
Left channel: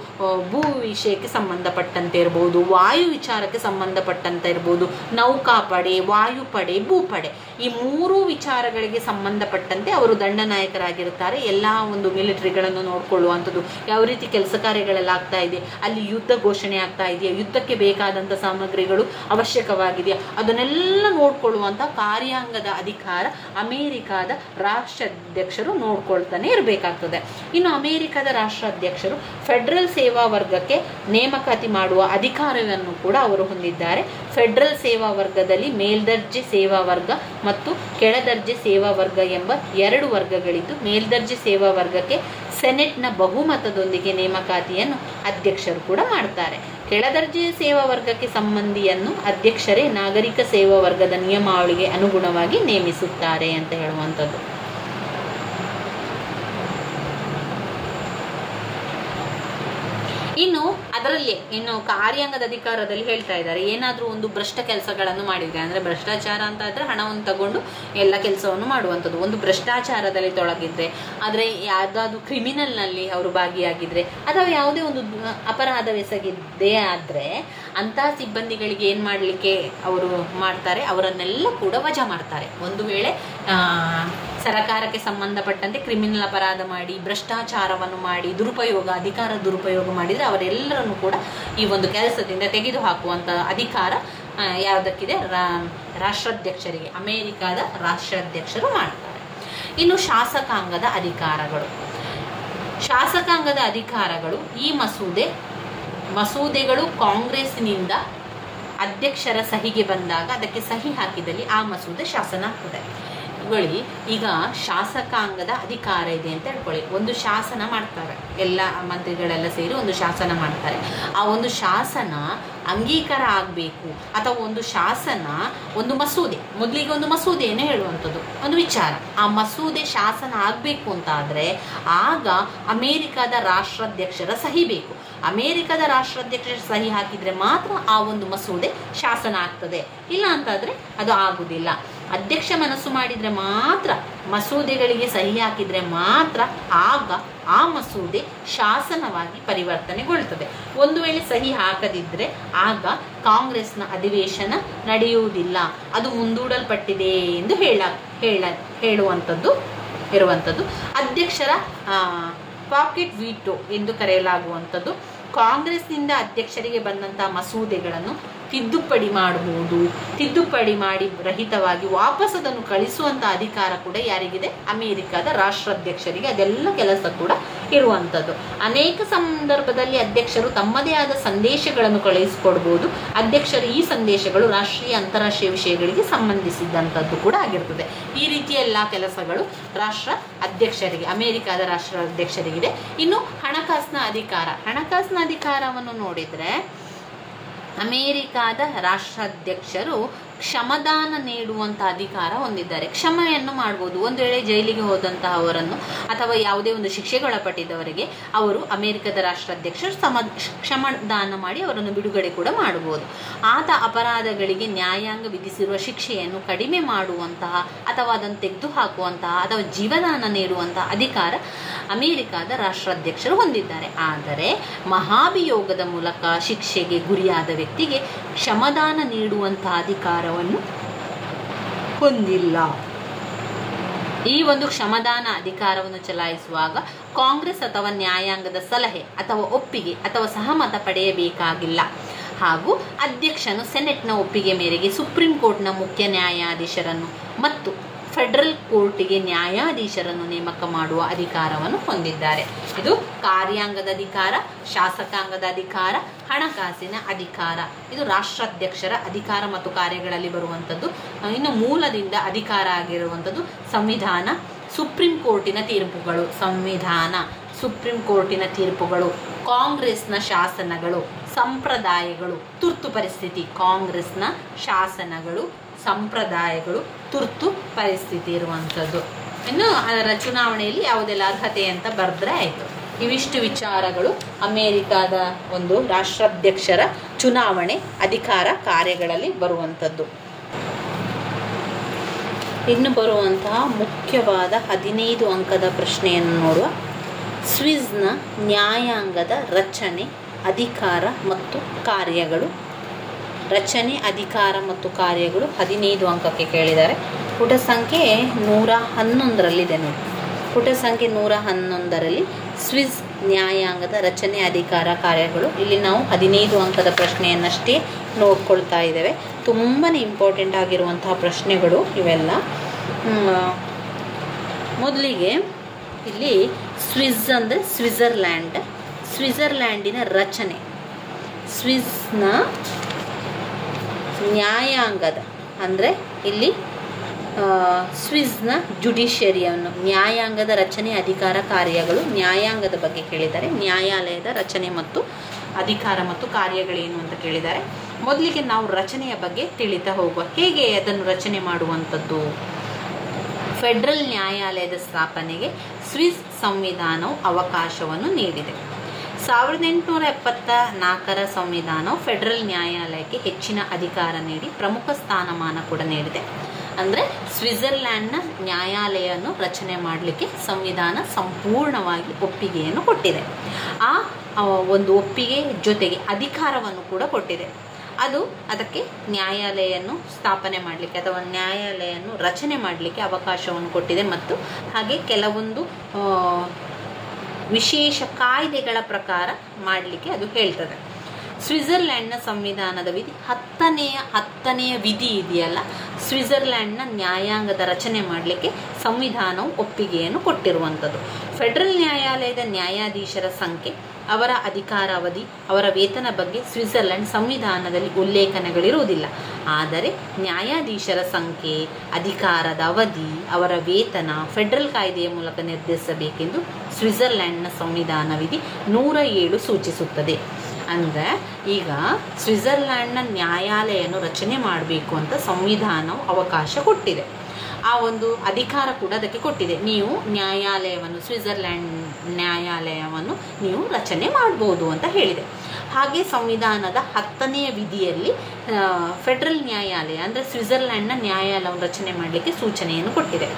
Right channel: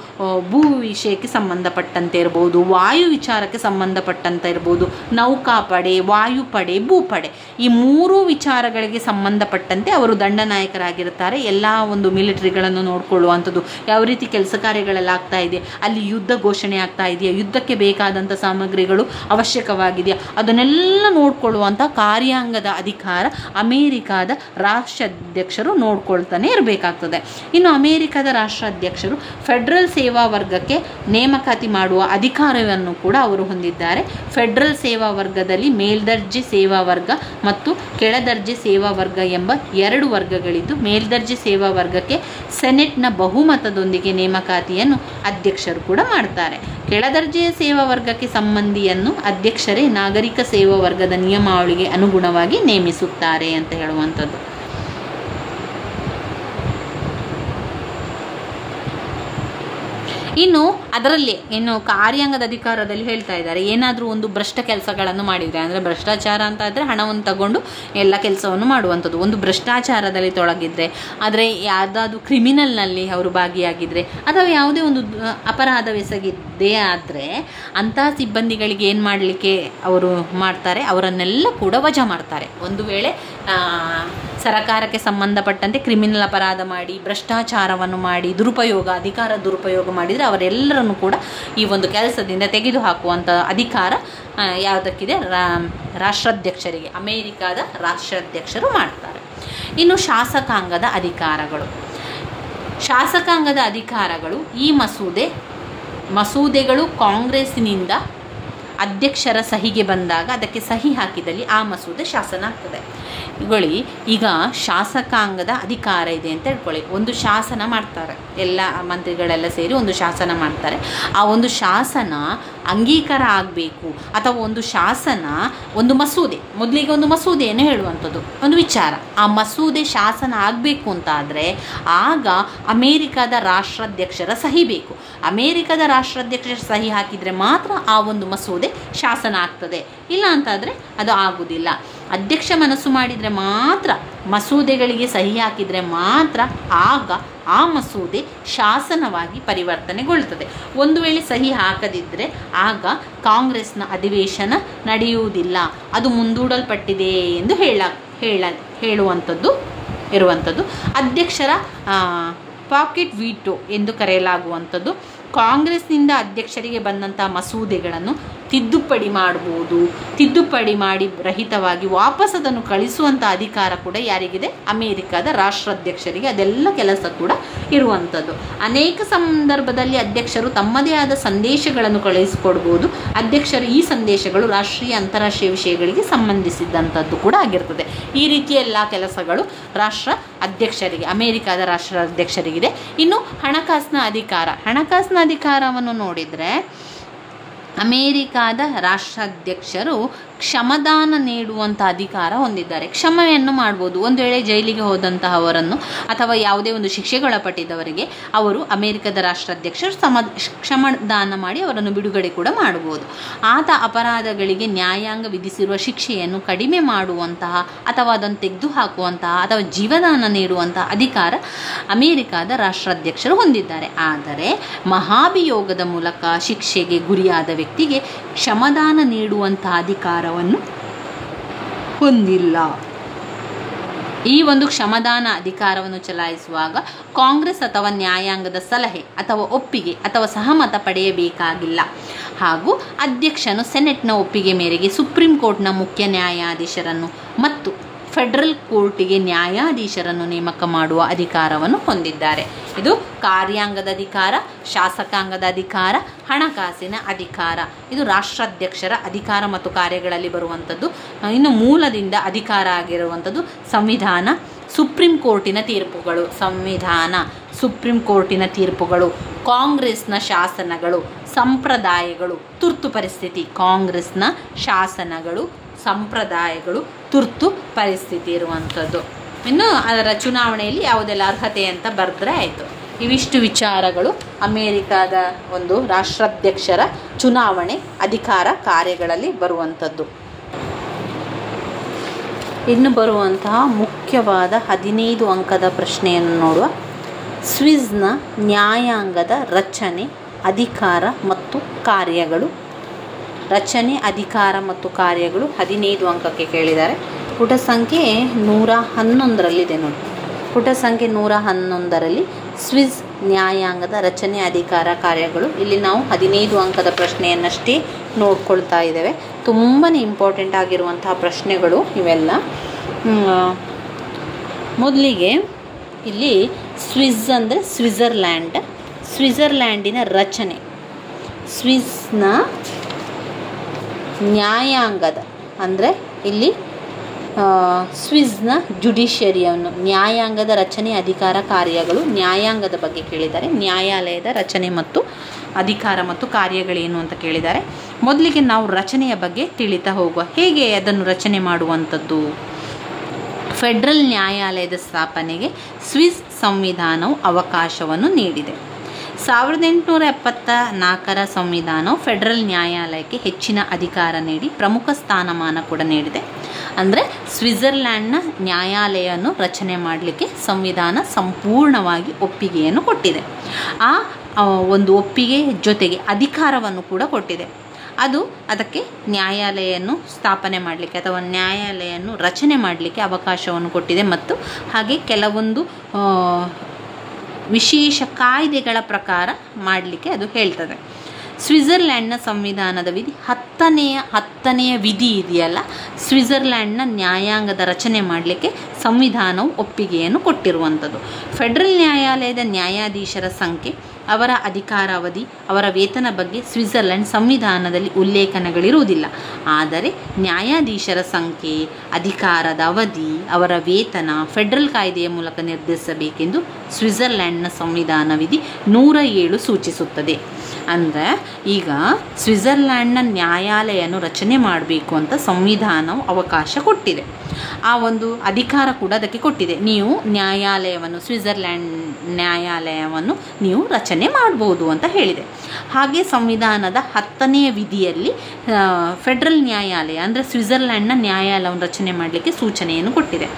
ಭೂ ವಿಷಯಕ್ಕೆ ಸಂಬಂಧಪಟ್ಟಂತೆ ಇರ್ಬೋದು, ವಾಯು ವಿಚಾರಕ್ಕೆ ಸಂಬಂಧಪಟ್ಟಂತೆ ಇರ್ಬೋದು, ನೌಕಾಪಡೆ, ವಾಯುಪಡೆ, ಭೂಪಡೆ, ಈ ಮೂರೂ ವಿಚಾರಗಳಿಗೆ ಸಂಬಂಧಪಟ್ಟಂತೆ ಅವರು ದಂಡನಾಯಕರಾಗಿರ್ತಾರೆ. ಎಲ್ಲ ಒಂದು ಮಿಲಿಟರಿಗಳನ್ನು ನೋಡಿಕೊಳ್ಳುವಂಥದ್ದು, ಯಾವ ರೀತಿ ಕೆಲಸ ಕಾರ್ಯಗಳೆಲ್ಲ ಆಗ್ತಾ ಇದೆ, ಅಲ್ಲಿ ಯುದ್ಧ ಘೋಷಣೆ ಆಗ್ತಾ ಇದೆಯಾ, ಯುದ್ಧಕ್ಕೆ ಬೇಕಾದಂಥ ಸಾಮಗ್ರಿಗಳು ಅವಶ್ಯಕವಾಗಿದೆಯಾ, ಅದನ್ನೆಲ್ಲ ನೋಡ್ಕೊಳ್ಳುವಂಥ ಕಾರ್ಯಾಂಗದ ಅಧಿಕಾರ ಅಮೇರಿಕಾದ ರಾಷ್ಟ್ರಾಧ್ಯಕ್ಷರು ನೋಡ್ಕೊಳ್ತಾನೆ ಇರಬೇಕಾಗ್ತದೆ. ಇನ್ನು ಅಮೇರಿಕಾದ ರಾಷ್ಟ್ರಾಧ್ಯಕ್ಷರು ಫೆಡರಲ್ ಸೇವಾ ವರ್ಗಕ್ಕೆ ನೇಮಕಾತಿ ಮಾಡುವ ಅಧಿಕಾರವನ್ನು ಕೂಡ ಅವರು ಹೊಂದಿದ್ದಾರೆ. ಫೆಡರಲ್ ಸೇವಾ ವರ್ಗದಲ್ಲಿ ಮೇಲ್ದರ್ಜೆ ಸೇವಾ ವರ್ಗ ಮತ್ತು ಕೆಳದರ್ಜೆ ಸೇವಾ ವರ್ಗ ಎಂಬ 2 ವರ್ಗಗಳಿದ್ದು, ಮೇಲ್ದರ್ಜೆ ಸೇವಾ ವರ್ಗಕ್ಕೆ ಸೆನೆಟ್ನ ಬಹುಮತದೊಂದಿಗೆ ನೇಮಕಾತಿಯನ್ನು ಅಧ್ಯಕ್ಷರು ಕೂಡ ಮಾಡ್ತಾರೆ. ಕೆಳದರ್ಜೆಯ ಸೇವಾ ವರ್ಗಕ್ಕೆ ಸಂಬಂಧಿಯನ್ನು ಅಧ್ಯಕ್ಷರೇ ನಾಗರಿಕ ಸೇವಾ ವರ್ಗದ ನಿಯಮಾವಳಿಗೆ ಅನುಗುಣವಾಗಿ ನೇಮಿಸುತ್ತಾರೆ ಅಂತ ಹೇಳುವಂಥದ್ದು. ಇನ್ನು ಕಾರ್ಯಾಂಗದ ಅಧಿಕಾರದಲ್ಲಿ ಹೇಳ್ತಾ ಇದ್ದಾರೆ, ಏನಾದರೂ ಒಂದು ಭ್ರಷ್ಟ ಕೆಲಸಗಳನ್ನು ಮಾಡಿದರೆ, ಅಂದರೆ ಭ್ರಷ್ಟಾಚಾರ ಅಂತ ಆದರೆ ಹಣವನ್ನು ತಗೊಂಡು ಎಲ್ಲ ಕೆಲಸವನ್ನು ಮಾಡುವಂಥದ್ದು, ಒಂದು ಭ್ರಷ್ಟಾಚಾರದಲ್ಲಿ ತೊಡಗಿದ್ರೆ, ಆದರೆ ಯಾವುದಾದ್ರೂ ಕ್ರಿಮಿನಲ್ನಲ್ಲಿ ಅವರು ಭಾಗಿಯಾಗಿದ್ದರೆ ಅಥವಾ ಯಾವುದೇ ಒಂದು ಅಪರಾಧವೆಸಗಿದ್ದೇ ಆದರೆ ಅಂತಹ ಸಿಬ್ಬಂದಿಗಳಿಗೆ ಏನು ಮಾಡಲಿಕ್ಕೆ ಅವರು ಮಾಡ್ತಾರೆ, ಅವರನ್ನೆಲ್ಲ ಕೂಡ ವಜಾ ಮಾಡ್ತಾರೆ. ಒಂದು ವೇಳೆ ಸರಕಾರಕ್ಕೆ ಸಂಬಂಧಪಟ್ಟಂತೆ ಕ್ರಿಮಿನಲ್ ಅಪರಾಧ ಮಾಡಿ, ಭ್ರಷ್ಟಾಚಾರವನ್ನು ಮಾಡಿ, ಅಧಿಕಾರ ದುರುಪಯೋಗ ಮಾಡಿದರೆ ಅವರೆಲ್ಲರನ್ನು ಕೂಡ ಈ ಒಂದು ಕೆಲಸದಿಂದ ತೆಗೆದುಹಾಕುವಂಥ ಅಧಿಕಾರ ಯಾವುದಕ್ಕಿದೆ? ರಾಷ್ಟ್ರಾಧ್ಯಕ್ಷರಿಗೆ, ಅಮೇರಿಕಾದ ರಾಷ್ಟ್ರಾಧ್ಯಕ್ಷರು ಮಾಡ್ತಾರೆ. ಇನ್ನು ಶಾಸಕಾಂಗದ ಅಧಿಕಾರಗಳು ಈ ಮಸೂದೆಗಳು ಕಾಂಗ್ರೆಸ್ನಿಂದ ಅಧ್ಯಕ್ಷರ ಸಹಿಗೆ ಬಂದಾಗ ಅದಕ್ಕೆ ಸಹಿ ಹಾಕಿದಲ್ಲಿ ಆ ಮಸೂದೆ ಶಾಸನ ಆಗ್ತದೆ. ಈಗ ಶಾಸಕಾಂಗದ ಅಧಿಕಾರ ಇದೆ ಅಂತ ಹೇಳ್ಕೊಳ್ಳಿ. ಒಂದು ಶಾಸನ ಮಾಡ್ತಾರೆ, ಎಲ್ಲ ಮಂತ್ರಿಗಳೆಲ್ಲ ಸೇರಿ ಒಂದು ಶಾಸನ ಮಾಡ್ತಾರೆ. ಆ ಒಂದು ಶಾಸನ ಅಂಗೀಕಾರ ಆಗಬೇಕು ಅಥವಾ ಒಂದು ಶಾಸನ, ಒಂದು ಮಸೂದೆ, ಮೊದಲಿಗೆ ಒಂದು ಮಸೂದೆಯನ್ನು ಹೇಳುವಂಥದ್ದು ಒಂದು ವಿಚಾರ, ಆ ಮಸೂದೆ ಶಾಸನ ಆಗಬೇಕು ಅಂತ ಆದರೆ ಆಗ ಅಮೇರಿಕಾದ ರಾಷ್ಟ್ರಾಧ್ಯಕ್ಷರ ಸಹಿ ಬೇಕು. ಅಮೇರಿಕಾದ ರಾಷ್ಟ್ರಾಧ್ಯಕ್ಷರ ಸಹಿ ಹಾಕಿದರೆ ಮಾತ್ರ ಆ ಒಂದು ಮಸೂದೆ ಶಾಸನ ಆಗ್ತದೆ, ಇಲ್ಲ ಅಂತಾದರೆ ಅದು ಆಗುವುದಿಲ್ಲ. ಅಧ್ಯಕ್ಷ ಮನಸ್ಸು ಮಾಡಿದರೆ ಮಾತ್ರ, ಮಸೂದೆಗಳಿಗೆ ಸಹಿ ಹಾಕಿದರೆ ಮಾತ್ರ ಆಗ ಆ ಮಸೂದೆ ಶಾಸನವಾಗಿ ಪರಿವರ್ತನೆಗೊಳ್ಳುತ್ತದೆ. ಒಂದು ವೇಳೆ ಸಹಿ ಹಾಕದಿದ್ದರೆ ಆಗ ಕಾಂಗ್ರೆಸ್ನ ಅಧಿವೇಶನ ನಡೆಯುವುದಿಲ್ಲ, ಅದು ಮುಂದೂಡಲ್ಪಟ್ಟಿದೆ ಎಂದು ಹೇಳುವಂಥದ್ದು ಇರುವಂಥದ್ದು. ಅಧ್ಯಕ್ಷರ ಪಾಕೆಟ್ ವೀಟೋ ಎಂದು ಕರೆಯಲಾಗುವಂಥದ್ದು. ಕಾಂಗ್ರೆಸ್ನಿಂದ ಅಧ್ಯಕ್ಷರಿಗೆ ಬಂದಂತಹ ಮಸೂದೆಗಳನ್ನು ತಿದ್ದುಪಡಿ ಮಾಡಬಹುದು, ತಿದ್ದುಪಡಿ ಮಾಡಿ ರಹಿತವಾಗಿ ವಾಪಸ್ ಅದನ್ನು ಕಳಿಸುವಂಥ ಅಧಿಕಾರ ಕೂಡ ಯಾರಿಗಿದೆ? ಅಮೇರಿಕಾದ ರಾಷ್ಟ್ರಾಧ್ಯಕ್ಷರಿಗೆ. ಅದೆಲ್ಲ ಕೆಲಸ ಕೂಡ ಇರುವಂಥದ್ದು. ಅನೇಕ ಸಂದರ್ಭದಲ್ಲಿ ಅಧ್ಯಕ್ಷರು ತಮ್ಮದೇ ಆದ ಸಂದೇಶಗಳನ್ನು ಕಳುಹಿಸಿಕೊಡ್ಬೋದು. ಅಧ್ಯಕ್ಷರು ಈ ಸಂದೇಶಗಳು ರಾಷ್ಟ್ರೀಯ ಅಂತಾರಾಷ್ಟ್ರೀಯ ವಿಷಯಗಳಿಗೆ ಸಂಬಂಧಿಸಿದಂಥದ್ದು ಕೂಡ ಆಗಿರ್ತದೆ. ಈ ರೀತಿಯ ಎಲ್ಲ ಕೆಲಸಗಳು ರಾಷ್ಟ್ರ ಅಧ್ಯಕ್ಷರಿಗೆ, ಅಮೇರಿಕಾದ ರಾಷ್ಟ್ರಾಧ್ಯಕ್ಷರಿಗಿದೆ. ಇನ್ನು ಹಣಕಾಸಿನ ಅಧಿಕಾರವನ್ನು ನೋಡಿದರೆ ಅಮೇರಿಕಾದ ರಾಷ್ಟ್ರಾಧ್ಯಕ್ಷರು ಕ್ಷಮದಾನ ನೀಡುವಂಥ ಅಧಿಕಾರ ಹೊಂದಿದ್ದಾರೆ. ಕ್ಷಮೆಯನ್ನು ಮಾಡ್ಬೋದು. ಒಂದು ವೇಳೆ ಜೈಲಿಗೆ ಹೋದಂತಹವರನ್ನು ಅಥವಾ ಯಾವುದೇ ಒಂದು ಶಿಕ್ಷೆಗೊಳಪಟ್ಟಿದ್ದವರಿಗೆ ಅವರು ಅಮೇರಿಕದ ರಾಷ್ಟ್ರಾಧ್ಯಕ್ಷರು ಕ್ಷಮದಾನ ಮಾಡಿ ಅವರನ್ನು ಬಿಡುಗಡೆ ಕೂಡ ಮಾಡಬಹುದು. ಆತ ಅಪರಾಧಗಳಿಗೆ ನ್ಯಾಯಾಂಗ ವಿಧಿಸಿರುವ ಶಿಕ್ಷೆಯನ್ನು ಕಡಿಮೆ ಮಾಡುವಂತಹ ಅಥವಾ ಅದನ್ನು ತೆಗೆದುಹಾಕುವಂತಹ ಅಥವಾ ಜೀವದಾನ ನೀಡುವಂತಹ ಅಧಿಕಾರ ಅಮೇರಿಕಾದ ರಾಷ್ಟ್ರಾಧ್ಯಕ್ಷರು ಹೊಂದಿದ್ದಾರೆ. ಆದರೆ ಮಹಾಭಿಯೋಗದ ಮೂಲಕ ಶಿಕ್ಷೆಗೆ ಗುರಿಯಾದ ವ್ಯಕ್ತಿಗೆ ಕ್ಷಮದಾನ ನೀಡುವಂತಹ ಅಧಿಕಾರವನ್ನು ಹೊಂದಿಲ್ಲ. ಈ ಒಂದು ಕ್ಷಮದಾನ ಅಧಿಕಾರವನ್ನು ಚಲಾಯಿಸುವಾಗ ಕಾಂಗ್ರೆಸ್ ಅಥವಾ ನ್ಯಾಯಾಂಗದ ಸಲಹೆ ಅಥವಾ ಒಪ್ಪಿಗೆ ಅಥವಾ ಸಹಮತ ಪಡೆಯಬೇಕಾಗಿಲ್ಲ. ಹಾಗೂ ಅಧ್ಯಕ್ಷನು ಸೆನೆಟ್ನ ಒಪ್ಪಿಗೆ ಮೇರೆಗೆ ಸುಪ್ರೀಂ ಕೋರ್ಟ್ನ ಮುಖ್ಯ ನ್ಯಾಯಾಧೀಶರನ್ನು ಮತ್ತು ಫೆಡರಲ್ ಕೋರ್ಟಿಗೆ ನ್ಯಾಯಾಧೀಶರನ್ನು ನೇಮಕ ಮಾಡುವ ಅಧಿಕಾರವನ್ನು ಹೊಂದಿದ್ದಾರೆ. ಇದು ಕಾರ್ಯಾಂಗದ ಅಧಿಕಾರ, ಶಾಸಕಾಂಗದ ಅಧಿಕಾರ, ಹಣಕಾಸಿನ ಅಧಿಕಾರ. ಇದು ರಾಷ್ಟ್ರಾಧ್ಯಕ್ಷರ ಅಧಿಕಾರ ಮತ್ತು ಕಾರ್ಯಗಳಲ್ಲಿ ಬರುವಂಥದ್ದು. ಇನ್ನು ಮೂಲದಿಂದ ಅಧಿಕಾರ ಆಗಿರುವಂಥದ್ದು ಸಂವಿಧಾನ, ಸುಪ್ರೀಂ ಕೋರ್ಟಿನ ತೀರ್ಪುಗಳು, ಸುಪ್ರೀಂ ಕೋರ್ಟಿನ ತೀರ್ಪುಗಳು, ಕಾಂಗ್ರೆಸ್ನ ಶಾಸನಗಳು, ಸಂಪ್ರದಾಯಗಳು, ತುರ್ತು ಪರಿಸ್ಥಿತಿ. ಕಾಂಗ್ರೆಸ್ನ ಶಾಸನಗಳು, ಸಂಪ್ರದಾಯಗಳು, ತುರ್ತು ಪರಿಸ್ಥಿತಿ ಇರುವಂಥದ್ದು. ಇನ್ನು ಅದರ ಚುನಾವಣೆಯಲ್ಲಿ ಯಾವುದೆಲ್ಲ ಅರ್ಹತೆ ಅಂತ ಬರೆದ್ರೆ ಆಯಿತು. ಇವಿಷ್ಟು ವಿಚಾರಗಳು ಅಮೇರಿಕಾದ ಒಂದು ರಾಷ್ಟ್ರಾಧ್ಯಕ್ಷರ ಚುನಾವಣೆ ಅಧಿಕಾರ ಕಾರ್ಯಗಳಲ್ಲಿ ಬರುವಂಥದ್ದು. ಇನ್ನು ಬರುವಂತಹ ಮುಖ್ಯವಾದ 15 ಅಂಕದ ಪ್ರಶ್ನೆಯನ್ನು ನೋಡುವ. ಸ್ವಿಸ್ನ ನ್ಯಾಯಾಂಗದ ರಚನೆ, ಅಧಿಕಾರ ಮತ್ತು ಕಾರ್ಯಗಳು. ರಚನೆ, ಅಧಿಕಾರ ಮತ್ತು ಕಾರ್ಯಗಳು 15 ಅಂಕಕ್ಕೆ ಕೇಳಿದ್ದಾರೆ. ಪುಟ ಸಂಖ್ಯೆ 111ರಲ್ಲಿದೆ ನೋಡಿ. ಪುಟ ಸಂಖ್ಯೆ 111ರಲ್ಲಿ ಸ್ವಿಸ್ ನ್ಯಾಯಾಂಗದ ರಚನೆ, ಅಧಿಕಾರ, ಕಾರ್ಯಗಳು. ಇಲ್ಲಿ ನಾವು 15 ಅಂಕದ ಪ್ರಶ್ನೆಯನ್ನಷ್ಟೇ ನೋಡ್ಕೊಳ್ತಾ ಇದ್ದೇವೆ. ತುಂಬಾ ಇಂಪಾರ್ಟೆಂಟ್ ಆಗಿರುವಂತಹ ಪ್ರಶ್ನೆಗಳು ಇವೆಲ್ಲ. ಮೊದಲಿಗೆ ಇಲ್ಲಿ ಸ್ವಿಸ್ ಅಂದರೆ ಸ್ವಿಟ್ಜರ್ಲ್ಯಾಂಡಿನ ರಚನೆ. ಸ್ವಿಸ್ನ ನ್ಯಾಯಾಂಗದ ಅಂದರೆ ಇಲ್ಲಿ ಸ್ವಿಸ್ನ ಜುಡಿಷಿಯರಿಯನ್ನು, ನ್ಯಾಯಾಂಗದ ರಚನೆ, ಅಧಿಕಾರ, ಕಾರ್ಯಗಳು. ನ್ಯಾಯಾಂಗದ ಬಗ್ಗೆ ಕೇಳಿದ್ದಾರೆ. ನ್ಯಾಯಾಲಯದ ರಚನೆ ಮತ್ತು ಅಧಿಕಾರ ಮತ್ತು ಕಾರ್ಯಗಳೇನು ಅಂತ ಕೇಳಿದ್ದಾರೆ. ಮೊದಲಿಗೆ ನಾವು ರಚನೆಯ ಬಗ್ಗೆ ತಿಳಿತಾ ಹೋಗುವ. ಹೇಗೆ ಅದನ್ನು ರಚನೆ ಮಾಡುವಂಥದ್ದು? ಫೆಡರಲ್ ನ್ಯಾಯಾಲಯದ ಸ್ಥಾಪನೆಗೆ ಸ್ವಿಸ್ ಸಂವಿಧಾನವು ಅವಕಾಶವನ್ನು ನೀಡಿದೆ. 1874ರ ಸಂವಿಧಾನವು ಫೆಡರಲ್ ನ್ಯಾಯಾಲಯಕ್ಕೆ ಹೆಚ್ಚಿನ ಅಧಿಕಾರ ನೀಡಿ ಪ್ರಮುಖ ಸ್ಥಾನಮಾನ ಕೂಡ ನೀಡಿದೆ. ಅಂದರೆ ಸ್ವಿಟ್ಜರ್ಲ್ಯಾಂಡ್ನ ನ್ಯಾಯಾಲಯವನ್ನು ರಚನೆ ಮಾಡಲಿಕ್ಕೆ ಸಂವಿಧಾನ ಸಂಪೂರ್ಣವಾಗಿ ಒಪ್ಪಿಗೆಯನ್ನು ಕೊಟ್ಟಿದೆ. ಆ ಒಂದು ಒಪ್ಪಿಗೆ ಜೊತೆಗೆ ಅಧಿಕಾರವನ್ನು ಕೂಡ ಕೊಟ್ಟಿದೆ. ಅದಕ್ಕೆ ನ್ಯಾಯಾಲಯವನ್ನು ಸ್ಥಾಪನೆ ಮಾಡಲಿಕ್ಕೆ ಅಥವಾ ನ್ಯಾಯಾಲಯವನ್ನು ರಚನೆ ಮಾಡಲಿಕ್ಕೆ ಅವಕಾಶವನ್ನು ಕೊಟ್ಟಿದೆ. ಮತ್ತು ಹಾಗೆ ಕೆಲವೊಂದು ವಿಶೇಷ ಕಾಯ್ದೆಗಳ ಪ್ರಕಾರ ಮಾಡಲಿಕ್ಕೆ ಅದು ಹೇಳ್ತದೆ. ಸ್ವಿಟ್ಜರ್ಲ್ಯಾಂಡ್ನ ಸಂವಿಧಾನದ ವಿಧಿ 10ನೆಯ ವಿಧಿ ಇದೆಯಲ್ಲ, ಸ್ವಿಟ್ಜರ್ಲ್ಯಾಂಡ್ನ ನ್ಯಾಯಾಂಗದ ರಚನೆ ಮಾಡಲಿಕ್ಕೆ ಸಂವಿಧಾನವು ಒಪ್ಪಿಗೆಯನ್ನು ಕೊಟ್ಟಿರುವಂಥದ್ದು. ಫೆಡರಲ್ ನ್ಯಾಯಾಲಯದ ನ್ಯಾಯಾಧೀಶರ ಸಂಖ್ಯೆ, ಅವರ ಅಧಿಕಾರಾವಧಿ, ಅವರ ವೇತನ ಬಗ್ಗೆ ಸ್ವಿಟ್ಜರ್ಲೆಂಡ್ ಸಂವಿಧಾನದಲ್ಲಿ ಉಲ್ಲೇಖನಗಳಿರುವುದಿಲ್ಲ. ಆದರೆ ನ್ಯಾಯಾಧೀಶರ ಸಂಖ್ಯೆ, ಅಧಿಕಾರದ ಅವಧಿ, ಅವರ ವೇತನ ಫೆಡರಲ್ ಕಾಯ್ದೆಯ ಮೂಲಕ ನಿರ್ಧರಿಸಬೇಕೆಂದು ಸ್ವಿಟ್ಜರ್ಲೆಂಡ್ನ ಸಂವಿಧಾನ ವಿಧಿ 107 ಸೂಚಿಸುತ್ತದೆ. ಅಂದರೆ ಈಗ ಸ್ವಿಟ್ಜರ್ಲೆಂಡ್ನ ನ್ಯಾಯಾಲಯವನ್ನು ರಚನೆ ಮಾಡಬೇಕು ಅಂತ ಸಂವಿಧಾನವು ಅವಕಾಶ ಕೊಟ್ಟಿದೆ. ಆ ಒಂದು ಅಧಿಕಾರ ಕೂಡ ಅದಕ್ಕೆ ಕೊಟ್ಟಿದೆ. ನೀವು ನ್ಯಾಯಾಲಯವನ್ನು, ಸ್ವಿಟ್ಜರ್ಲೆಂಡ್ ನ್ಯಾಯಾಲಯವನ್ನು ನೀವು ರಚನೆ ಮಾಡ್ಬೋದು ಅಂತ ಹೇಳಿದೆ. ಹಾಗೆ ಸಂವಿಧಾನದ 10ನೇ ವಿಧಿಯಲ್ಲಿ ಫೆಡರಲ್ ನ್ಯಾಯಾಲಯ ಅಂದರೆ ಸ್ವಿಟ್ಜರ್ಲೆಂಡ್ನ ನ್ಯಾಯಾಲಯವನ್ನು ರಚನೆ ಮಾಡಲಿಕ್ಕೆ ಸೂಚನೆಯನ್ನು ಕೊಟ್ಟಿದೆ.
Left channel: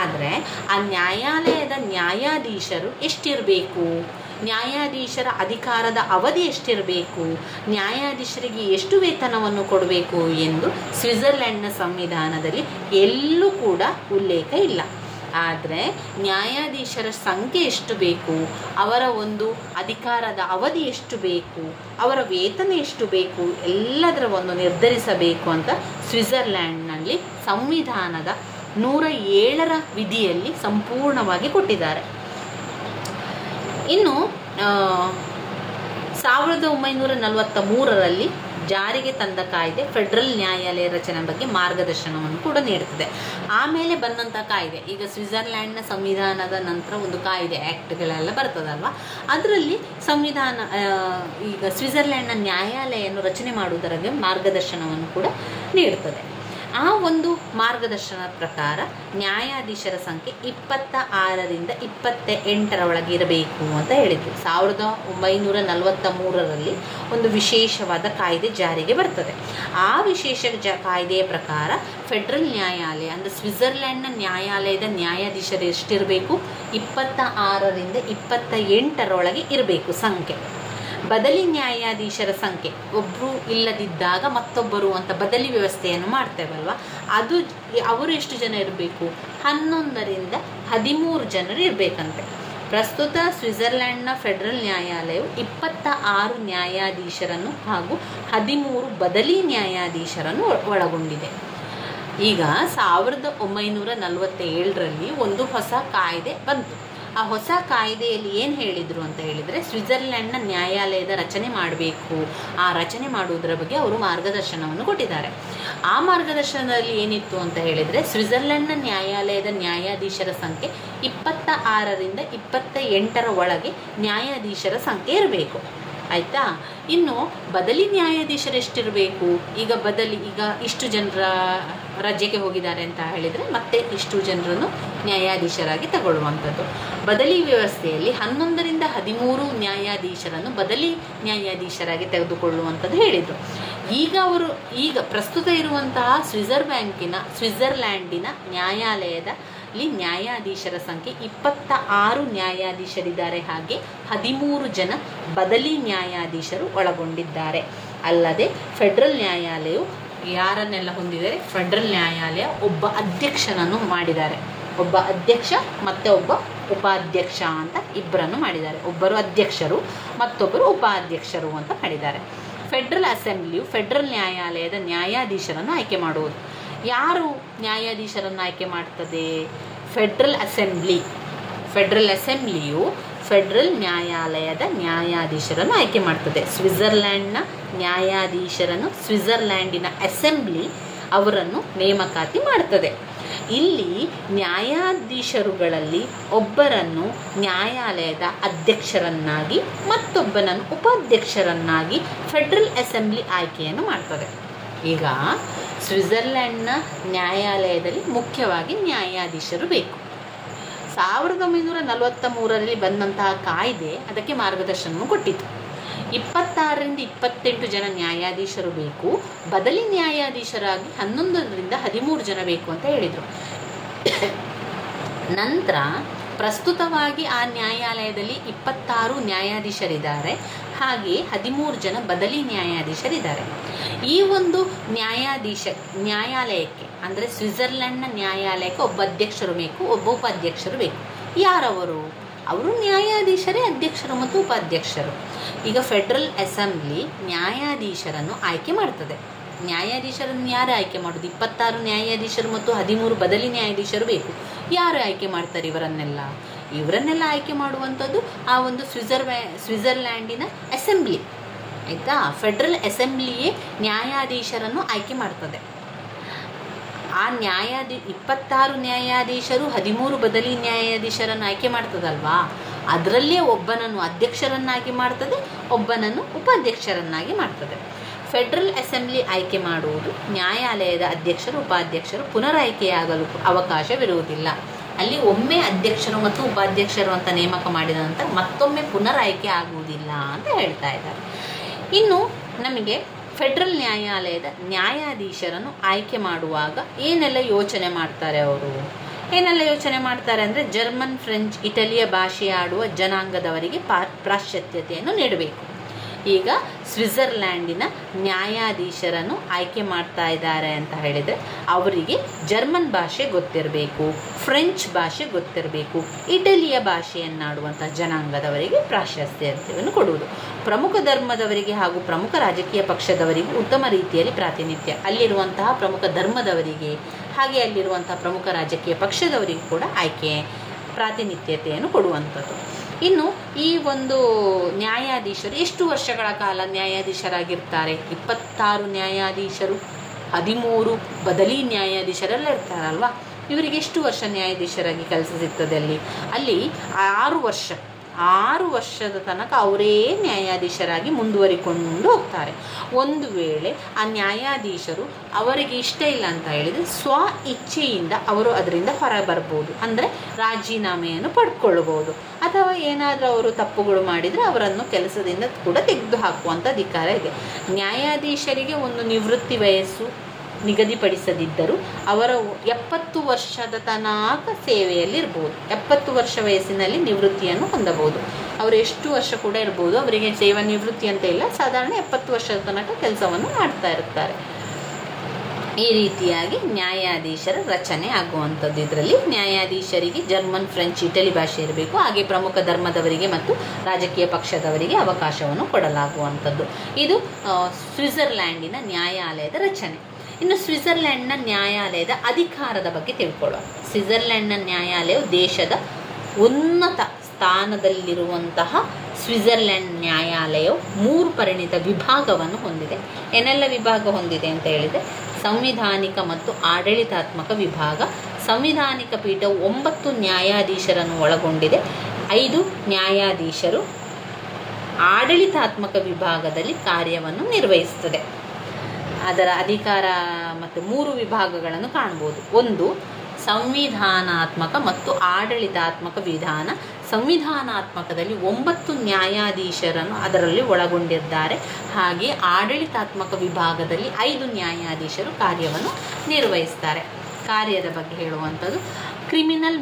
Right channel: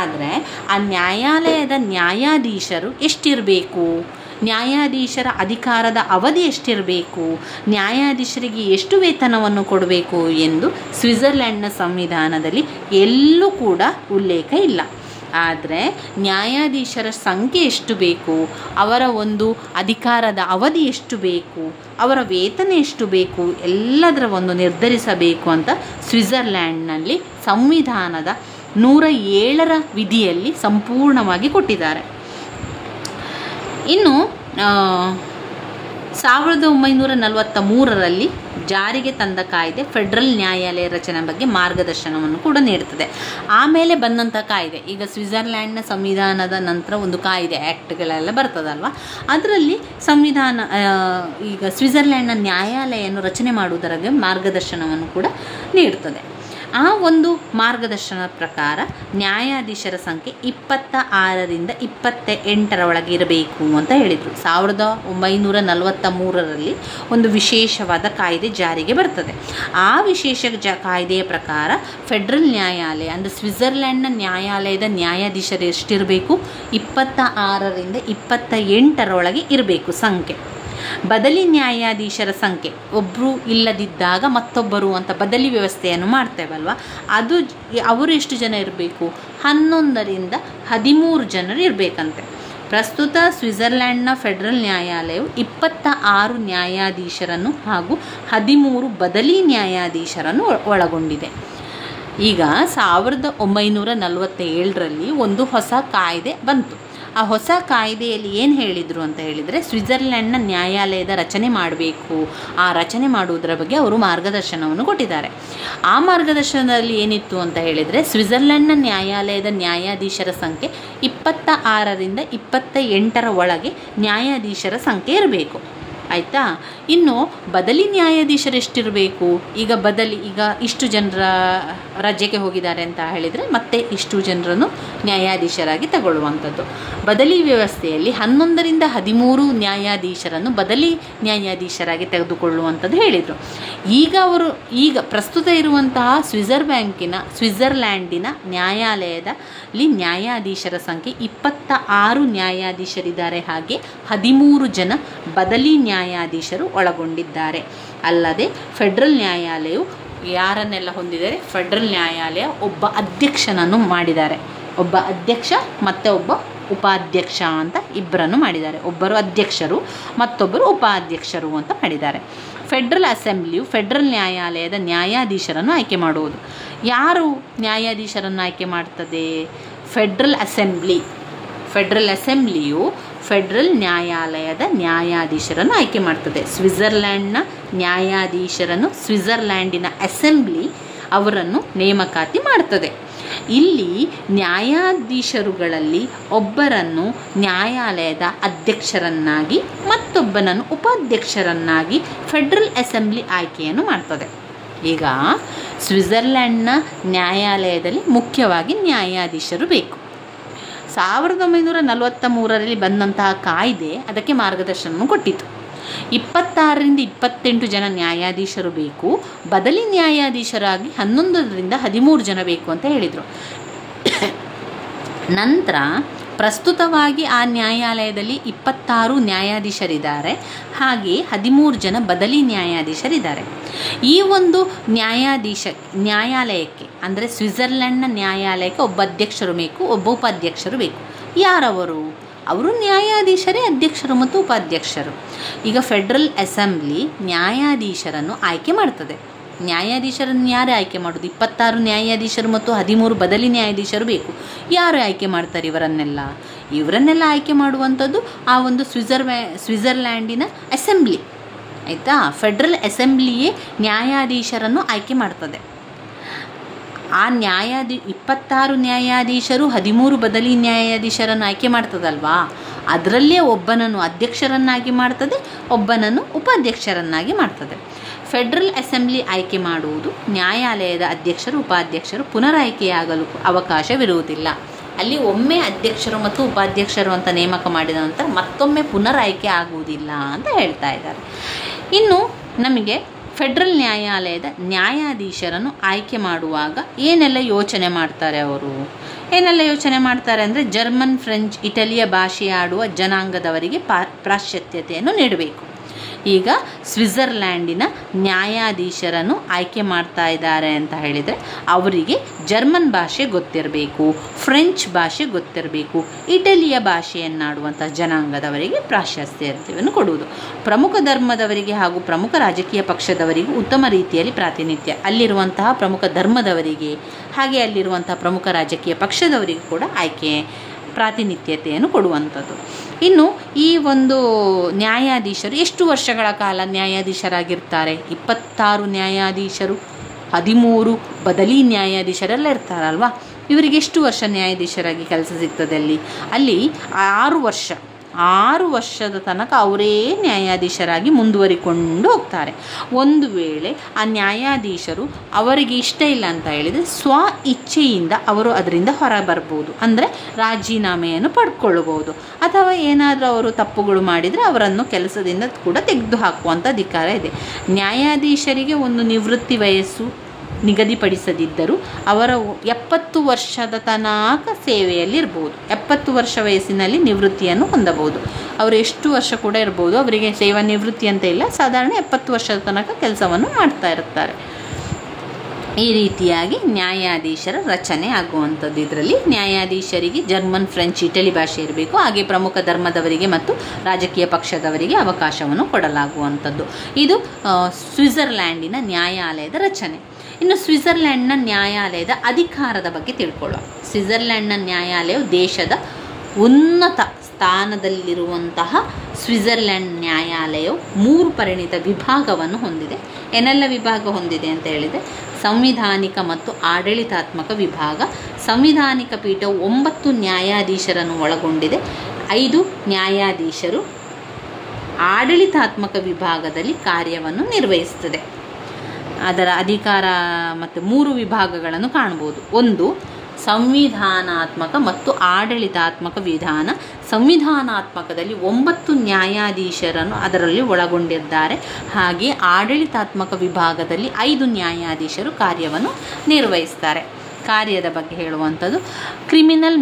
ಆದರೆ ಆ ನ್ಯಾಯಾಲಯದ ನ್ಯಾಯಾಧೀಶರು ಎಷ್ಟಿರಬೇಕು, ನ್ಯಾಯಾಧೀಶರ ಅಧಿಕಾರದ ಅವಧಿ ಎಷ್ಟಿರಬೇಕು, ನ್ಯಾಯಾಧೀಶರಿಗೆ ಎಷ್ಟು ವೇತನವನ್ನು ಕೊಡಬೇಕು ಎಂದು ಸ್ವಿಟ್ಜರ್ಲೆಂಡ್ನ ಸಂವಿಧಾನದಲ್ಲಿ ಎಲ್ಲೂ ಕೂಡ ಉಲ್ಲೇಖ ಇಲ್ಲ. ಆದರೆ ನ್ಯಾಯಾಧೀಶರ ಸಂಖ್ಯೆ ಎಷ್ಟು ಬೇಕು, ಅವರ ಒಂದು ಅಧಿಕಾರದ ಅವಧಿ ಎಷ್ಟು ಬೇಕು, ಅವರ ವೇತನ ಎಷ್ಟು ಬೇಕು, ಎಲ್ಲದರ ಒಂದು ನಿರ್ಧರಿಸಬೇಕು ಅಂತ ಸ್ವಿಟ್ಜರ್ಲೆಂಡ್ನಲ್ಲಿ ಸಂವಿಧಾನದ 107ರ ವಿಧಿಯಲ್ಲಿ ಸಂಪೂರ್ಣವಾಗಿ ಕೊಟ್ಟಿದ್ದಾರೆ. ಇನ್ನು 1943ರಲ್ಲಿ ಜಾರಿಗೆ ತಂದ ಕಾಯ್ದೆ ಫೆಡರಲ್ ನ್ಯಾಯಾಲಯ ರಚನೆ ಬಗ್ಗೆ ಮಾರ್ಗದರ್ಶನವನ್ನು ಕೂಡ ನೀಡುತ್ತದೆ. ಆಮೇಲೆ ಬಂದಂಥ ಕಾಯ್ದೆ, ಈಗ ಸ್ವಿಟ್ಜರ್ಲೆಂಡ್ನ ಸಂವಿಧಾನದ ನಂತರ ಒಂದು ಕಾಯ್ದೆ ಆ್ಯಕ್ಟ್ಗಳೆಲ್ಲ ಬರ್ತದಲ್ವ, ಅದರಲ್ಲಿ ಸಂವಿಧಾನ ಈಗ ಸ್ವಿಟ್ಜರ್ಲೆಂಡ್ನ ನ್ಯಾಯಾಲಯವನ್ನು ರಚನೆ ಮಾಡುವುದರ ಬಗ್ಗೆ ಮಾರ್ಗದರ್ಶನವನ್ನು ಕೂಡ ನೀಡುತ್ತದೆ. ಆ ಒಂದು ಮಾರ್ಗದರ್ಶನದ ಪ್ರಕಾರ ನ್ಯಾಯಾಧೀಶರ ಸಂಖ್ಯೆ 26ರಿಂದ 28 ಒಳಗೆ ಇರಬೇಕು ಅಂತ ಹೇಳಿದರು. 1943ರಲ್ಲಿ ಒಂದು ವಿಶೇಷವಾದ ಕಾಯ್ದೆ ಜಾರಿಗೆ ಬರ್ತದೆ. ಆ ವಿಶೇಷ ಕಾಯ್ದೆಯ ಪ್ರಕಾರ ಫೆಡರಲ್ ನ್ಯಾಯಾಲಯ ಅಂದರೆ ಸ್ವಿಟ್ಜರ್ಲೆಂಡ್ನ ನ್ಯಾಯಾಲಯದ ನ್ಯಾಯಾಧೀಶರು ಎಷ್ಟಿರಬೇಕು, 26ರಿಂದ 28 ಇರಬೇಕು ಸಂಖ್ಯೆ. ಬದಲಿ ನ್ಯಾಯಾಧೀಶರ ಸಂಖ್ಯೆ, ಒಬ್ಬರು ಇಲ್ಲದಿದ್ದಾಗ ಮತ್ತೊಬ್ಬರು ಅಂತ ಬದಲಿ ವ್ಯವಸ್ಥೆಯನ್ನು ಮಾಡ್ತೇವಲ್ವ, ಅವರು ಎಷ್ಟು ಜನ ಇರಬೇಕು, 11ರಿಂದ 13 ಜನರು ಇರಬೇಕಂತೆ. ಪ್ರಸ್ತುತ ಸ್ವಿಟ್ಜರ್ಲೆಂಡ್ನ ಫೆಡರಲ್ ನ್ಯಾಯಾಲಯವು 26 ನ್ಯಾಯಾಧೀಶರನ್ನು ಹಾಗೂ 13 ಬದಲಿ ನ್ಯಾಯಾಧೀಶರನ್ನು ಒಳಗೊಂಡಿದೆ. ಈಗ 1947ರಲ್ಲಿ ಒಂದು ಹೊಸ ಕಾಯ್ದೆ ಬಂತು. ಆ ಹೊಸ ಕಾಯ್ದೆಯಲ್ಲಿ ಏನು ಹೇಳಿದರು ಅಂತ ಹೇಳಿದರೆ, ಸ್ವಿಟ್ಜರ್ಲೆಂಡ್ನ ನ್ಯಾಯಾಲಯದ ರಚನೆ ಮಾಡಬೇಕು, ಆ ರಚನೆ ಮಾಡುವುದರ ಬಗ್ಗೆ ಅವರು ಮಾರ್ಗದರ್ಶನವನ್ನು ಕೊಟ್ಟಿದ್ದಾರೆ. ಆ ಮಾರ್ಗದರ್ಶನದಲ್ಲಿ ಏನಿತ್ತು ಅಂತ ಹೇಳಿದರೆ, ಸ್ವಿಟ್ಜರ್ಲೆಂಡ್ನ ನ್ಯಾಯಾಲಯದ ನ್ಯಾಯಾಧೀಶರ ಸಂಖ್ಯೆ 26ರಿಂದ 28 ಒಳಗೆ ನ್ಯಾಯಾಧೀಶರ ಸಂಖ್ಯೆ ಇರಬೇಕು. ಆಯಿತಾ. ಇನ್ನು ಬದಲಿ ನ್ಯಾಯಾಧೀಶರು ಎಷ್ಟಿರಬೇಕು, ಈಗ ಇಷ್ಟು ಜನರ ರಜೆಗೆ ಹೋಗಿದ್ದಾರೆ ಅಂತ ಹೇಳಿದರೆ ಮತ್ತೆ ಇಷ್ಟು ಜನರನ್ನು ನ್ಯಾಯಾಧೀಶರಾಗಿ ತಗೊಳ್ಳುವಂಥದ್ದು. ಬದಲಿ ವ್ಯವಸ್ಥೆಯಲ್ಲಿ 11ರಿಂದ 13 ನ್ಯಾಯಾಧೀಶರನ್ನು ಬದಲಿ ನ್ಯಾಯಾಧೀಶರಾಗಿ ತೆಗೆದುಕೊಳ್ಳುವಂಥದ್ದು ಹೇಳಿದರು. ಈಗ ಪ್ರಸ್ತುತ ಇರುವಂತಹ ಸ್ವಿಟ್ಜರ್ಲ್ಯಾಂಡಿನ ನ್ಯಾಯಾಲಯದಲ್ಲಿ ನ್ಯಾಯಾಧೀಶರ ಸಂಖ್ಯೆ 26 ನ್ಯಾಯಾಧೀಶರಿದ್ದಾರೆ. ಹಾಗೆ 13 ಜನ ಬದಲಿ ನ್ಯಾಯಾಧೀಶರು ಒಳಗೊಂಡಿದ್ದಾರೆ. ಅಲ್ಲದೆ ಫೆಡರಲ್ ನ್ಯಾಯಾಲಯವು ಯಾರನ್ನೆಲ್ಲ ಹೊಂದಿದ್ದಾರೆ, ಫೆಡರಲ್ ನ್ಯಾಯಾಲಯ ಒಬ್ಬ ಅಧ್ಯಕ್ಷನನ್ನು ಮಾಡಿದ್ದಾರೆ. ಒಬ್ಬ ಅಧ್ಯಕ್ಷ ಮತ್ತು ಒಬ್ಬ ಉಪಾಧ್ಯಕ್ಷ ಅಂತ ಇಬ್ಬರನ್ನು ಮಾಡಿದ್ದಾರೆ. ಒಬ್ಬರು ಅಧ್ಯಕ್ಷರು ಮತ್ತೊಬ್ಬರು ಉಪಾಧ್ಯಕ್ಷರು ಅಂತ ಮಾಡಿದ್ದಾರೆ. ಫೆಡರಲ್ ಅಸೆಂಬ್ಲಿಯು ಫೆಡರಲ್ ನ್ಯಾಯಾಲಯದ ನ್ಯಾಯಾಧೀಶರನ್ನು ಆಯ್ಕೆ ಮಾಡುವುದು. ಯಾರು ನ್ಯಾಯಾಧೀಶರನ್ನು ಆಯ್ಕೆ ಮಾಡ್ತದೆ? ಫೆಡರಲ್ ಅಸೆಂಬ್ಲಿಯು ಫೆಡರಲ್ ನ್ಯಾಯಾಲಯದ ನ್ಯಾಯಾಧೀಶರನ್ನು ಆಯ್ಕೆ ಮಾಡ್ತದೆ. ಸ್ವಿಟ್ಜರ್ಲೆಂಡ್ನ ನ್ಯಾಯಾಧೀಶರನ್ನು ಸ್ವಿಟ್ಜರ್ಲ್ಯಾಂಡಿನ ಅಸೆಂಬ್ಲಿ ಅವರನ್ನು ನೇಮಕಾತಿ ಮಾಡ್ತದೆ. ಇಲ್ಲಿ ನ್ಯಾಯಾಧೀಶರುಗಳಲ್ಲಿ ಒಬ್ಬರನ್ನು ನ್ಯಾಯಾಲಯದ ಅಧ್ಯಕ್ಷರನ್ನಾಗಿ ಮತ್ತೊಬ್ಬನನ್ನು ಉಪಾಧ್ಯಕ್ಷರನ್ನಾಗಿ ಫೆಡರಲ್ ಅಸೆಂಬ್ಲಿ ಆಯ್ಕೆಯನ್ನು ಮಾಡ್ತದೆ. ಈಗ ಸ್ವಿಟ್ಜರ್ಲೆಂಡ್ನ ನ್ಯಾಯಾಲಯದಲ್ಲಿ ಮುಖ್ಯವಾಗಿ ನ್ಯಾಯಾಧೀಶರು ಬೇಕು. 1943ರಲ್ಲಿ ಬಂದಂತಹ ಕಾಯ್ದೆ ಅದಕ್ಕೆ ಮಾರ್ಗದರ್ಶನ ಕೊಟ್ಟಿತ್ತು. 26ರಿಂದ 28 ಜನ ನ್ಯಾಯಾಧೀಶರು ಬೇಕು, ಬದಲಿ ನ್ಯಾಯಾಧೀಶರಾಗಿ 11ರಿಂದ 13 ಜನ ಬೇಕು ಅಂತ ಹೇಳಿದರು. ನಂತರ ಪ್ರಸ್ತುತವಾಗಿ ಆ ನ್ಯಾಯಾಲಯದಲ್ಲಿ 26 ನ್ಯಾಯಾಧೀಶರಿದ್ದಾರೆ, ಹಾಗೆ 13 ಜನ ಬದಲಿ ನ್ಯಾಯಾಧೀಶರಿದ್ದಾರೆ. ಈ ಒಂದು ನ್ಯಾಯಾಲಯಕ್ಕೆ ಅಂದರೆ ಸ್ವಿಟ್ಜರ್ಲೆಂಡ್ನ ನ್ಯಾಯಾಲಯಕ್ಕೆ ಒಬ್ಬ ಅಧ್ಯಕ್ಷರು ಬೇಕು, ಒಬ್ಬ ಉಪಾಧ್ಯಕ್ಷರು ಬೇಕು. ಯಾರವರು? ಅವರು ನ್ಯಾಯಾಧೀಶರೇ ಅಧ್ಯಕ್ಷರು ಮತ್ತು ಉಪಾಧ್ಯಕ್ಷರು. ಈಗ ಫೆಡರಲ್ ಅಸೆಂಬ್ಲಿ ನ್ಯಾಯಾಧೀಶರನ್ನು ಆಯ್ಕೆ ಮಾಡ್ತದೆ. ನ್ಯಾಯಾಧೀಶರನ್ನು ಯಾರು ಆಯ್ಕೆ ಮಾಡೋದು? 26 ನ್ಯಾಯಾಧೀಶರು ಮತ್ತು 13 ಬದಲಿ ನ್ಯಾಯಾಧೀಶರು ಬೇಕು. ಯಾರು ಆಯ್ಕೆ ಮಾಡ್ತಾರೆ ಇವರನ್ನೆಲ್ಲ? ಇವರನ್ನೆಲ್ಲ ಆಯ್ಕೆ ಮಾಡುವಂಥದ್ದು ಆ ಒಂದು ಸ್ವಿಟ್ಜರ್ಲ್ಯಾಂಡಿನ ಅಸೆಂಬ್ಲಿ, ಆಯಿತಾ. ಫೆಡ್ರಲ್ ಅಸೆಂಬ್ಲಿಯೇ ನ್ಯಾಯಾಧೀಶರನ್ನು ಆಯ್ಕೆ ಮಾಡ್ತದೆ. ಆ 26 ನ್ಯಾಯಾಧೀಶರು 13 ಬದಲಿ ನ್ಯಾಯಾಧೀಶರನ್ನು ಆಯ್ಕೆ ಮಾಡ್ತದಲ್ವಾ, ಅದರಲ್ಲೇ ಒಬ್ಬನನ್ನು ಅಧ್ಯಕ್ಷರನ್ನಾಗಿ ಮಾಡ್ತದೆ, ಒಬ್ಬನನ್ನು ಉಪಾಧ್ಯಕ್ಷರನ್ನಾಗಿ ಮಾಡ್ತದೆ. ಫೆಡ್ರಲ್ ಅಸೆಂಬ್ಲಿ ಆಯ್ಕೆ ಮಾಡುವುದು, ನ್ಯಾಯಾಲಯದ ಅಧ್ಯಕ್ಷರು ಉಪಾಧ್ಯಕ್ಷರು ಪುನರಾಯ್ಕೆಯಾಗಲು ಅವಕಾಶವಿರುವುದಿಲ್ಲ. ಅಲ್ಲಿ ಒಮ್ಮೆ ಅಧ್ಯಕ್ಷರು ಮತ್ತು ಉಪಾಧ್ಯಕ್ಷರು ಅಂತ ನೇಮಕ ಮಾಡಿದ ನಂತರ ಮತ್ತೊಮ್ಮೆ ಪುನರಾಯ್ಕೆ ಆಗುವುದಿಲ್ಲ ಅಂತ ಹೇಳ್ತಾ ಇದ್ದಾರೆ. ಇನ್ನು ನಮಗೆ ಫೆಡ್ರಲ್ ನ್ಯಾಯಾಲಯದ ನ್ಯಾಯಾಧೀಶರನ್ನು ಆಯ್ಕೆ ಮಾಡುವಾಗ ಏನೆಲ್ಲ ಯೋಚನೆ ಮಾಡ್ತಾರೆ ಅವರು? ಏನೆಲ್ಲ ಯೋಚನೆ ಮಾಡ್ತಾರೆ ಅಂದರೆ, ಜರ್ಮನ್, ಫ್ರೆಂಚ್, ಇಟಲಿಯ ಭಾಷೆಯಾಡುವ ಜನಾಂಗದವರಿಗೆ ಪ್ರಾಶಸ್ತ್ಯತೆಯನ್ನು ನೀಡಬೇಕು. ಈಗ ಸ್ವಿಟ್ಜರ್ಲ್ಯಾಂಡಿನ ನ್ಯಾಯಾಧೀಶರನ್ನು ಆಯ್ಕೆ ಮಾಡ್ತಾ ಇದ್ದಾರೆ ಅಂತ ಹೇಳಿದರೆ ಅವರಿಗೆ ಜರ್ಮನ್ ಭಾಷೆ ಗೊತ್ತಿರಬೇಕು, ಫ್ರೆಂಚ್ ಭಾಷೆ ಗೊತ್ತಿರಬೇಕು, ಇಟಲಿಯ ಭಾಷೆಯನ್ನಾಡುವಂಥ ಜನಾಂಗದವರಿಗೆ ಪ್ರಾಶಸ್ತ್ಯತೆಯನ್ನು ಕೊಡುವುದು. ಪ್ರಮುಖ ಧರ್ಮದವರಿಗೆ ಹಾಗೂ ಪ್ರಮುಖ ರಾಜಕೀಯ ಪಕ್ಷದವರಿಗೂ ಉತ್ತಮ ರೀತಿಯಲ್ಲಿ ಪ್ರಾತಿನಿಧ್ಯ, ಅಲ್ಲಿರುವಂತಹ ಪ್ರಮುಖ ಧರ್ಮದವರಿಗೆ ಹಾಗೆ ಅಲ್ಲಿರುವಂತಹ ಪ್ರಮುಖ ರಾಜಕೀಯ ಪಕ್ಷದವರಿಗೂ ಕೂಡ ಆಯ್ಕೆ ಪ್ರಾತಿನಿಧ್ಯತೆಯನ್ನು ಕೊಡುವಂಥದ್ದು. ಇನ್ನು ಈ ಒಂದು ನ್ಯಾಯಾಧೀಶರು ಎಷ್ಟು ವರ್ಷಗಳ ಕಾಲ ನ್ಯಾಯಾಧೀಶರಾಗಿರ್ತಾರೆ? 26 ನ್ಯಾಯಾಧೀಶರು, 13 ಬದಲಿ ನ್ಯಾಯಾಧೀಶರೆಲ್ಲ ಇರ್ತಾರಲ್ವ, ಇವರಿಗೆ ಎಷ್ಟು ವರ್ಷ ನ್ಯಾಯಾಧೀಶರಾಗಿ ಕೆಲಸ ಸಿಗ್ತದೆ? ಅಲ್ಲಿ 6 ವರ್ಷದ ತನಕ ಅವರೇ ನ್ಯಾಯಾಧೀಶರಾಗಿ ಮುಂದುವರಿಕೊಂಡು ಹೋಗ್ತಾರೆ. ಒಂದು ವೇಳೆ ಆ ನ್ಯಾಯಾಧೀಶರು ಅವರಿಗೆ ಇಷ್ಟ ಇಲ್ಲ ಅಂತ ಹೇಳಿದರೆ ಸ್ವ ಇಚ್ಛೆಯಿಂದ ಅವರು ಅದರಿಂದ ಹೊರ ಬರ್ಬೋದು, ಅಂದರೆ ರಾಜೀನಾಮೆಯನ್ನು ಪಡ್ಕೊಳ್ಬೋದು, ಅಥವಾ ಏನಾದರೂ ಅವರು ತಪ್ಪುಗಳು ಮಾಡಿದರೆ ಅವರನ್ನು ಕೆಲಸದಿಂದ ಕೂಡ ತೆಗೆದು ಹಾಕುವಂಥ ಅಧಿಕಾರ ಇದೆ. ನ್ಯಾಯಾಧೀಶರಿಗೆ ಒಂದು ನಿವೃತ್ತಿ ವಯಸ್ಸು ನಿಗದಿಪಡಿಸದಿದ್ದರೂ ಅವರು 70 ವರ್ಷದ ತನಕ ಸೇವೆಯಲ್ಲಿರ್ಬೋದು. 70 ವರ್ಷ ವಯಸ್ಸಿನಲ್ಲಿ ನಿವೃತ್ತಿಯನ್ನು ಹೊಂದಬಹುದು. ಅವರು ಎಷ್ಟು ವರ್ಷ ಕೂಡ ಇರ್ಬೋದು, ಅವರಿಗೆ ಸೇವಾ ನಿವೃತ್ತಿ ಅಂತ ಇಲ್ಲ, ಸಾಧಾರಣ 70 ವರ್ಷದ ತನಕ ಕೆಲಸವನ್ನು ಮಾಡ್ತಾ ಇರ್ತಾರೆ. ಈ ರೀತಿಯಾಗಿ ನ್ಯಾಯಾಧೀಶರ ರಚನೆ ಆಗುವಂಥದ್ದು. ಇದರಲ್ಲಿ ನ್ಯಾಯಾಧೀಶರಿಗೆ ಜರ್ಮನ್, ಫ್ರೆಂಚ್, ಇಟಲಿ ಭಾಷೆ ಇರಬೇಕು. ಹಾಗೆ ಪ್ರಮುಖ ಧರ್ಮದವರಿಗೆ ಮತ್ತು ರಾಜಕೀಯ ಪಕ್ಷದವರಿಗೆ ಅವಕಾಶವನ್ನು ಕೊಡಲಾಗುವಂಥದ್ದು. ಇದು ಸ್ವಿಟ್ಜರ್ಲ್ಯಾಂಡಿನ ನ್ಯಾಯಾಲಯದ ರಚನೆ. ಇನ್ನು ಸ್ವಿಟ್ಜರ್ಲ್ಯಾಂಡ್ನ ನ್ಯಾಯಾಲಯದ ಅಧಿಕಾರದ ಬಗ್ಗೆ ತಿಳ್ಕೊಳ್ಳೋಣ. ಸ್ವಿಟ್ಜರ್ಲ್ಯಾಂಡ್ನ ನ್ಯಾಯಾಲಯವು ದೇಶದ ಉನ್ನತ ಸ್ಥಾನದಲ್ಲಿರುವಂತಹ ಸ್ವಿಟ್ಜರ್ಲ್ಯಾಂಡ್ ನ್ಯಾಯಾಲಯವು 3 ಪರಿಣಿತ ವಿಭಾಗವನ್ನು ಹೊಂದಿದೆ. ಏನೆಲ್ಲ ವಿಭಾಗ ಹೊಂದಿದೆ ಅಂತ ಹೇಳಿದರೆ, ಸಂವಿಧಾನಿಕ ಮತ್ತು ಆಡಳಿತಾತ್ಮಕ ವಿಭಾಗ. ಸಂವಿಧಾನಿಕ ಪೀಠವು 9 ನ್ಯಾಯಾಧೀಶರನ್ನು ಒಳಗೊಂಡಿದೆ. 5 ನ್ಯಾಯಾಧೀಶರು ಆಡಳಿತಾತ್ಮಕ ವಿಭಾಗದಲ್ಲಿ ಕಾರ್ಯವನ್ನು ನಿರ್ವಹಿಸುತ್ತದೆ. ಅದರ ಅಧಿಕಾರ ಮತ್ತು 3 ವಿಭಾಗಗಳನ್ನು ಕಾಣಬಹುದು. ಒಂದು ಸಂವಿಧಾನಾತ್ಮಕ ಮತ್ತು ಆಡಳಿತಾತ್ಮಕ ವಿಧಾನ. ಸಂವಿಧಾನಾತ್ಮಕದಲ್ಲಿ 9 ನ್ಯಾಯಾಧೀಶರನ್ನು ಅದರಲ್ಲಿ ಒಳಗೊಂಡಿದ್ದಾರೆ. ಹಾಗೆ ಆಡಳಿತಾತ್ಮಕ ವಿಭಾಗದಲ್ಲಿ 5 ನ್ಯಾಯಾಧೀಶರು ಕಾರ್ಯವನ್ನು ನಿರ್ವಹಿಸ್ತಾರೆ. ಕಾರ್ಯದ ಬಗ್ಗೆ ಹೇಳುವಂಥದ್ದು ಕ್ರಿಮಿನಲ್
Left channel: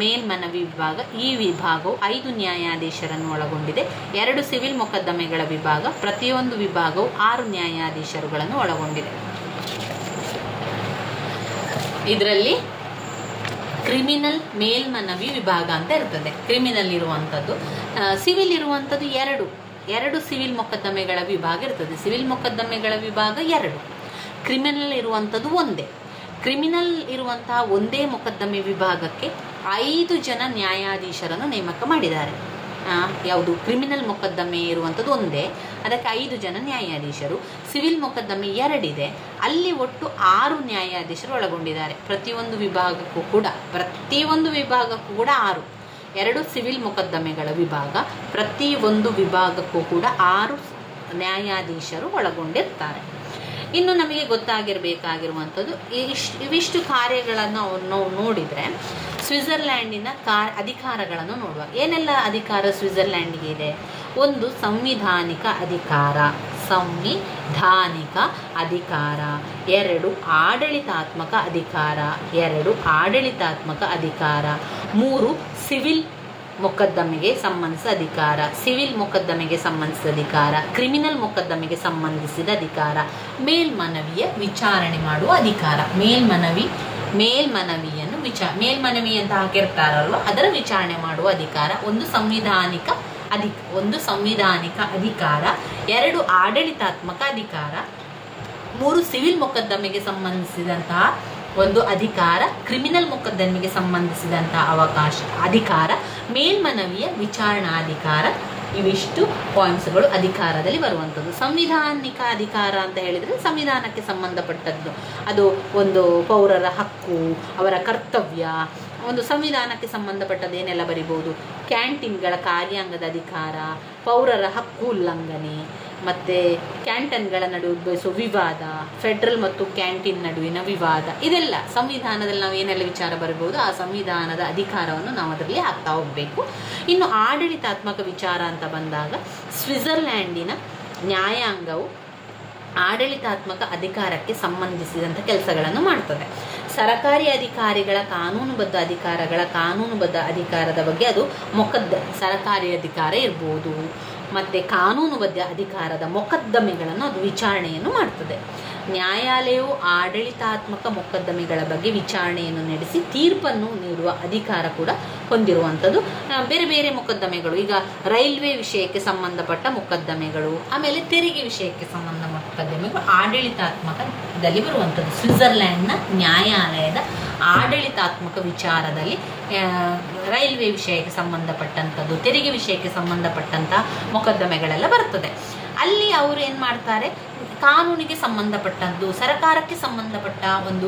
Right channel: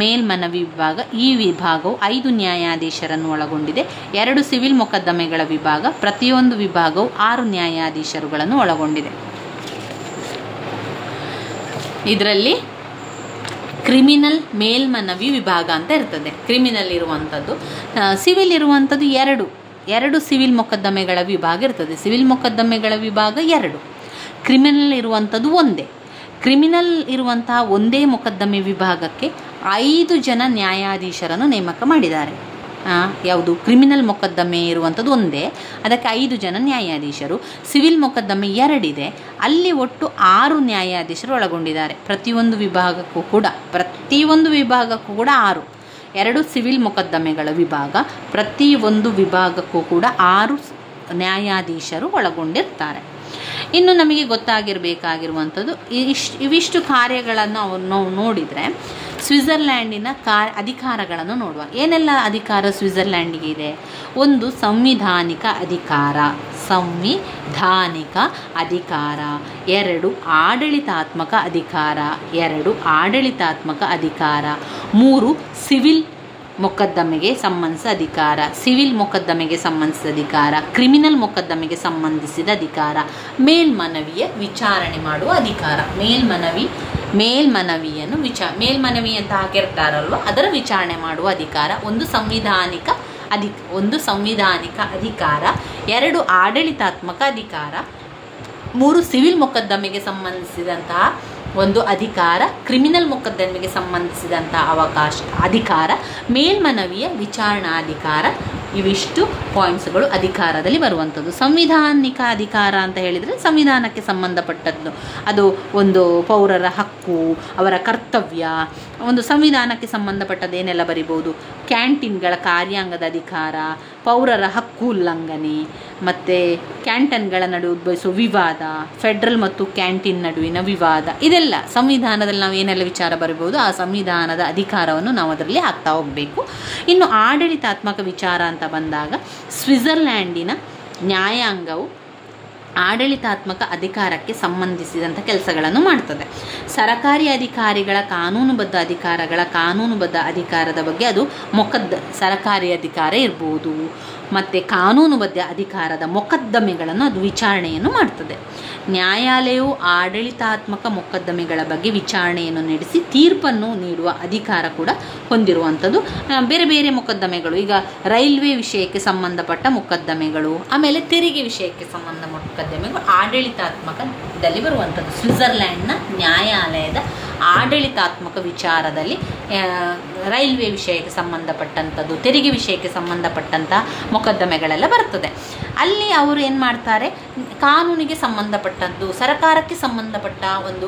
ಮೇಲ್ಮನವಿ ವಿಭಾಗ. ಈ ವಿಭಾಗವು 5 ನ್ಯಾಯಾಧೀಶರನ್ನು ಒಳಗೊಂಡಿದೆ. 2 ಸಿವಿಲ್ ಮೊಕದ್ದಮೆಗಳ ವಿಭಾಗ. ಪ್ರತಿಯೊಂದು ವಿಭಾಗವು 6 ನ್ಯಾಯಾಧೀಶರುಗಳನ್ನು ಒಳಗೊಂಡಿದೆ. ಇದರಲ್ಲಿ ಕ್ರಿಮಿನಲ್ ಮೇಲ್ಮನವಿ ವಿಭಾಗ ಅಂತ ಇರ್ತದೆ. ಕ್ರಿಮಿನಲ್ ಇರುವಂಥದ್ದು. ಸಿವಿಲ್ ಇರುವಂಥದ್ದು 2 ಸಿವಿಲ್ ಮೊಕದ್ದಮೆಗಳ ವಿಭಾಗ ಇರ್ತದೆ. ಸಿವಿಲ್ ಮೊಕದ್ದಮೆಗಳ ವಿಭಾಗ 2. ಕ್ರಿಮಿನಲ್ ಇರುವಂಥದ್ದು ಒಂದೇ. ಕ್ರಿಮಿನಲ್ ಇರುವಂತಹ ಒಂದೇ ಮೊಕದ್ದಮೆ ವಿಭಾಗಕ್ಕೆ 5 ಜನ ನ್ಯಾಯಾಧೀಶರನ್ನು ನೇಮಕ ಮಾಡಿದ್ದಾರೆ. ಯಾವುದು? ಕ್ರಿಮಿನಲ್ ಮೊಕದ್ದಮೆ ಇರುವಂಥದ್ದು ಒಂದೇ, ಅದಕ್ಕೆ 5 ಜನ ನ್ಯಾಯಾಧೀಶರು. ಸಿವಿಲ್ ಮೊಕದ್ದಮೆ 2 ಇದೆ, ಅಲ್ಲಿ ಒಟ್ಟು 6 ನ್ಯಾಯಾಧೀಶರು ಒಳಗೊಂಡಿದ್ದಾರೆ. ಪ್ರತಿಯೊಂದು ವಿಭಾಗಕ್ಕೂ ಕೂಡ 6. 2 ಸಿವಿಲ್ ಮೊಕದ್ದಮೆಗಳ ವಿಭಾಗ, ಪ್ರತಿಯೊಂದು ವಿಭಾಗಕ್ಕೂ ಕೂಡ 6 ನ್ಯಾಯಾಧೀಶರು ಒಳಗೊಂಡಿರ್ತಾರೆ. ಇನ್ನು ನಮಗೆ ಗೊತ್ತಾಗಿರಬೇಕಾಗಿರುವಂಥದ್ದು ಇವಿಷ್ಟು ಕಾರ್ಯಗಳನ್ನು ನಾವು ನೋಡಿದರೆ ಸ್ವಿಟ್ಜರ್ಲ್ಯಾಂಡಿನ ಅಧಿಕಾರಗಳನ್ನು ನೋಡುವ. ಏನೆಲ್ಲ ಅಧಿಕಾರ ಸ್ವಿಟ್ಜರ್ಲ್ಯಾಂಡಿಗೆ ಇದೆ? ಒಂದು ಸಂವಿಧಾನಿಕ ಅಧಿಕಾರ, 2 ಆಡಳಿತಾತ್ಮಕ ಅಧಿಕಾರ, 3 ಸಿವಿಲ್ ಮೊಕದ್ದಮೆಗೆ ಸಂಬಂಧಿಸಿದ ಅಧಿಕಾರ, ಕ್ರಿಮಿನಲ್ ಮೊಕದ್ದಮೆಗೆ ಸಂಬಂಧಿಸಿದ ಅಧಿಕಾರ, ಮೇಲ್ಮನವಿಯ ವಿಚಾರಣೆ ಮಾಡುವ ಅಧಿಕಾರ. ಮೇಲ್ಮನವಿ ಅಂತ ಹಾಕಿರ್ತಾರಲ್ವ, ಅದರ ವಿಚಾರಣೆ ಮಾಡುವ ಅಧಿಕಾರ. ಒಂದು ಸಂವಿಧಾನಿಕ ಅಧಿಕಾರ, 2 ಆಡಳಿತಾತ್ಮಕ ಅಧಿಕಾರ, 3 ಸಿವಿಲ್ ಮೊಕದ್ದಮೆಗೆ ಸಂಬಂಧಿಸಿದಂತಹ ಒಂದು ಅಧಿಕಾರ, ಕ್ರಿಮಿನಲ್ ಮೊಕದ್ದಮೆಗೆ ಸಂಬಂಧಿಸಿದಂತಹ ಅಧಿಕಾರ, ಮೇಲ್ಮನವಿಯ ವಿಚಾರಣಾಧಿಕಾರ. ಇವಿಷ್ಟು ಪಾಯಿಂಟ್ಸ್ಗಳು ಅಧಿಕಾರದಲ್ಲಿ ಬರುವಂಥದ್ದು. ಸಂವಿಧಾನಿಕ ಅಧಿಕಾರ ಅಂತ ಹೇಳಿದರೆ ಸಂವಿಧಾನಕ್ಕೆ ಸಂಬಂಧಪಟ್ಟದ್ದು. ಅದು ಒಂದು ಪೌರರ ಹಕ್ಕು, ಅವರ ಕರ್ತವ್ಯ, ಒಂದು ಸಂವಿಧಾನಕ್ಕೆ ಸಂಬಂಧಪಟ್ಟದ್ದು ಏನೆಲ್ಲ ಬರಿಬೋದು. ಕ್ಯಾಂಟೀನ್ಗಳ ಕಾರ್ಯಾಂಗದ ಅಧಿಕಾರ, ಪೌರರ ಹಕ್ಕು ಉಲ್ಲಂಘನೆ, ಮತ್ತು ಕ್ಯಾಂಟನ್ಗಳ ನಡುವೆ ಉದ್ಭವಿಸುವ ವಿವಾದ, ಫೆಡ್ರಲ್ ಮತ್ತು ಕ್ಯಾಂಟೀನ್ ನಡುವಿನ ವಿವಾದ, ಇದೆಲ್ಲ ಸಂವಿಧಾನದಲ್ಲಿ ನಾವು ಏನೆಲ್ಲ ವಿಚಾರ ಬರಬಹುದು ಆ ಸಂವಿಧಾನದ ಅಧಿಕಾರವನ್ನು ನಾವು ಅದರಲ್ಲಿ ಹಾಕ್ತಾ ಹೋಗಬೇಕು. ಇನ್ನು ಆಡಳಿತಾತ್ಮಕ ವಿಚಾರ ಅಂತ ಬಂದಾಗ ಸ್ವಿಟ್ಜರ್ಲ್ಯಾಂಡಿನ ನ್ಯಾಯಾಂಗವು ಆಡಳಿತಾತ್ಮಕ ಅಧಿಕಾರಕ್ಕೆ ಸಂಬಂಧಿಸಿದಂಥ ಕೆಲಸಗಳನ್ನು ಮಾಡ್ತದೆ. ಸರಕಾರಿ ಅಧಿಕಾರಿಗಳ ಕಾನೂನುಬದ್ಧ ಅಧಿಕಾರದ ಬಗ್ಗೆ ಅದು ಸರಕಾರಿ ಅಧಿಕಾರ ಇರ್ಬೋದು, ಮತ್ತು ಕಾನೂನುಬದ್ಧ ಅಧಿಕಾರದ ಮೊಕದ್ದಮೆಗಳನ್ನು ಅದು ವಿಚಾರಣೆಯನ್ನು ಮಾಡ್ತದೆ. ನ್ಯಾಯಾಲಯವು ಆಡಳಿತಾತ್ಮಕ ಮೊಕದ್ದಮೆಗಳ ಬಗ್ಗೆ ವಿಚಾರಣೆಯನ್ನು ನಡೆಸಿ ತೀರ್ಪನ್ನು ನೀಡುವ ಅಧಿಕಾರ ಕೂಡ ಹೊಂದಿರುವಂಥದ್ದು. ಬೇರೆ ಬೇರೆ ಮೊಕದ್ದಮೆಗಳು, ಈಗ ರೈಲ್ವೆ ವಿಷಯಕ್ಕೆ ಸಂಬಂಧಪಟ್ಟ ಮೊಕದ್ದಮೆಗಳು, ಆಮೇಲೆ ತೆರಿಗೆ ವಿಷಯಕ್ಕೆ ಸಂಬಂಧ ಮೊಕದ್ದಮೆಗಳು ಆಡಳಿತಾತ್ಮಕದಲ್ಲಿ ಬರುವಂಥದ್ದು. ಸ್ವಿಟ್ಜರ್ಲ್ಯಾಂಡ್ನ ನ್ಯಾಯಾಲಯದ ಆಡಳಿತಾತ್ಮಕ ವಿಚಾರದಲ್ಲಿ ರೈಲ್ವೆ ವಿಷಯಕ್ಕೆ ಸಂಬಂಧಪಟ್ಟಂಥದ್ದು, ತೆರಿಗೆ ವಿಷಯಕ್ಕೆ ಸಂಬಂಧಪಟ್ಟಂತಹ ಮೊಕದ್ದಮೆಗಳೆಲ್ಲ ಬರ್ತದೆ. ಅಲ್ಲಿ ಅವರು ಏನು ಮಾಡ್ತಾರೆ, ಕಾನೂನಿಗೆ ಸಂಬಂಧಪಟ್ಟದ್ದು, ಸರ್ಕಾರಕ್ಕೆ ಸಂಬಂಧಪಟ್ಟ ಒಂದು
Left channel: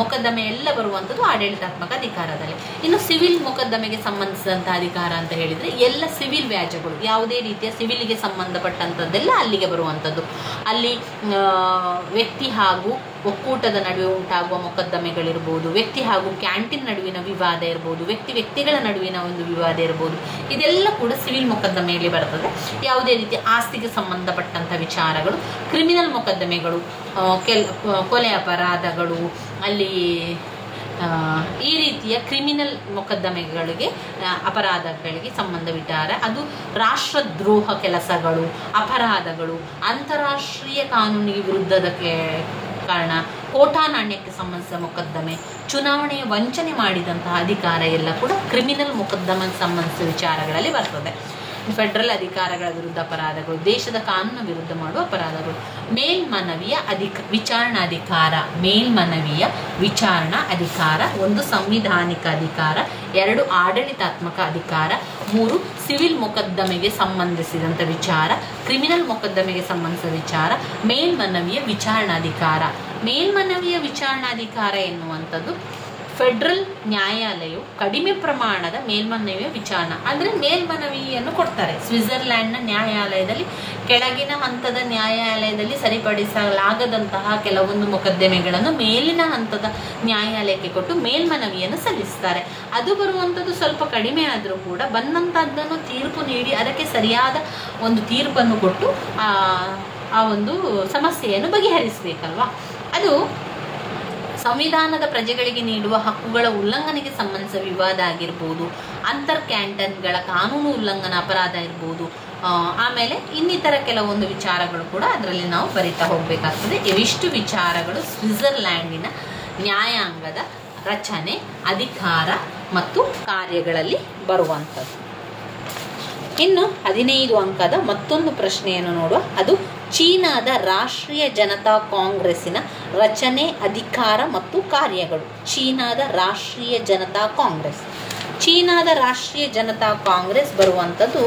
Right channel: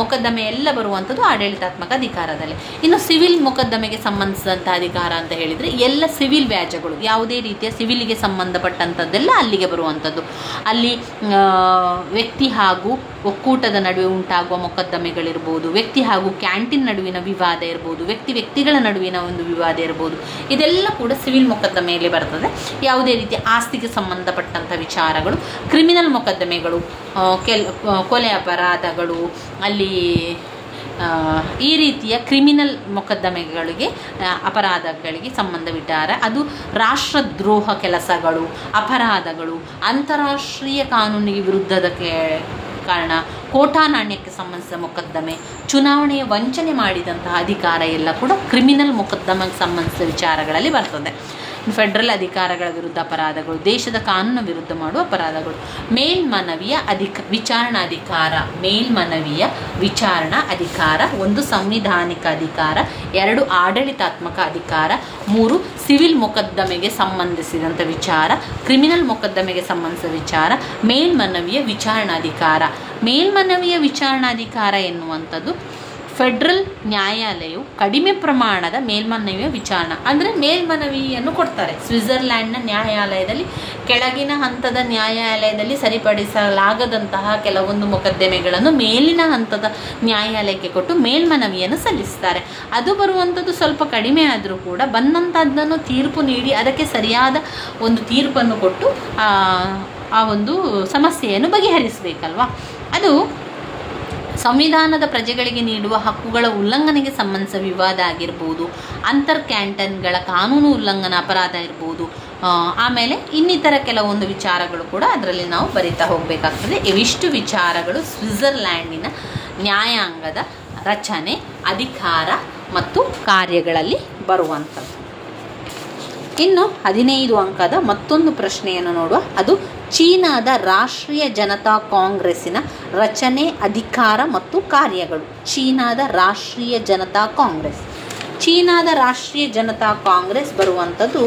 ಮೊಕದ್ದಮೆ ಎಲ್ಲ ಬರುವಂಥದ್ದು ಆಡಳಿತಾತ್ಮಕ ಅಧಿಕಾರದಲ್ಲಿ. ಇನ್ನು ಸಿವಿಲ್ ಮೊಕದ್ದಮೆಗೆ ಸಂಬಂಧಿಸಿದಂಥ ಅಧಿಕಾರ ಅಂತ ಹೇಳಿದರೆ ಎಲ್ಲ ಸಿವಿಲ್ ವ್ಯಾಜ್ಯಗಳು, ಯಾವುದೇ ರೀತಿಯ ಸಿವಿಲ್ಗೆ ಸಂಬಂಧಪಟ್ಟಂಥದ್ದೆಲ್ಲ ಅಲ್ಲಿಗೆ ಬರುವಂಥದ್ದು. ಅಲ್ಲಿ ವ್ಯಕ್ತಿ ಹಾಗೂ ಒಕ್ಕೂಟದ ನಡುವೆ ಉಂಟಾಗುವ ಮೊಕದ್ದಮೆಗಳಿರ್ಬೋದು, ವ್ಯಕ್ತಿ ಹಾಗೂ ಕ್ಯಾಂಟೀನ್ ನಡುವಿನ ವಿವಾದ ಇರ್ಬೋದು, ವ್ಯಕ್ತಿಗಳ ನಡುವಿನ ಒಂದು ವಿವಾದ ಇರ್ಬೋದು, ಇದೆಲ್ಲ ಕೂಡ ಸಿವಿಲ್ ಮೊಕದ್ದಮೆಯಲ್ಲಿ ಬರ್ತದೆ. ಯಾವುದೇ ರೀತಿಯ ಆಸ್ತಿಗೆ ಸಂಬಂಧಪಟ್ಟಂಥ ವಿಚಾರಗಳು, ಕ್ರಿಮಿನಲ್ ಮೊಕದ್ದಮೆಗಳು, ಕೊಲೆ ಅಪರಾಧಗಳು, ಅಲ್ಲಿ ಈ ರೀತಿಯ ಕ್ರಿಮಿನಲ್ ಮೊಕದ್ದಮೆಗಳಿಗೆ ಅಪರಾಧಗಳಿಗೆ ಸಂಬಂಧವಿಟ್ಟಾರೆ. ಅದು ರಾಷ್ಟ್ರದ್ರೋಹ ಕೆಲಸಗಳು, ಅಪರಾಧಗಳು, ಅಂತಾರಾಷ್ಟ್ರೀಯ ಕಾನೂನಿಗೆ ವಿರುದ್ಧದ ಕಾರಣ, ಕೋಟಾ ನಾಣ್ಯಕ್ಕೆ ಸಂಬಂಧಿಸಿದ ಮೊಕದ್ದಮೆ, ಚುನಾವಣೆಯ ವಂಚನೆ ಮಾಡಿದಂತಹ ಅಧಿಕಾರ ಎಲ್ಲ ಕೂಡ ಕ್ರಿಮಿನಲ್ ಮೊಕದ್ದಮೆಗೆ ಸಂಬಂಧಿಸಿದ ವಿಚಾರಗಳಲ್ಲಿ ಬರ್ತದೆ. ಫೆಡರಲ್ ಅಧಿಕಾರಗಳ ವಿರುದ್ಧ ಅಪರಾಧಗಳು, ದೇಶದ ಕಾನೂನು ವಿರುದ್ಧ ಮಾಡುವ ಅಪರಾಧಗಳು. ಮೇಲ್ಮನವಿಯ ವಿಚಾರಣಾ ಅಧಿಕಾರ 1 ಸಂವಿಧಾನಿಕ ಅಧಿಕಾರ, 2 ಆಡಳಿತಾತ್ಮಕ ಅಧಿಕಾರ, 3 ಸಿವಿಲ್ ಮೊಕದ್ದಮೆಗೆ ಸಂಬಂಧಿಸಿದಂಥ ವಿಚಾರ, ಕ್ರಿಮಿನಲ್ ಮೊಕದ್ದಮೆಗೆ ಸಂಬಂಧಿಸಿದ ವಿಚಾರ, ಮೇಲ್ಮನವಿಯ ವಿಚಾರಣಾಧಿಕಾರ. ಮೇಲ್ಮನವಿಯ ವಿಚಾರಣಾಧಿಕಾರ ಎನ್ನುವಂಥದ್ದು ಫೆಡರಲ್ ನ್ಯಾಯಾಲಯವು ಕಡಿಮೆ ಪ್ರಮಾಣದ ಮೇಲ್ಮನವಿಯ ವಿಚಾರಣೆ ಅಂದರೆ ಮೇಲ್ಮನವಿಯನ್ನು ಕೊಡ್ತಾರೆ. ಸ್ವಿಟ್ಜರ್ಲ್ಯಾಂಡ್ನ ನ್ಯಾಯಾಲಯದಲ್ಲಿ ಕೆಳಗಿನ ಹಂತದ ನ್ಯಾಯಾಲಯದಲ್ಲಿ ಸರಿಪಡಿಸಲಾಗದಂತಹ ಕೆಲವೊಂದು ಮೊಕದ್ದಮೆಗಳನ್ನು ಮೇಲಿನ ಹಂತದ ನ್ಯಾಯಾಲಯಕ್ಕೆ ಕೊಟ್ಟು ಮೇಲ್ಮನವಿಯನ್ನು ಸಲ್ಲಿಸ್ತಾರೆ. ಅದು ಬರುವಂಥದ್ದು ಸ್ವಲ್ಪ ಕಡಿಮೆ ಆದರೂ ಕೂಡ ಬಂದಂಥದ್ದನ್ನು ತೀರ್ಪು ನೀಡಿ ಅದಕ್ಕೆ ಸರಿಯಾದ ಒಂದು ತೀರ್ಪನ್ನು ಕೊಟ್ಟು ಆ ಒಂದು ಸಮಸ್ಯೆಯನ್ನು ಬಗೆಹರಿಸಬೇಕಲ್ವಾ. ಅದು ಸಂವಿಧಾನದ ಪ್ರಜೆಗಳಿಗೆ ನೀಡುವ ಹಕ್ಕುಗಳ ಉಲ್ಲಂಘನೆಗೆ ಸಂಬಂಧಿಸಿದ ವಿವಾದ ಆಗಿರ್ಬೋದು, ಅಂತರ್ ಕ್ಯಾಂಟನ್ಗಳ ಕಾನೂನು ಉಲ್ಲಂಘನಾ ಅಪರಾಧ ಇರ್ಬೋದು, ಆಮೇಲೆ ಇನ್ನಿತರ ಕೆಲವೊಂದು ವಿಚಾರಗಳು ಕೂಡ ಅದರಲ್ಲಿ ನಾವು ಬರಿತಾ ಹೋಗಬೇಕಾಗ್ತದೆ. ಇವಿಷ್ಟು ವಿಚಾರಗಳು ಸ್ವಿಟ್ಜರ್ಲ್ಯಾಂಡಿನ ನ್ಯಾಯಾಂಗದ ರಚನೆ, ಅಧಿಕಾರ ಮತ್ತು ಕಾರ್ಯಗಳಲ್ಲಿ ಬರುವಂಥದ್ದು. ಇನ್ನು 15 ಅಂಕದ ಮತ್ತೊಂದು ಪ್ರಶ್ನೆಯನ್ನು ನೋಡುವ. ಅದು ಚೀನಾದ ರಾಷ್ಟ್ರೀಯ ಜನತಾ ಕಾಂಗ್ರೆಸ್ಸಿನ ರಚನೆ, ಅಧಿಕಾರ ಮತ್ತು ಕಾರ್ಯಗಳು. ಚೀನಾದ ರಾಷ್ಟ್ರೀಯ ಜನತಾ ಕಾಂಗ್ರೆಸ್ ಬರುವಂಥದ್ದು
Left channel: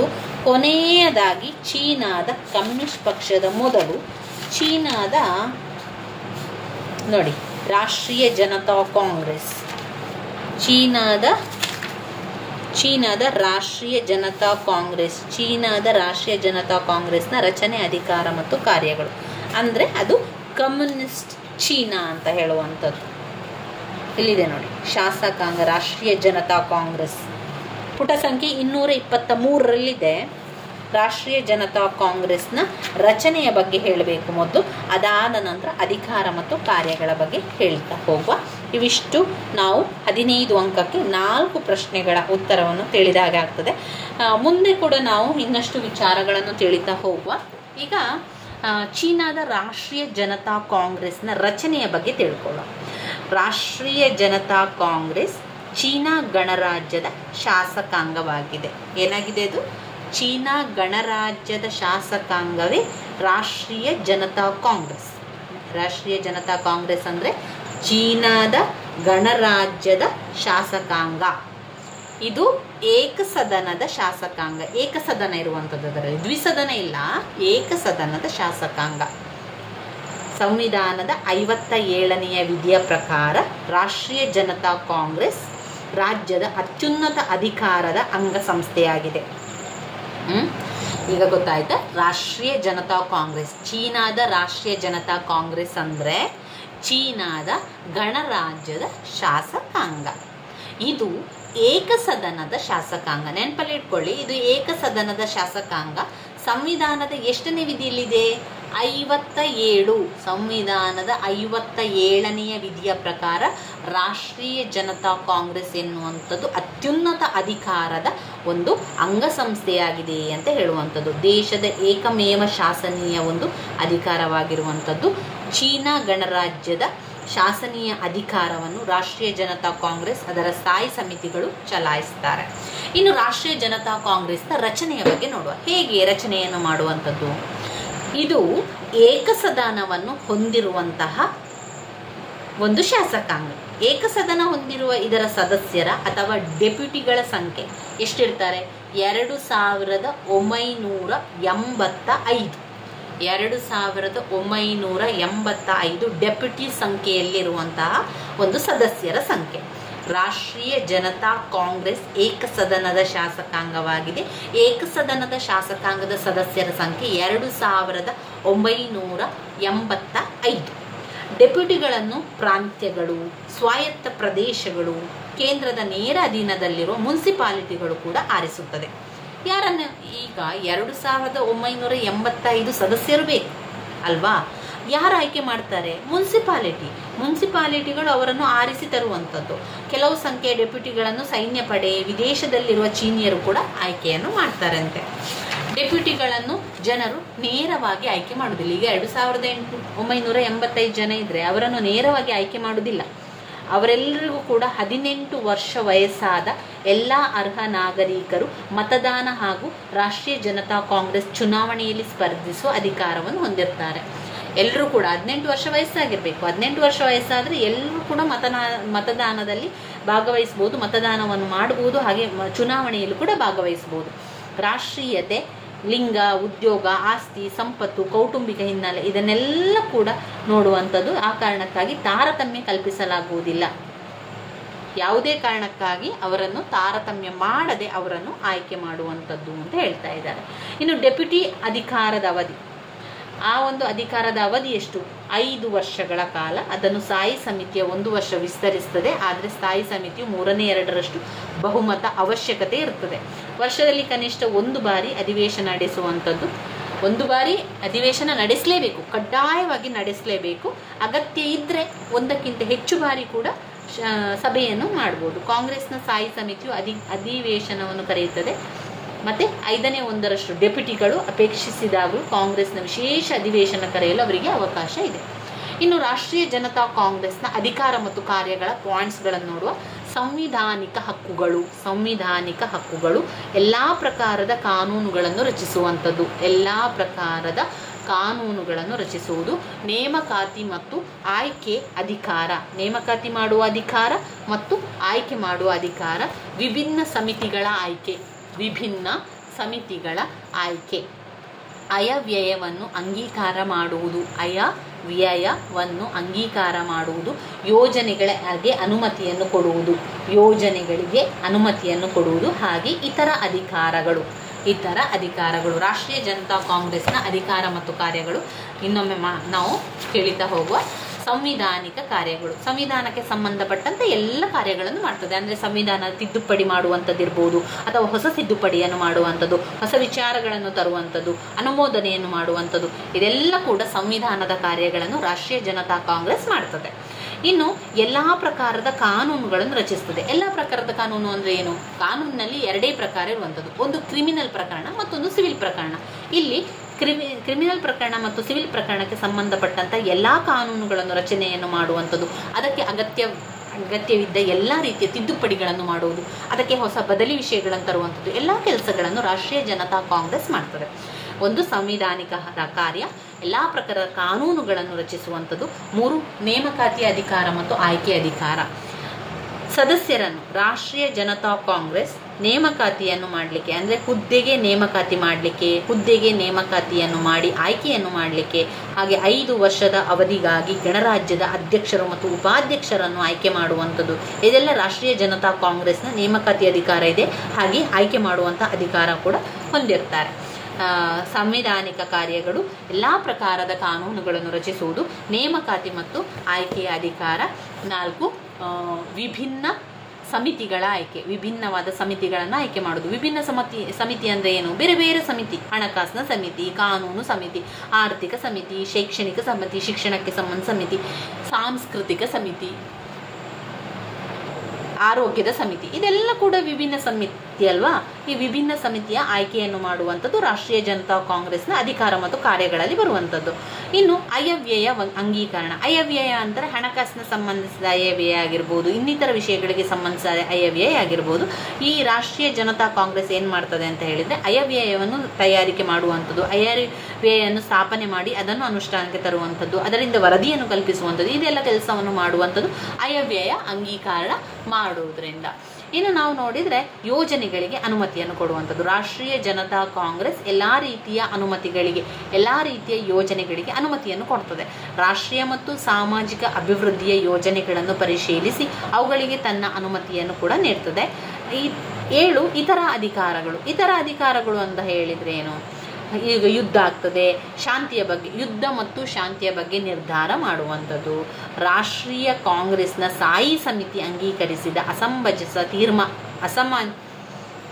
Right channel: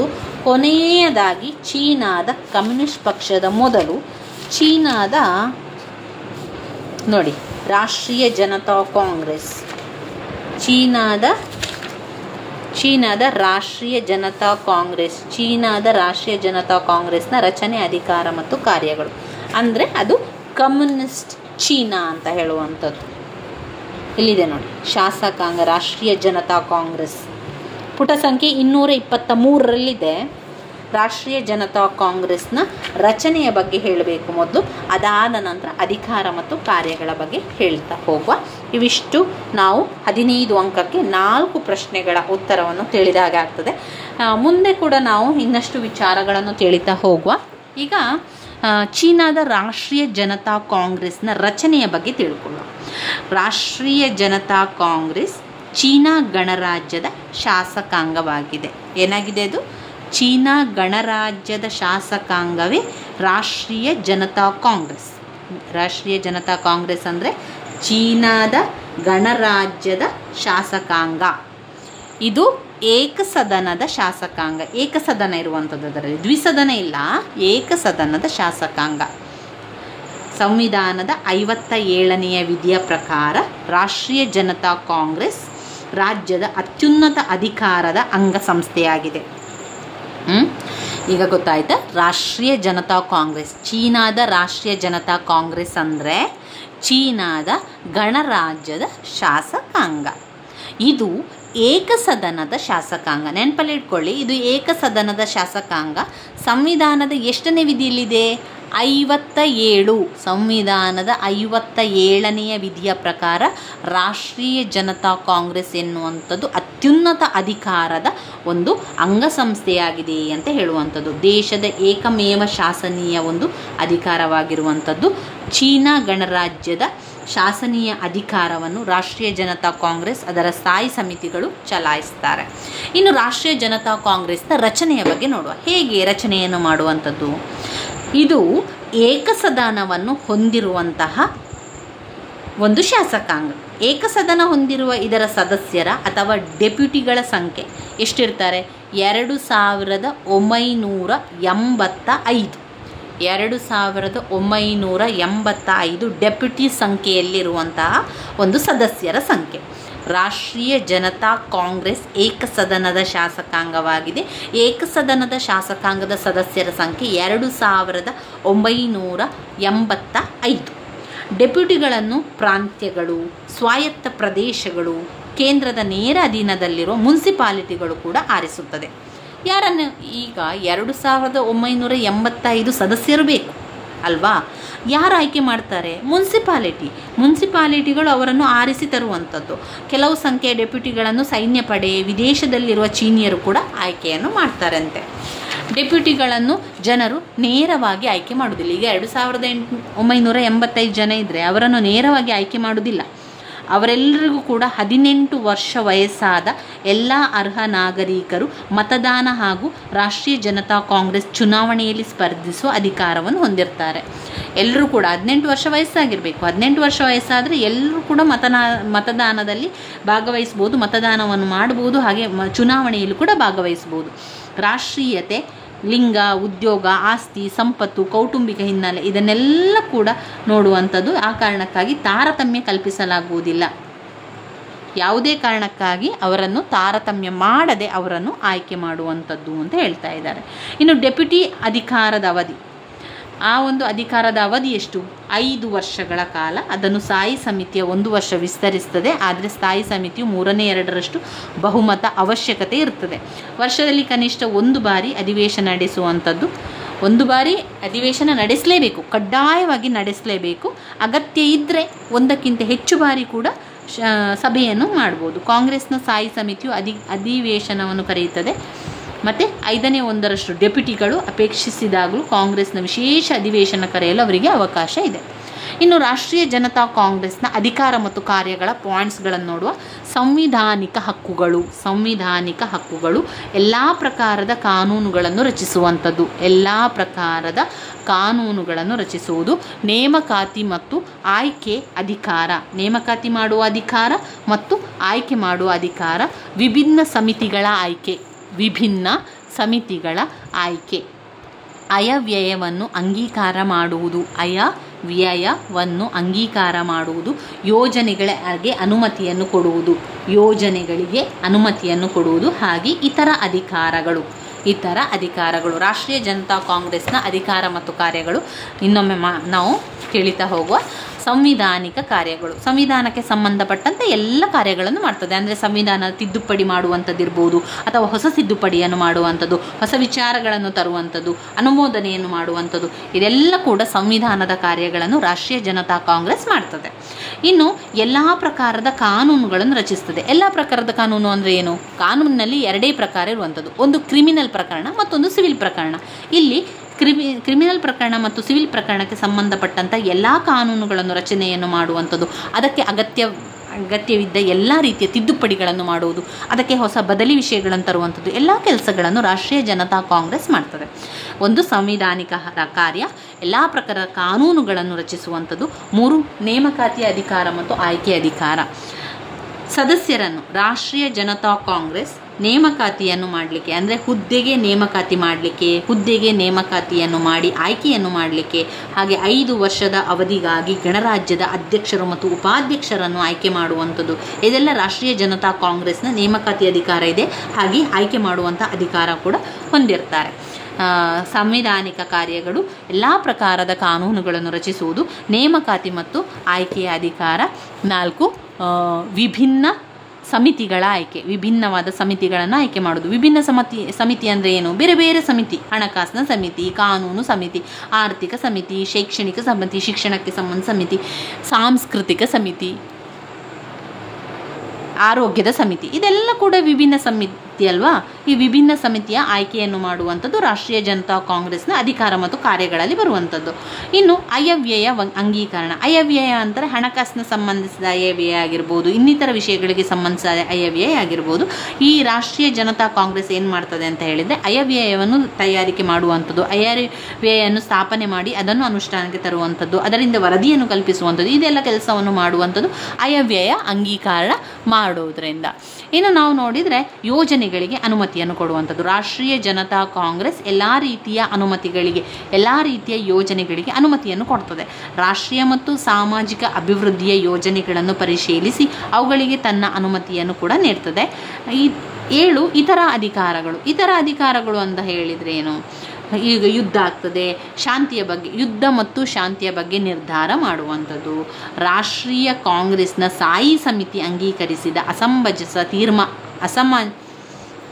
ಕೊನೆಯದಾಗಿ ಚೀನಾದ ಕಮ್ಯುನಿಸ್ಟ್ ಪಕ್ಷದ ಮೊದಲು ನೋಡಿ ರಾಷ್ಟ್ರೀಯ ಜನತಾ ಕಾಂಗ್ರೆಸ್, ಚೀನಾದ ರಾಷ್ಟ್ರೀಯ ಜನತಾ ಕಾಂಗ್ರೆಸ್ನ ರಚನೆ, ಅಧಿಕಾರ ಮತ್ತು ಕಾರ್ಯಗಳು ಅಂದರೆ ಅದು ಕಮ್ಯುನಿಸ್ಟ್ ಚೀನಾ ಅಂತ ಹೇಳುವಂಥದ್ದು. ಇಲ್ಲಿದೆ ನೋಡಿ, ಶಾಸಕಾಂಗ ರಾಷ್ಟ್ರೀಯ ಜನತಾ ಕಾಂಗ್ರೆಸ್ ಪುಟ ಸಂಖ್ಯೆ 223ರಲ್ಲಿದೆ. ರಾಷ್ಟ್ರೀಯ ಜನತಾ ಕಾಂಗ್ರೆಸ್ನ ರಚನೆಯ ಬಗ್ಗೆ ಹೇಳಬೇಕು ಮೊದಲು, ಅದಾದ ನಂತರ ಅಧಿಕಾರ ಮತ್ತು ಕಾರ್ಯಗಳ ಬಗ್ಗೆ ಹೇಳ್ತಾ ಹೋಗುವ. ಇವಿಷ್ಟು ನಾವು 15 ಅಂಕಕ್ಕೆ 4 ಪ್ರಶ್ನೆಗಳ ಉತ್ತರವನ್ನು ತಿಳಿದ ಹಾಗೆ ಆಗ್ತದೆ. ಮುಂದೆ ಕೂಡ ನಾವು ಇನ್ನಷ್ಟು ವಿಚಾರಗಳನ್ನು ತಿಳಿತಾ ಹೋಗುವ. ಈಗ ಚೀನಾದ ರಾಷ್ಟ್ರೀಯ ಜನತಾ ಕಾಂಗ್ರೆಸ್ನ ರಚನೆಯ ಬಗ್ಗೆ ತಿಳ್ಕೊಳ್ಳೋಣ. ರಾಷ್ಟ್ರೀಯ ಜನತಾ ಕಾಂಗ್ರೆಸ್ ಚೀನಾ ಗಣರಾಜ್ಯದ ಶಾಸಕಾಂಗವಾಗಿದೆ. ಏನಾಗಿದೆ ಅದು? ಚೀನಾ ಗಣರಾಜ್ಯದ ಶಾಸಕಾಂಗವೇ ರಾಷ್ಟ್ರೀಯ ಜನತಾ ಕಾಂಗ್ರೆಸ್. ರಾಷ್ಟ್ರೀಯ ಜನತಾ ಕಾಂಗ್ರೆಸ್ ಅಂದರೆ ಚೀನಾದ ಗಣರಾಜ್ಯದ ಶಾಸಕಾಂಗ. ಇದು ಏಕಸದನದ ಶಾಸಕಾಂಗ. ಏಕಸದನ ಇರುವಂಥದ್ದು, ಅದರಲ್ಲಿ ದ್ವಿಸದನ ಇಲ್ಲ, ಏಕಸದನದ ಶಾಸಕಾಂಗ. ಸಂವಿಧಾನದ 57ನೇ ವಿಧಿಯ ಪ್ರಕಾರ ರಾಷ್ಟ್ರೀಯ ಜನತಾ ಕಾಂಗ್ರೆಸ್ ರಾಜ್ಯದ ಅತ್ಯುನ್ನತ ಅಧಿಕಾರದ ಅಂಗಸಂಸ್ಥೆಯಾಗಿದೆ. ಈಗ ಗೊತ್ತಾಯ್ತಾ? ರಾಷ್ಟ್ರೀಯ ಜನತಾ ಕಾಂಗ್ರೆಸ್, ಚೀನಾದ ರಾಷ್ಟ್ರೀಯ ಜನತಾ ಕಾಂಗ್ರೆಸ್ ಅಂದರೆ ಚೀನಾದ ಗಣರಾಜ್ಯದ ಶಾಸಕಾಂಗ. ಇದು ಏಕಸದನದ ಶಾಸಕಾಂಗ. ನೆನಪಲ್ಲಿ ಇಟ್ಕೊಳ್ಳಿ, ಇದು ಏಕಸದನದ ಶಾಸಕಾಂಗ. ಸಂವಿಧಾನದ ಎಷ್ಟನೇ ವಿಧಿಯಲ್ಲಿದೆ? 57. ಸಂವಿಧಾನದ 57ನೇ ವಿಧಿಯ ಪ್ರಕಾರ ರಾಷ್ಟ್ರೀಯ ಜನತಾ ಕಾಂಗ್ರೆಸ್ ಎನ್ನುವಂಥದ್ದು ಅತ್ಯುನ್ನತ ಅಧಿಕಾರದ ಒಂದು ಅಂಗಸಂಸ್ಥೆಯಾಗಿದೆ ಅಂತ ಹೇಳುವಂಥದ್ದು. ದೇಶದ ಏಕಮೇವ ಶಾಸನೀಯ ಒಂದು ಅಧಿಕಾರವಾಗಿರುವಂಥದ್ದು. ಚೀನಾ ಗಣರಾಜ್ಯದ ಶಾಸನೀಯ ಅಧಿಕಾರವನ್ನು ರಾಷ್ಟ್ರೀಯ ಜನತಾ ಕಾಂಗ್ರೆಸ್ ಅದರ ಸ್ಥಾಯಿ ಸಮಿತಿಗಳು ಚಲಾಯಿಸ್ತಾರೆ. ಇನ್ನು ರಾಷ್ಟ್ರೀಯ ಜನತಾ ಕಾಂಗ್ರೆಸ್ನ ರಚನೆಯ ಬಗ್ಗೆ ನೋಡುವ. ಹೇಗೆ ರಚನೆಯನ್ನು ಮಾಡುವಂಥದ್ದು? ಇದು ಏಕಸದನವನ್ನು ಹೊಂದಿರುವಂತಹ ಒಂದು ಶಾಸಕಾಂಗ. ಏಕಸದನ ಹೊಂದಿರುವ ಇದರ ಸದಸ್ಯರ ಅಥವಾ ಡೆಪ್ಯೂಟಿಗಳ ಸಂಖ್ಯೆ ಎಷ್ಟಿರ್ತಾರೆ? 2985. 2985 ಡೆಪ್ಯೂಟಿ ಸಂಖ್ಯೆಯಲ್ಲಿರುವಂತಹ ಒಂದು ಸದಸ್ಯರ ಸಂಖ್ಯೆ. ರಾಷ್ಟ್ರೀಯ ಜನತಾ ಕಾಂಗ್ರೆಸ್ ಏಕಸದನದ ಶಾಸಕಾಂಗವಾಗಿದೆ. ಏಕಸದನದ ಶಾಸಕಾಂಗದ ಸದಸ್ಯರ ಸಂಖ್ಯೆ 2985. ಡೆಪ್ಯೂಟಿಗಳನ್ನು ಪ್ರಾಂತ್ಯಗಳು, ಸ್ವಾಯತ್ತ ಪ್ರದೇಶಗಳು, ಕೇಂದ್ರದ ನೇರ ಅಧೀನದಲ್ಲಿರುವ ಮುನ್ಸಿಪಾಲಿಟಿಗಳು ಕೂಡ ಆರಿಸುತ್ತದೆ. ಯಾರನ್ನು? ಈಗ 2985 ಸದಸ್ಯರು ಬೇಕು ಅಲ್ವಾ? ಯಾರು ಆಯ್ಕೆ ಮಾಡ್ತಾರೆ? ಮುನ್ಸಿಪಾಲಿಟಿಗಳು ಅವರನ್ನು ಆರಿಸಿ ತರುವಂಥದ್ದು. ಕೆಲವು ಸಂಖ್ಯೆಯ ಡೆಪ್ಯೂಟಿಗಳನ್ನು ಸೈನ್ಯ ಪಡೆ, ವಿದೇಶದಲ್ಲಿರುವ ಚೀನಿಯರು ಕೂಡ ಆಯ್ಕೆಯನ್ನು ಮಾಡ್ತಾರಂತೆ. ಡೆಪ್ಯೂಟಿಗಳನ್ನು ಜನರು ನೇರವಾಗಿ ಆಯ್ಕೆ ಮಾಡುವುದಿಲ್ಲ. ಈಗ 2985 ಜನ ಇದ್ದರೆ ಅವರನ್ನು ನೇರವಾಗಿ ಆಯ್ಕೆ ಮಾಡುವುದಿಲ್ಲ. ಅವರೆಲ್ಲರಿಗೂ ಕೂಡ 18 ವರ್ಷ ವಯಸ್ಸಾದ ಎಲ್ಲ ಅರ್ಹ ನಾಗರಿಕರು ಮತದಾನ ಹಾಗೂ ರಾಷ್ಟ್ರೀಯ ಜನತಾ ಕಾಂಗ್ರೆಸ್ ಚುನಾವಣೆಯಲ್ಲಿ ಸ್ಪರ್ಧಿಸುವ ಅಧಿಕಾರವನ್ನು ಹೊಂದಿರ್ತಾರೆ. ಎಲ್ಲರೂ ಕೂಡ 18 ವರ್ಷ ವಯಸ್ಸಾಗಿರಬೇಕು. 18 ವರ್ಷ ವಯಸ್ಸಾದರೆ ಎಲ್ಲರೂ ಕೂಡ ಮತದಾನದಲ್ಲಿ ಭಾಗವಹಿಸ್ಬೋದು, ಮತದಾನವನ್ನು ಮಾಡಬಹುದು, ಹಾಗೆ ಚುನಾವಣೆಯಲ್ಲಿ ಕೂಡ ಭಾಗವಹಿಸ್ಬೋದು. ರಾಷ್ಟ್ರೀಯತೆ, ಲಿಂಗ, ಉದ್ಯೋಗ, ಆಸ್ತಿ, ಸಂಪತ್ತು, ಕೌಟುಂಬಿಕ ಹಿನ್ನೆಲೆ ಇದನ್ನೆಲ್ಲ ಕೂಡ ನೋಡುವಂಥದ್ದು. ಆ ಕಾರಣಕ್ಕಾಗಿ ತಾರತಮ್ಯ ಕಲ್ಪಿಸಲಾಗುವುದಿಲ್ಲ. ಯಾವುದೇ ಕಾರಣಕ್ಕಾಗಿ ಅವರನ್ನು ತಾರತಮ್ಯ ಮಾಡದೆ ಅವರನ್ನು ಆಯ್ಕೆ ಮಾಡುವಂಥದ್ದು ಅಂತ ಹೇಳ್ತಾ ಇದ್ದಾರೆ. ಇನ್ನು ಡೆಪ್ಯೂಟಿ ಅಧಿಕಾರದ ಅವಧಿ, ಆ ಒಂದು ಅಧಿಕಾರದ ಅವಧಿ ಎಷ್ಟು? 5 ವರ್ಷಗಳ ಕಾಲ. ಅದನ್ನು ಸ್ಥಾಯಿ ಸಮಿತಿಯ 1 ವರ್ಷ ವಿಸ್ತರಿಸುತ್ತದೆ. ಆದರೆ ಸ್ಥಾಯಿ ಸಮಿತಿಯು 3/2 ಬಹುಮತ ಅವಶ್ಯಕತೆ ಇರುತ್ತದೆ. ವರ್ಷದಲ್ಲಿ ಕನಿಷ್ಠ 1 ಬಾರಿ ಅಧಿವೇಶನ ನಡೆಸುವಂಥದ್ದು. 1 ಬಾರಿ ಅಧಿವೇಶನ ನಡೆಸಲೇಬೇಕು, ಕಡ್ಡಾಯವಾಗಿ ನಡೆಸಲೇಬೇಕು. ಅಗತ್ಯ ಇದ್ದರೆ 1ಕ್ಕಿಂತ ಹೆಚ್ಚು ಬಾರಿ ಕೂಡ ಸಭೆಯನ್ನು ಮಾಡ್ಬೋದು. ಕಾಂಗ್ರೆಸ್ನ ಸ್ಥಾಯಿ ಸಮಿತಿಯು ಅಧಿವೇಶನವನ್ನು ಕರೆಯುತ್ತದೆ. ಮತ್ತು 5/1 ಡೆಪ್ಯೂಟಿಗಳು ಅಪೇಕ್ಷಿಸಿದಾಗಲೂ ಕಾಂಗ್ರೆಸ್ನ ವಿಶೇಷ ಅಧಿವೇಶನ ಕರೆಯಲು ಅವರಿಗೆ ಅವಕಾಶ ಇದೆ. ಇನ್ನು ರಾಷ್ಟ್ರೀಯ ಜನತಾ ಕಾಂಗ್ರೆಸ್ನ ಅಧಿಕಾರ ಮತ್ತು ಕಾರ್ಯಗಳ ಪಾಯಿಂಟ್ಸ್ಗಳನ್ನು ನೋಡುವ. ಸಂವಿಧಾನಿಕ ಹಕ್ಕುಗಳು ಎಲ್ಲ ಪ್ರಕಾರದ ಕಾನೂನುಗಳನ್ನು ರಚಿಸುವಂಥದ್ದು. ರಚಿಸುವುದು. ನೇಮಕಾತಿ ಮತ್ತು ಆಯ್ಕೆ ಅಧಿಕಾರ, ನೇಮಕಾತಿ ಮಾಡುವ ಅಧಿಕಾರ ಮತ್ತು ಆಯ್ಕೆ ಮಾಡುವ ಅಧಿಕಾರ. ವಿಭಿನ್ನ ಸಮಿತಿಗಳ ಆಯ್ಕೆ. ಅಯವ್ಯಯವನ್ನು ಅಂಗೀಕಾರ ಮಾಡುವುದು. ಯೋಜನೆಗಳಿಗೆ ಅನುಮತಿಯನ್ನು ಕೊಡುವುದು. ಹಾಗೆ ಇತರ ಅಧಿಕಾರಗಳು. ರಾಷ್ಟ್ರೀಯ ಜನತಾ ಕಾಂಗ್ರೆಸ್ನ ಅಧಿಕಾರ ಮತ್ತು ಕಾರ್ಯಗಳು ಇನ್ನೊಮ್ಮೆ ನಾವು ಕೇಳಿತಾ ಹೋಗುವ. ಸಂವಿಧಾನಿಕ ಕಾರ್ಯಗಳು, ಸಂವಿಧಾನಕ್ಕೆ ಸಂಬಂಧಪಟ್ಟಂತೆ ಎಲ್ಲ ಕಾರ್ಯಗಳನ್ನು ಮಾಡ್ತದೆ. ಅಂದರೆ ಸಂವಿಧಾನ ತಿದ್ದುಪಡಿ ಮಾಡುವಂಥದ್ದಿರ್ಬೋದು, ಅಥವಾ ಹೊಸ ತಿದ್ದುಪಡಿಯನ್ನು ಮಾಡುವಂಥದ್ದು, ಹೊಸ ವಿಚಾರಗಳನ್ನು ತರುವಂಥದ್ದು, ಅನುಮೋದನೆಯನ್ನು ಮಾಡುವಂಥದ್ದು, ಇದೆಲ್ಲ ಕೂಡ ಸಂವಿಧಾನದ ಕಾರ್ಯಗಳನ್ನು ರಾಷ್ಟ್ರೀಯ ಜನತಾ ಕಾಂಗ್ರೆಸ್ ಮಾಡ್ತದೆ. ಇನ್ನು ಎಲ್ಲ ಪ್ರಕಾರದ ಕಾನೂನುಗಳನ್ನು ರಚಿಸ್ತದೆ. ಎಲ್ಲ ಪ್ರಕಾರದ ಕಾನೂನು ಅಂದರೆ ಏನು? ಕಾನೂನಿನಲ್ಲಿ 2 ಪ್ರಕಾರ ಇರುವಂಥದ್ದು. ಒಂದು ಕ್ರಿಮಿನಲ್ ಪ್ರಕರಣ, ಮತ್ತೊಂದು ಸಿವಿಲ್ ಪ್ರಕರಣ. ಇಲ್ಲಿ ಕ್ರಿಮಿನಲ್ ಪ್ರಕರಣ ಮತ್ತು ಸಿವಿಲ್ ಪ್ರಕರಣಕ್ಕೆ ಸಂಬಂಧಪಟ್ಟಂಥ ಎಲ್ಲ ಕಾನೂನುಗಳನ್ನು ರಚನೆಯನ್ನು ಮಾಡುವಂಥದ್ದು, ಅದಕ್ಕೆ ಅಗತ್ಯವಿದ್ದ ಎಲ್ಲ ರೀತಿಯ ತಿದ್ದುಪಡಿಗಳನ್ನು ಮಾಡುವುದು, ಅದಕ್ಕೆ ಹೊಸ ಬದಲಿ ವಿಷಯಗಳನ್ನು ತರುವಂಥದ್ದು ಎಲ್ಲ ಕೆಲಸಗಳನ್ನು ರಾಷ್ಟ್ರೀಯ ಜನತಾ ಕಾಂಗ್ರೆಸ್ ಮಾಡ್ತದೆ. ಒಂದು ಸಂವಿಧಾನಿಕ ಕಾರ್ಯ, ಎಲ್ಲ ಪ್ರಕಾರದ ಕಾನೂನುಗಳನ್ನು ರಚಿಸುವಂಥದ್ದು. 3 ನೇಮಕಾತಿ ಅಧಿಕಾರ ಮತ್ತು ಆಯ್ಕೆ ಅಧಿಕಾರ. ಸದಸ್ಯರನ್ನು ರಾಷ್ಟ್ರೀಯ ಜನತಾ ಕಾಂಗ್ರೆಸ್ ನೇಮಕಾತಿಯನ್ನು ಮಾಡಲಿಕ್ಕೆ, ಅಂದರೆ ಹುದ್ದೆಗೆ ನೇಮಕಾತಿ ಮಾಡಲಿಕ್ಕೆ, ಹುದ್ದೆಗೆ ನೇಮಕಾತಿಯನ್ನು ಮಾಡಿ ಆಯ್ಕೆಯನ್ನು ಮಾಡಲಿಕ್ಕೆ, ಹಾಗೆ 5 ವರ್ಷದ ಅವಧಿಗಾಗಿ ಗಣರಾಜ್ಯದ ಅಧ್ಯಕ್ಷರು ಮತ್ತು ಉಪಾಧ್ಯಕ್ಷರನ್ನು ಆಯ್ಕೆ ಮಾಡುವಂಥದ್ದು, ಇದೆಲ್ಲ ರಾಷ್ಟ್ರೀಯ ಜನತಾ ಕಾಂಗ್ರೆಸ್ನ ನೇಮಕಾತಿ ಅಧಿಕಾರ ಇದೆ. ಹಾಗೆ ಆಯ್ಕೆ ಮಾಡುವಂಥ ಅಧಿಕಾರ ಕೂಡ ಹೊಂದಿರ್ತಾರೆ. ಸಂವಿಧಾನಿಕ ಕಾರ್ಯಗಳು, ಎಲ್ಲ ಪ್ರಕಾರದ ಕಾನೂನುಗಳನ್ನು ರಚಿಸುವುದು, ನೇಮಕಾತಿ ಮತ್ತು ಆಯ್ಕೆಯ ಅಧಿಕಾರ. 4 ವಿಭಿನ್ನ ಸಮಿತಿಗಳ ಆಯ್ಕೆ, ವಿಭಿನ್ನವಾದ ಸಮಿತಿಗಳನ್ನು ಆಯ್ಕೆ ಮಾಡೋದು. ವಿಭಿನ್ನ ಸಮಿತಿ ಅಂದರೆ ಏನು? ಬೇರೆ ಬೇರೆ ಸಮಿತಿ, ಹಣಕಾಸಿನ ಸಮಿತಿ, ಕಾನೂನು ಸಮಿತಿ, ಆರ್ಥಿಕ ಸಮಿತಿ, ಶೈಕ್ಷಣಿಕ ಸಮಿತಿ, ಶಿಕ್ಷಣಕ್ಕೆ ಸಂಬಂಧ ಸಮಿತಿ, ಸಾಂಸ್ಕೃತಿಕ ಸಮಿತಿ, ಆರೋಗ್ಯದ ಸಮಿತಿ, ಇದೆಲ್ಲ ಕೂಡ ವಿಭಿನ್ನ ಸಮಿತಿ ಅಲ್ವಾ. ಈ ವಿಭಿನ್ನ ಸಮಿತಿಯ ಆಯ್ಕೆಯನ್ನು ಮಾಡುವಂಥದ್ದು ರಾಷ್ಟ್ರೀಯ ಜನತಾ ಕಾಂಗ್ರೆಸ್ನ ಅಧಿಕಾರ ಮತ್ತು ಕಾರ್ಯಗಳಲ್ಲಿ ಬರುವಂಥದ್ದು. ಇನ್ನು ಅಯವ್ಯಯ ಅಂಗೀಕರಣ. ಅಯವ್ಯಯ ಅಂದರೆ ಹಣಕಾಸಿನ ಸಂಬಂಧಿಸಿದ ಅಯವ್ಯಯ ಆಗಿರ್ಬೋದು, ಇನ್ನಿತರ ವಿಷಯಗಳಿಗೆ ಸಂಬಂಧಿಸಿದ ಅಯವ್ಯಯ ಆಗಿರ್ಬೋದು. ಈ ರಾಷ್ಟ್ರೀಯ ಜನತಾ ಕಾಂಗ್ರೆಸ್ ಏನು ಮಾಡ್ತದೆ ಅಂತ ಹೇಳಿದರೆ, ಅಯವ್ಯಯವನ್ನು ತಯಾರಿಕೆ ಮಾಡುವಂಥದ್ದು, ಅಯವ್ಯಯನ್ನು ಸ್ಥಾಪನೆ ಮಾಡಿ ಅದನ್ನು ಅನುಷ್ಠಾನಕ್ಕೆ ತರುವಂಥದ್ದು, ಅದರಿಂದ ವರದಿಯನ್ನು ಕಲ್ಪಿಸುವಂಥದ್ದು, ಇದೆಲ್ಲ ಕೆಲಸವನ್ನು ಮಾಡುವಂಥದ್ದು ಅಯವ್ಯಯ ಅಂಗೀಕಾರ ಮಾಡುವುದರಿಂದ. ಇನ್ನು ನಾವು ನೋಡಿದರೆ ಯೋಜನೆಗಳಿಗೆ ಅನುಮತಿಯನ್ನು ಕೊಡುವಂಥದ್ದು. ರಾಷ್ಟ್ರೀಯ ಜನತಾ ಕಾಂಗ್ರೆಸ್ ಎಲ್ಲ ರೀತಿಯ ಅನುಮತಿಗಳಿಗೆ, ಎಲ್ಲ ರೀತಿಯ ಯೋಜನೆಗಳಿಗೆ ಅನುಮತಿಯನ್ನು ಕೊಡ್ತದೆ. ರಾಷ್ಟ್ರೀಯ ಮತ್ತು ಸಾಮಾಜಿಕ ಅಭಿವೃದ್ಧಿಯ ಯೋಜನೆಗಳನ್ನು ಪರಿಶೀಲಿಸಿ ಅವುಗಳಿಗೆ ತನ್ನ ಅನುಮತಿಯನ್ನು ಕೂಡ ನೀಡ್ತದೆ. 7 ಇತರ ಅಧಿಕಾರಗಳು. ಇತರ ಅಧಿಕಾರಗಳು ಅಂತ ಹೇಳಿದರೆ ಏನು? ಈಗ ಯುದ್ಧ ಆಗ್ತದೆ, ಶಾಂತಿಯ ಬಗ್ಗೆ, ಯುದ್ಧ ಮತ್ತು ಶಾಂತಿಯ ಬಗ್ಗೆ ನಿರ್ಧಾರ ಮಾಡುವಂಥದ್ದು. ರಾಷ್ಟ್ರೀಯ ಕಾಂಗ್ರೆಸ್ನ ಸ್ಥಾಯಿ ಸಮಿತಿ ಅಂಗೀಕರಿಸಿದ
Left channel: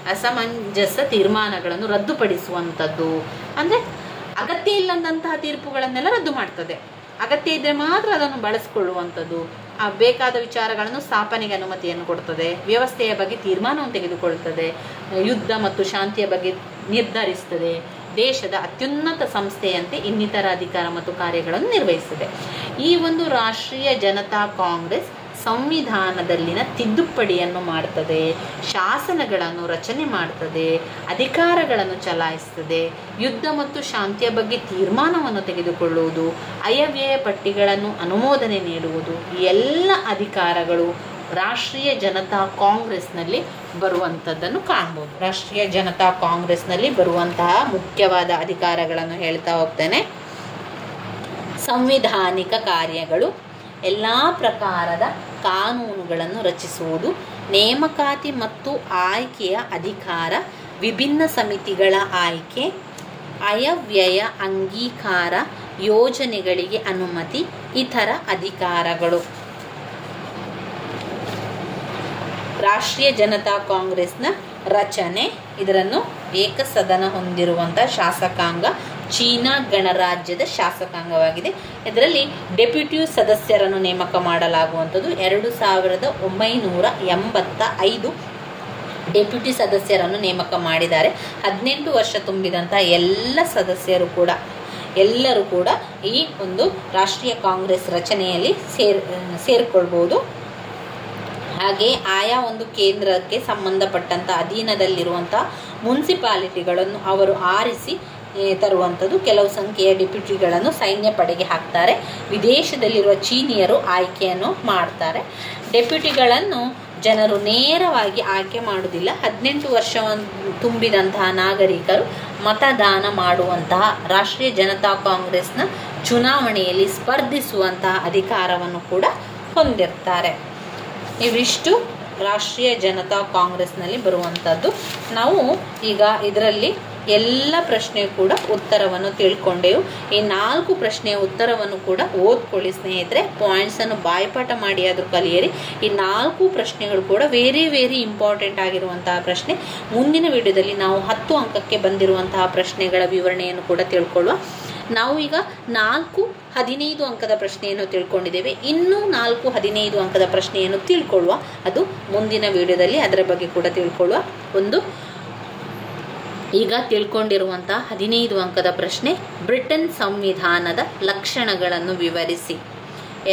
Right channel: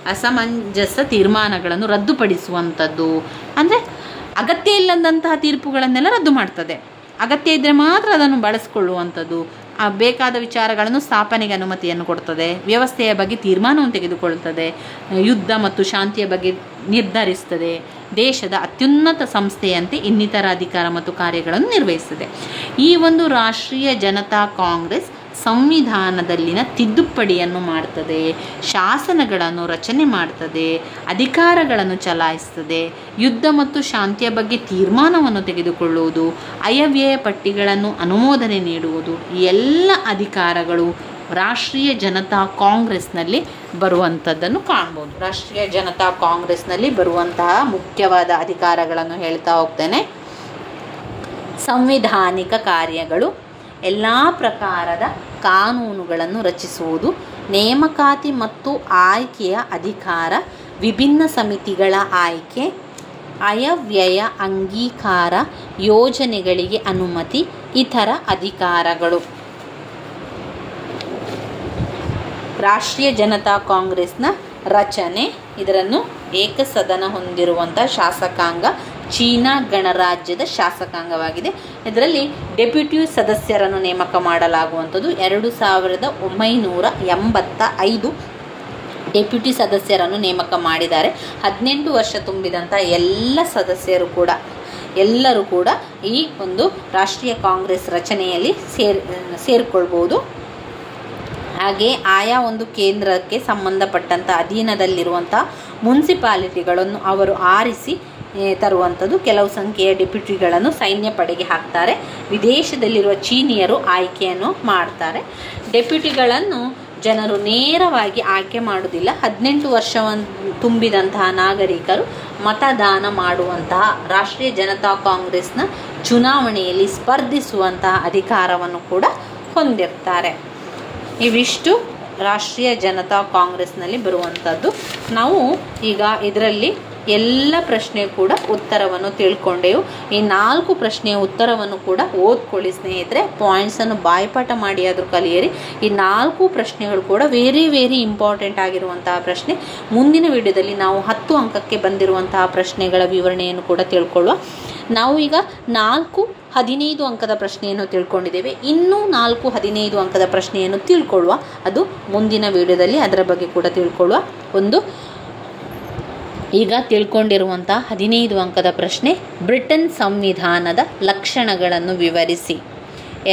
ಅಸಮಂಜಸ ತೀರ್ಮಾನಗಳನ್ನು ರದ್ದುಪಡಿಸುವಂಥದ್ದು. ಅಂದರೆ ಅಗತ್ಯ ಇಲ್ಲದಂತಹ ತೀರ್ಪುಗಳನ್ನೆಲ್ಲ ರದ್ದು ಮಾಡ್ತದೆ. ಅಗತ್ಯ ಇದ್ದರೆ ಮಾತ್ರ ಅದನ್ನು ಬಳಸಿಕೊಳ್ಳುವಂಥದ್ದು. ಬೇಕಾದ ವಿಚಾರಗಳನ್ನು ಸ್ಥಾಪನೆಗೆ ಅನುಮತಿಯನ್ನು ಕೊಡ್ತದೆ. ವ್ಯವಸ್ಥೆಯ ಬಗ್ಗೆ ತೀರ್ಮಾನವನ್ನು ತೆಗೆದುಕೊಳ್ತದೆ. ಯುದ್ಧ ಮತ್ತು ಶಾಂತಿಯ ಬಗ್ಗೆ ನಿರ್ಧರಿಸ್ತದೆ. ದೇಶದ ಅತ್ಯುನ್ನತ ಸಂಸ್ಥೆಯಂತೆ ಇನ್ನಿತರ ಅಧಿಕಾರ ಮತ್ತು ಕಾರ್ಯಗಳನ್ನು ನಿರ್ವಹಿಸುತ್ತದೆ. ಈ ಒಂದು ರಾಷ್ಟ್ರೀಯ ಜನತಾ ಕಾಂಗ್ರೆಸ್ ಸಂವಿಧಾನದಲ್ಲಿನ ತಿದ್ದುಪಡಿಯನ್ನು ಮಾಡ್ತದೆ, ಶಾಸನಗಳನ್ನು ರಚನೆ ಮಾಡ್ತದೆ, ಅಧಿಕಾರಗಳನ್ನು ಚಲಾಯಿಸ್ತದೆ, ಯುದ್ಧ ಮತ್ತು ಶಾಂತಿಯ ಬಗ್ಗೆ ತೀರ್ಮಾನವನ್ನು ತೆಗೆದುಕೊಳ್ಳುವುದು, ಅಯವ್ಯಯ ಪಟ್ಟಿಗಳನ್ನು ಅನುಮೋದನೆ ನೀಡುವುದು, ಈ ಎಲ್ಲ ಅಧಿಕಾರಗಳು ರಾಷ್ಟ್ರೀಯ ಜನತಾ ಕಾಂಗ್ರೆಸ್ನಲ್ಲಿ ಬರುವಂಥದ್ದನ್ನು ಕಾಣ್ಬೋದು. ರಾಷ್ಟ್ರೀಯ ಜನತಾ ಕಾಂಗ್ರೆಸ್ನಲ್ಲಿ ಬರುವಂತಹ ಮುಖ್ಯವಾದ ಅಧಿಕಾರಗಳನ್ನು ಹೇಳ್ತಾ ಹೋಗ್ತೇನೆ. ಸಂವಿಧಾನಿಕ ಕಾರ್ಯಗಳು, ಎಲ್ಲ ಪ್ರಕಾರದ ಕಾನೂನುಗಳನ್ನು ರಚಿಸುವುದು, ನೇಮಕಾತಿ ಮತ್ತು ಆಯ್ಕೆಯ ಅಧಿಕಾರ, ವಿಭಿನ್ನ ಸಮಿತಿಗಳ ಆಯ್ಕೆ, ಅಯವ್ಯಯ ಅಂಗೀಕಾರ, ಯೋಜನೆಗಳಿಗೆ ಅನುಮತಿ, ಇತರ ಅಧಿಕಾರಗಳು. ರಾಷ್ಟ್ರೀಯ ಜನತಾ ಕಾಂಗ್ರೆಸ್ನ ರಚನೆ, ಇದನ್ನು ಏಕಸದನ ಹೊಂದಿರುವಂಥ ಶಾಸಕಾಂಗ, ಚೀನಾ ಗಣರಾಜ್ಯದ ಶಾಸಕಾಂಗವಾಗಿದೆ. ಇದರಲ್ಲಿ ಡೆಪ್ಯೂಟಿ ಸದಸ್ಯರನ್ನು ನೇಮಕ ಮಾಡಲಾಗುವಂಥದ್ದು. 2985 ಡೆಪ್ಯೂಟಿ ಸದಸ್ಯರನ್ನು ನೇಮಕ ಮಾಡಿದ್ದಾರೆ. 18 ವರ್ಷ ತುಂಬಿದಂಥ ಎಲ್ಲರೂ ಕೂಡ ಈ ಒಂದು ರಾಷ್ಟ್ರೀಯ ಕಾಂಗ್ರೆಸ್ ರಚನೆಯಲ್ಲಿ ಸೇರಿಕೊಳ್ಬೋದು. ಹಾಗೆ ಆಯಾ ಒಂದು ಕೇಂದ್ರಕ್ಕೆ ಸಂಬಂಧಪಟ್ಟಂಥ ಅಧೀನದಲ್ಲಿರುವಂಥ ಮುನ್ಸಿಪಾಲಿಟಿಗಳನ್ನು ಅವರು ಆರಿಸಿ ತರುವಂಥದ್ದು. ಕೆಲವು ಸಂಖ್ಯೆಯ ಡೆಪ್ಯೂಟಿಗಳನ್ನು ಸೈನ್ಯ ಪಡೆಗೆ ಹಾಕ್ತಾರೆ. ವಿದೇಶದಲ್ಲಿರುವ ಚೀನಿಯರು ಆಯ್ಕೆಯನ್ನು ಮಾಡ್ತಾರೆ. ಡೆಪ್ಯೂಟಿಗಳನ್ನು ಜನರು ನೇರವಾಗಿ ಆಯ್ಕೆ ಮಾಡುವುದಿಲ್ಲ. 18 ವರ್ಷವನ್ನು ತುಂಬಿದಂತಹ ನಾಗರಿಕರು ಮತದಾನ ಮಾಡುವಂತಹ, ರಾಷ್ಟ್ರೀಯ ಜನತಾ ಕಾಂಗ್ರೆಸ್ನ ಚುನಾವಣೆಯಲ್ಲಿ ಸ್ಪರ್ಧಿಸುವಂತಹ ಅಧಿಕಾರವನ್ನು ಕೂಡ ಹೊಂದಿರ್ತಾರೆ. ಇವಿಷ್ಟು ರಾಷ್ಟ್ರೀಯ ಜನತಾ ಕಾಂಗ್ರೆಸ್ನಲ್ಲಿ ಬರುವಂಥದ್ದು. ನಾವು ಈಗ ಇದರಲ್ಲಿ ಎಲ್ಲ ಪ್ರಶ್ನೆ ಕೂಡ ಉತ್ತರವನ್ನು ತಿಳ್ಕೊಂಡೆವು. ಈ 4 ಪ್ರಶ್ನೆಯ ಉತ್ತರವನ್ನು ಕೂಡ ಓದ್ಕೊಳ್ಳಿ ಸ್ನೇಹಿತರೆ. ಪಾಯಿಂಟ್ಸನ್ನು ಬಾಯ್ಪಾಠ ಮಾಡಿ ಆದರೂ ಕಲಿಯಿರಿ. ಈ 4 ಪ್ರಶ್ನೆಗಳು ಕೂಡ ವೆರಿ ಇಂಪಾರ್ಟೆಂಟ್ ಆಗಿರುವಂತಹ ಪ್ರಶ್ನೆ. ಮುಂದಿನ ವಿಡಿಯೋದಲ್ಲಿ ನಾವು 10 ಅಂಕಕ್ಕೆ ಬಂದಿರುವಂತಹ ಪ್ರಶ್ನೆಗಳ ವಿವರಣೆಯನ್ನು ಕೂಡ ತಿಳ್ಕೊಳ್ಳುವ. ನಾವು ಈಗ 15 ಅಂಕದ ಪ್ರಶ್ನೆಯನ್ನು ತಿಳ್ಕೊಂಡಿದ್ದೇವೆ. ಇನ್ನೂ 15 ಅಂಕದ ಪ್ರಶ್ನೆಯನ್ನು ತಿಳ್ಕೊಳ್ಳುವ. ಅದು ಮುಂದಿನ ವಿಡಿಯೋದಲ್ಲಿ ಅದರ ಬಗ್ಗೆ ಕೂಡ ತಿಳ್ಕೊಳ್ಳುವ. ಈಗ ತಿಳ್ಕೊಂಡಿರುವಂತಹ 15 ಅಂಕದ ಪ್ರಶ್ನೆ, ಬ್ರಿಟನ್ ಸಂವಿಧಾನದ ಲಕ್ಷಣಗಳನ್ನು ವಿವರಿಸಿ.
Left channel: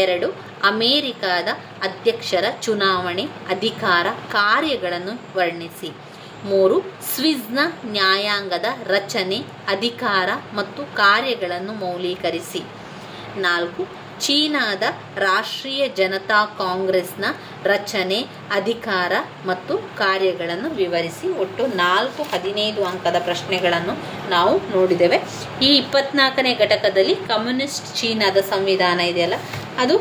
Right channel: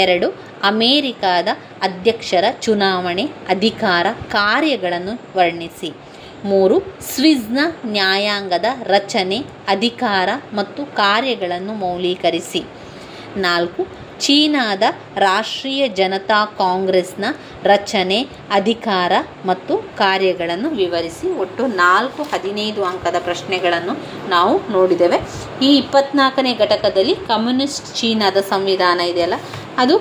2, ಅಮೇರಿಕಾದ ಅಧ್ಯಕ್ಷರ ಚುನಾವಣೆ ಅಧಿಕಾರ ಕಾರ್ಯಗಳನ್ನು ವರ್ಣಿಸಿ. 3. ಸ್ವಿಸ್ನ ನ್ಯಾಯಾಂಗದ ರಚನೆ ಅಧಿಕಾರ ಮತ್ತು ಕಾರ್ಯಗಳನ್ನು ಮೌಲ್ಯೀಕರಿಸಿ. 4. ಚೀನಾದ ರಾಷ್ಟ್ರೀಯ ಜನತಾ ಕಾಂಗ್ರೆಸ್ನ ರಚನೆ ಅಧಿಕಾರ ಮತ್ತು ಕಾರ್ಯಗಳನ್ನು ವಿವರಿಸಿ. ಒಟ್ಟು 15 ಅಂಕದ ಪ್ರಶ್ನೆಗಳನ್ನು ನಾವು ನೋಡಿದ್ದೇವೆ. ಈ 24ನೇ ಘಟಕದಲ್ಲಿ ಕಮ್ಯುನಿಸ್ಟ್ ಚೀನಾದ ಸಂವಿಧಾನ ಇದೆಯಲ್ಲ, ಅದು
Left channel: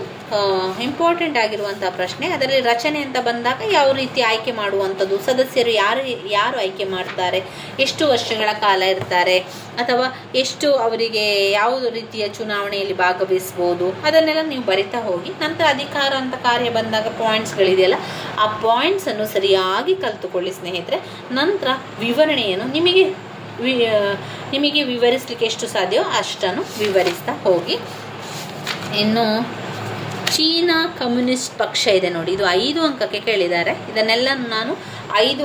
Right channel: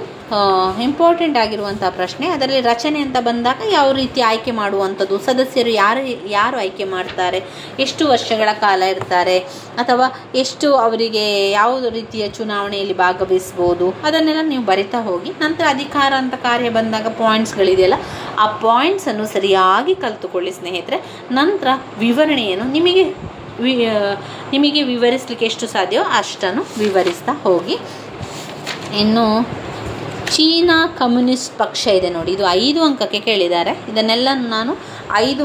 ಇಂಪಾರ್ಟೆಂಟ್ ಆಗಿರುವಂತಹ ಪ್ರಶ್ನೆ. ಅದರಲ್ಲಿ ರಚನೆ ಅಂತ ಬಂದಾಗ ಯಾವ ರೀತಿ ಆಯ್ಕೆ ಮಾಡುವಂಥದ್ದು, ಸದಸ್ಯರು ಯಾರು ಆಯ್ಕೆ ಮಾಡ್ತಾರೆ, ಎಷ್ಟು ವರ್ಷಗಳ ಕಾಲ ಇರ್ತಾರೆ, ಅಥವಾ ಎಷ್ಟು ಅವರಿಗೆ ಯಾವ ರೀತಿಯ ಚುನಾವಣೆಯಲ್ಲಿ ಭಾಗವಹಿಸ್ಬೋದು, ಅದನ್ನೆಲ್ಲ ನೀವು ಬರಿತಾ ಹೋಗಿ. ನಂತರ ಅಧಿಕಾರ ಅಂತ ಕಾರ್ಯ ಬಂದಾಗ ಪಾಯಿಂಟ್ಸ್ಗಳಿದೆಯಲ್ಲ, ಆ ಪಾಯಿಂಟ್ಸನ್ನು ಸರಿಯಾಗಿ ಕಲಿತುಕೊಳ್ಳಿ ಸ್ನೇಹಿತರೆ. ನಂತರ ವಿವರಣೆಯನ್ನು ನಿಮಗೆ ವಿವರಿಸಲಿಕ್ಕೆ ಎಷ್ಟು ಸಾಧ್ಯವೋ ಅಷ್ಟನ್ನು ವಿವರಿಸ್ತಾ ಹೋಗಿ. ಇನ್ನು ಚೀನಾ ಕಮ್ಯುನಿಸ್ಟ್ ಪಕ್ಷ ಇದೆ ನೋಡಿ, ಇದು 5 ಅಂಕಕ್ಕೆ ಕೇಳಿದ್ದಾರೆ. ಇದನ್ನೆಲ್ಲ ನಾನು 5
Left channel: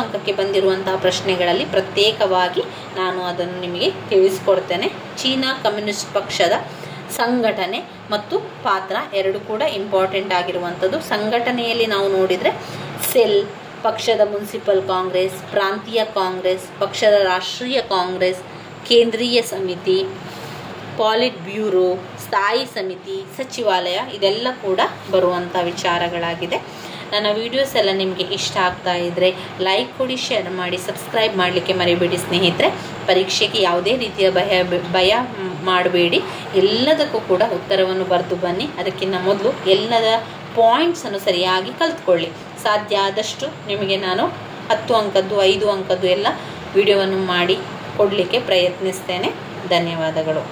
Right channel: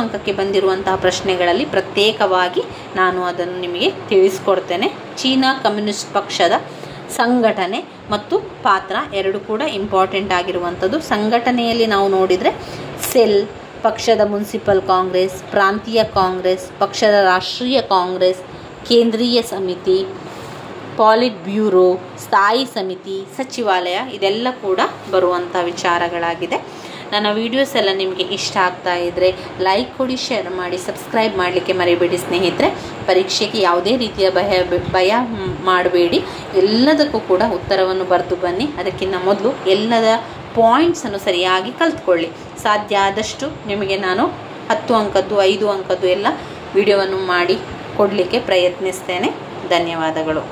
ಅಂಕಕ್ಕೆ ಬಂದಿರುವಂತಹ ಪ್ರಶ್ನೆಗಳಲ್ಲಿ ಪ್ರತ್ಯೇಕವಾಗಿ ನಾನು ಅದನ್ನು ನಿಮಗೆ ತಿಳಿಸ್ಕೊಡ್ತೇನೆ. ಚೀನಾ ಕಮ್ಯುನಿಸ್ಟ್ ಪಕ್ಷದ ಸಂಘಟನೆ ಮತ್ತು ಪಾತ್ರ ಎರಡು ಕೂಡ ಇಂಪಾರ್ಟೆಂಟ್ ಆಗಿರುವಂಥದ್ದು. ಸಂಘಟನೆಯಲ್ಲಿ ನಾವು ನೋಡಿದರೆ ಸೆಲ್, ಪಕ್ಷದ ಮುನ್ಸಿಪಲ್ ಕಾಂಗ್ರೆಸ್, ಪ್ರಾಂತೀಯ ಕಾಂಗ್ರೆಸ್, ಪಕ್ಷದ ರಾಷ್ಟ್ರೀಯ ಕಾಂಗ್ರೆಸ್, ಕೇಂದ್ರೀಯ ಸಮಿತಿ, ಪಾಲಿಟ್ ಬ್ಯೂರೋ, ಸ್ಥಾಯಿ ಸಮಿತಿ, ಸಚಿವಾಲಯ, ಇದೆಲ್ಲ ಕೂಡ ಬರುವಂಥ ವಿಚಾರಗಳಾಗಿದೆ. ನನ್ನ ವಿಡಿಯೋಸ್ ಎಲ್ಲ ನಿಮಗೆ ಇಷ್ಟ ಆಗ್ತಾ ಇದ್ದರೆ ಲೈಕ್ ಕೊಡಿ, ಶೇರ್ ಮಾಡಿ, ಸಬ್ಸ್ಕ್ರೈಬ್ ಮಾಡಲಿಕ್ಕೆ ಮರಿಬೇಡಿ ಸ್ನೇಹಿತರೆ. ಪರೀಕ್ಷೆಗೆ ಯಾವುದೇ ರೀತಿಯ ಭಯ ಮಾಡಬೇಡಿ, ಎಲ್ಲದಕ್ಕೂ ಕೂಡ ಉತ್ತರವನ್ನು ಬರೆದು ಬನ್ನಿ. ಅದಕ್ಕಿಂತ ಮೊದಲು ಎಲ್ಲದ ಪಾಯಿಂಟ್ಸನ್ನು ಸರಿಯಾಗಿ ಕಲ್ತ್ಕೊಳ್ಳಿ. ಸಾಧ್ಯ ಆದಷ್ಟು ನಿಮಗೆ ನಾನು 10 ಅಂಕದ್ದು 5 ಅಂಕದ್ದು ಎಲ್ಲ ವಿಡಿಯೋವನ್ನು ಮಾಡಿ ಕೊಡಲಿಕ್ಕೆ ಪ್ರಯತ್ನಿಸ್ತೇನೆ. ಧನ್ಯವಾದಗಳು.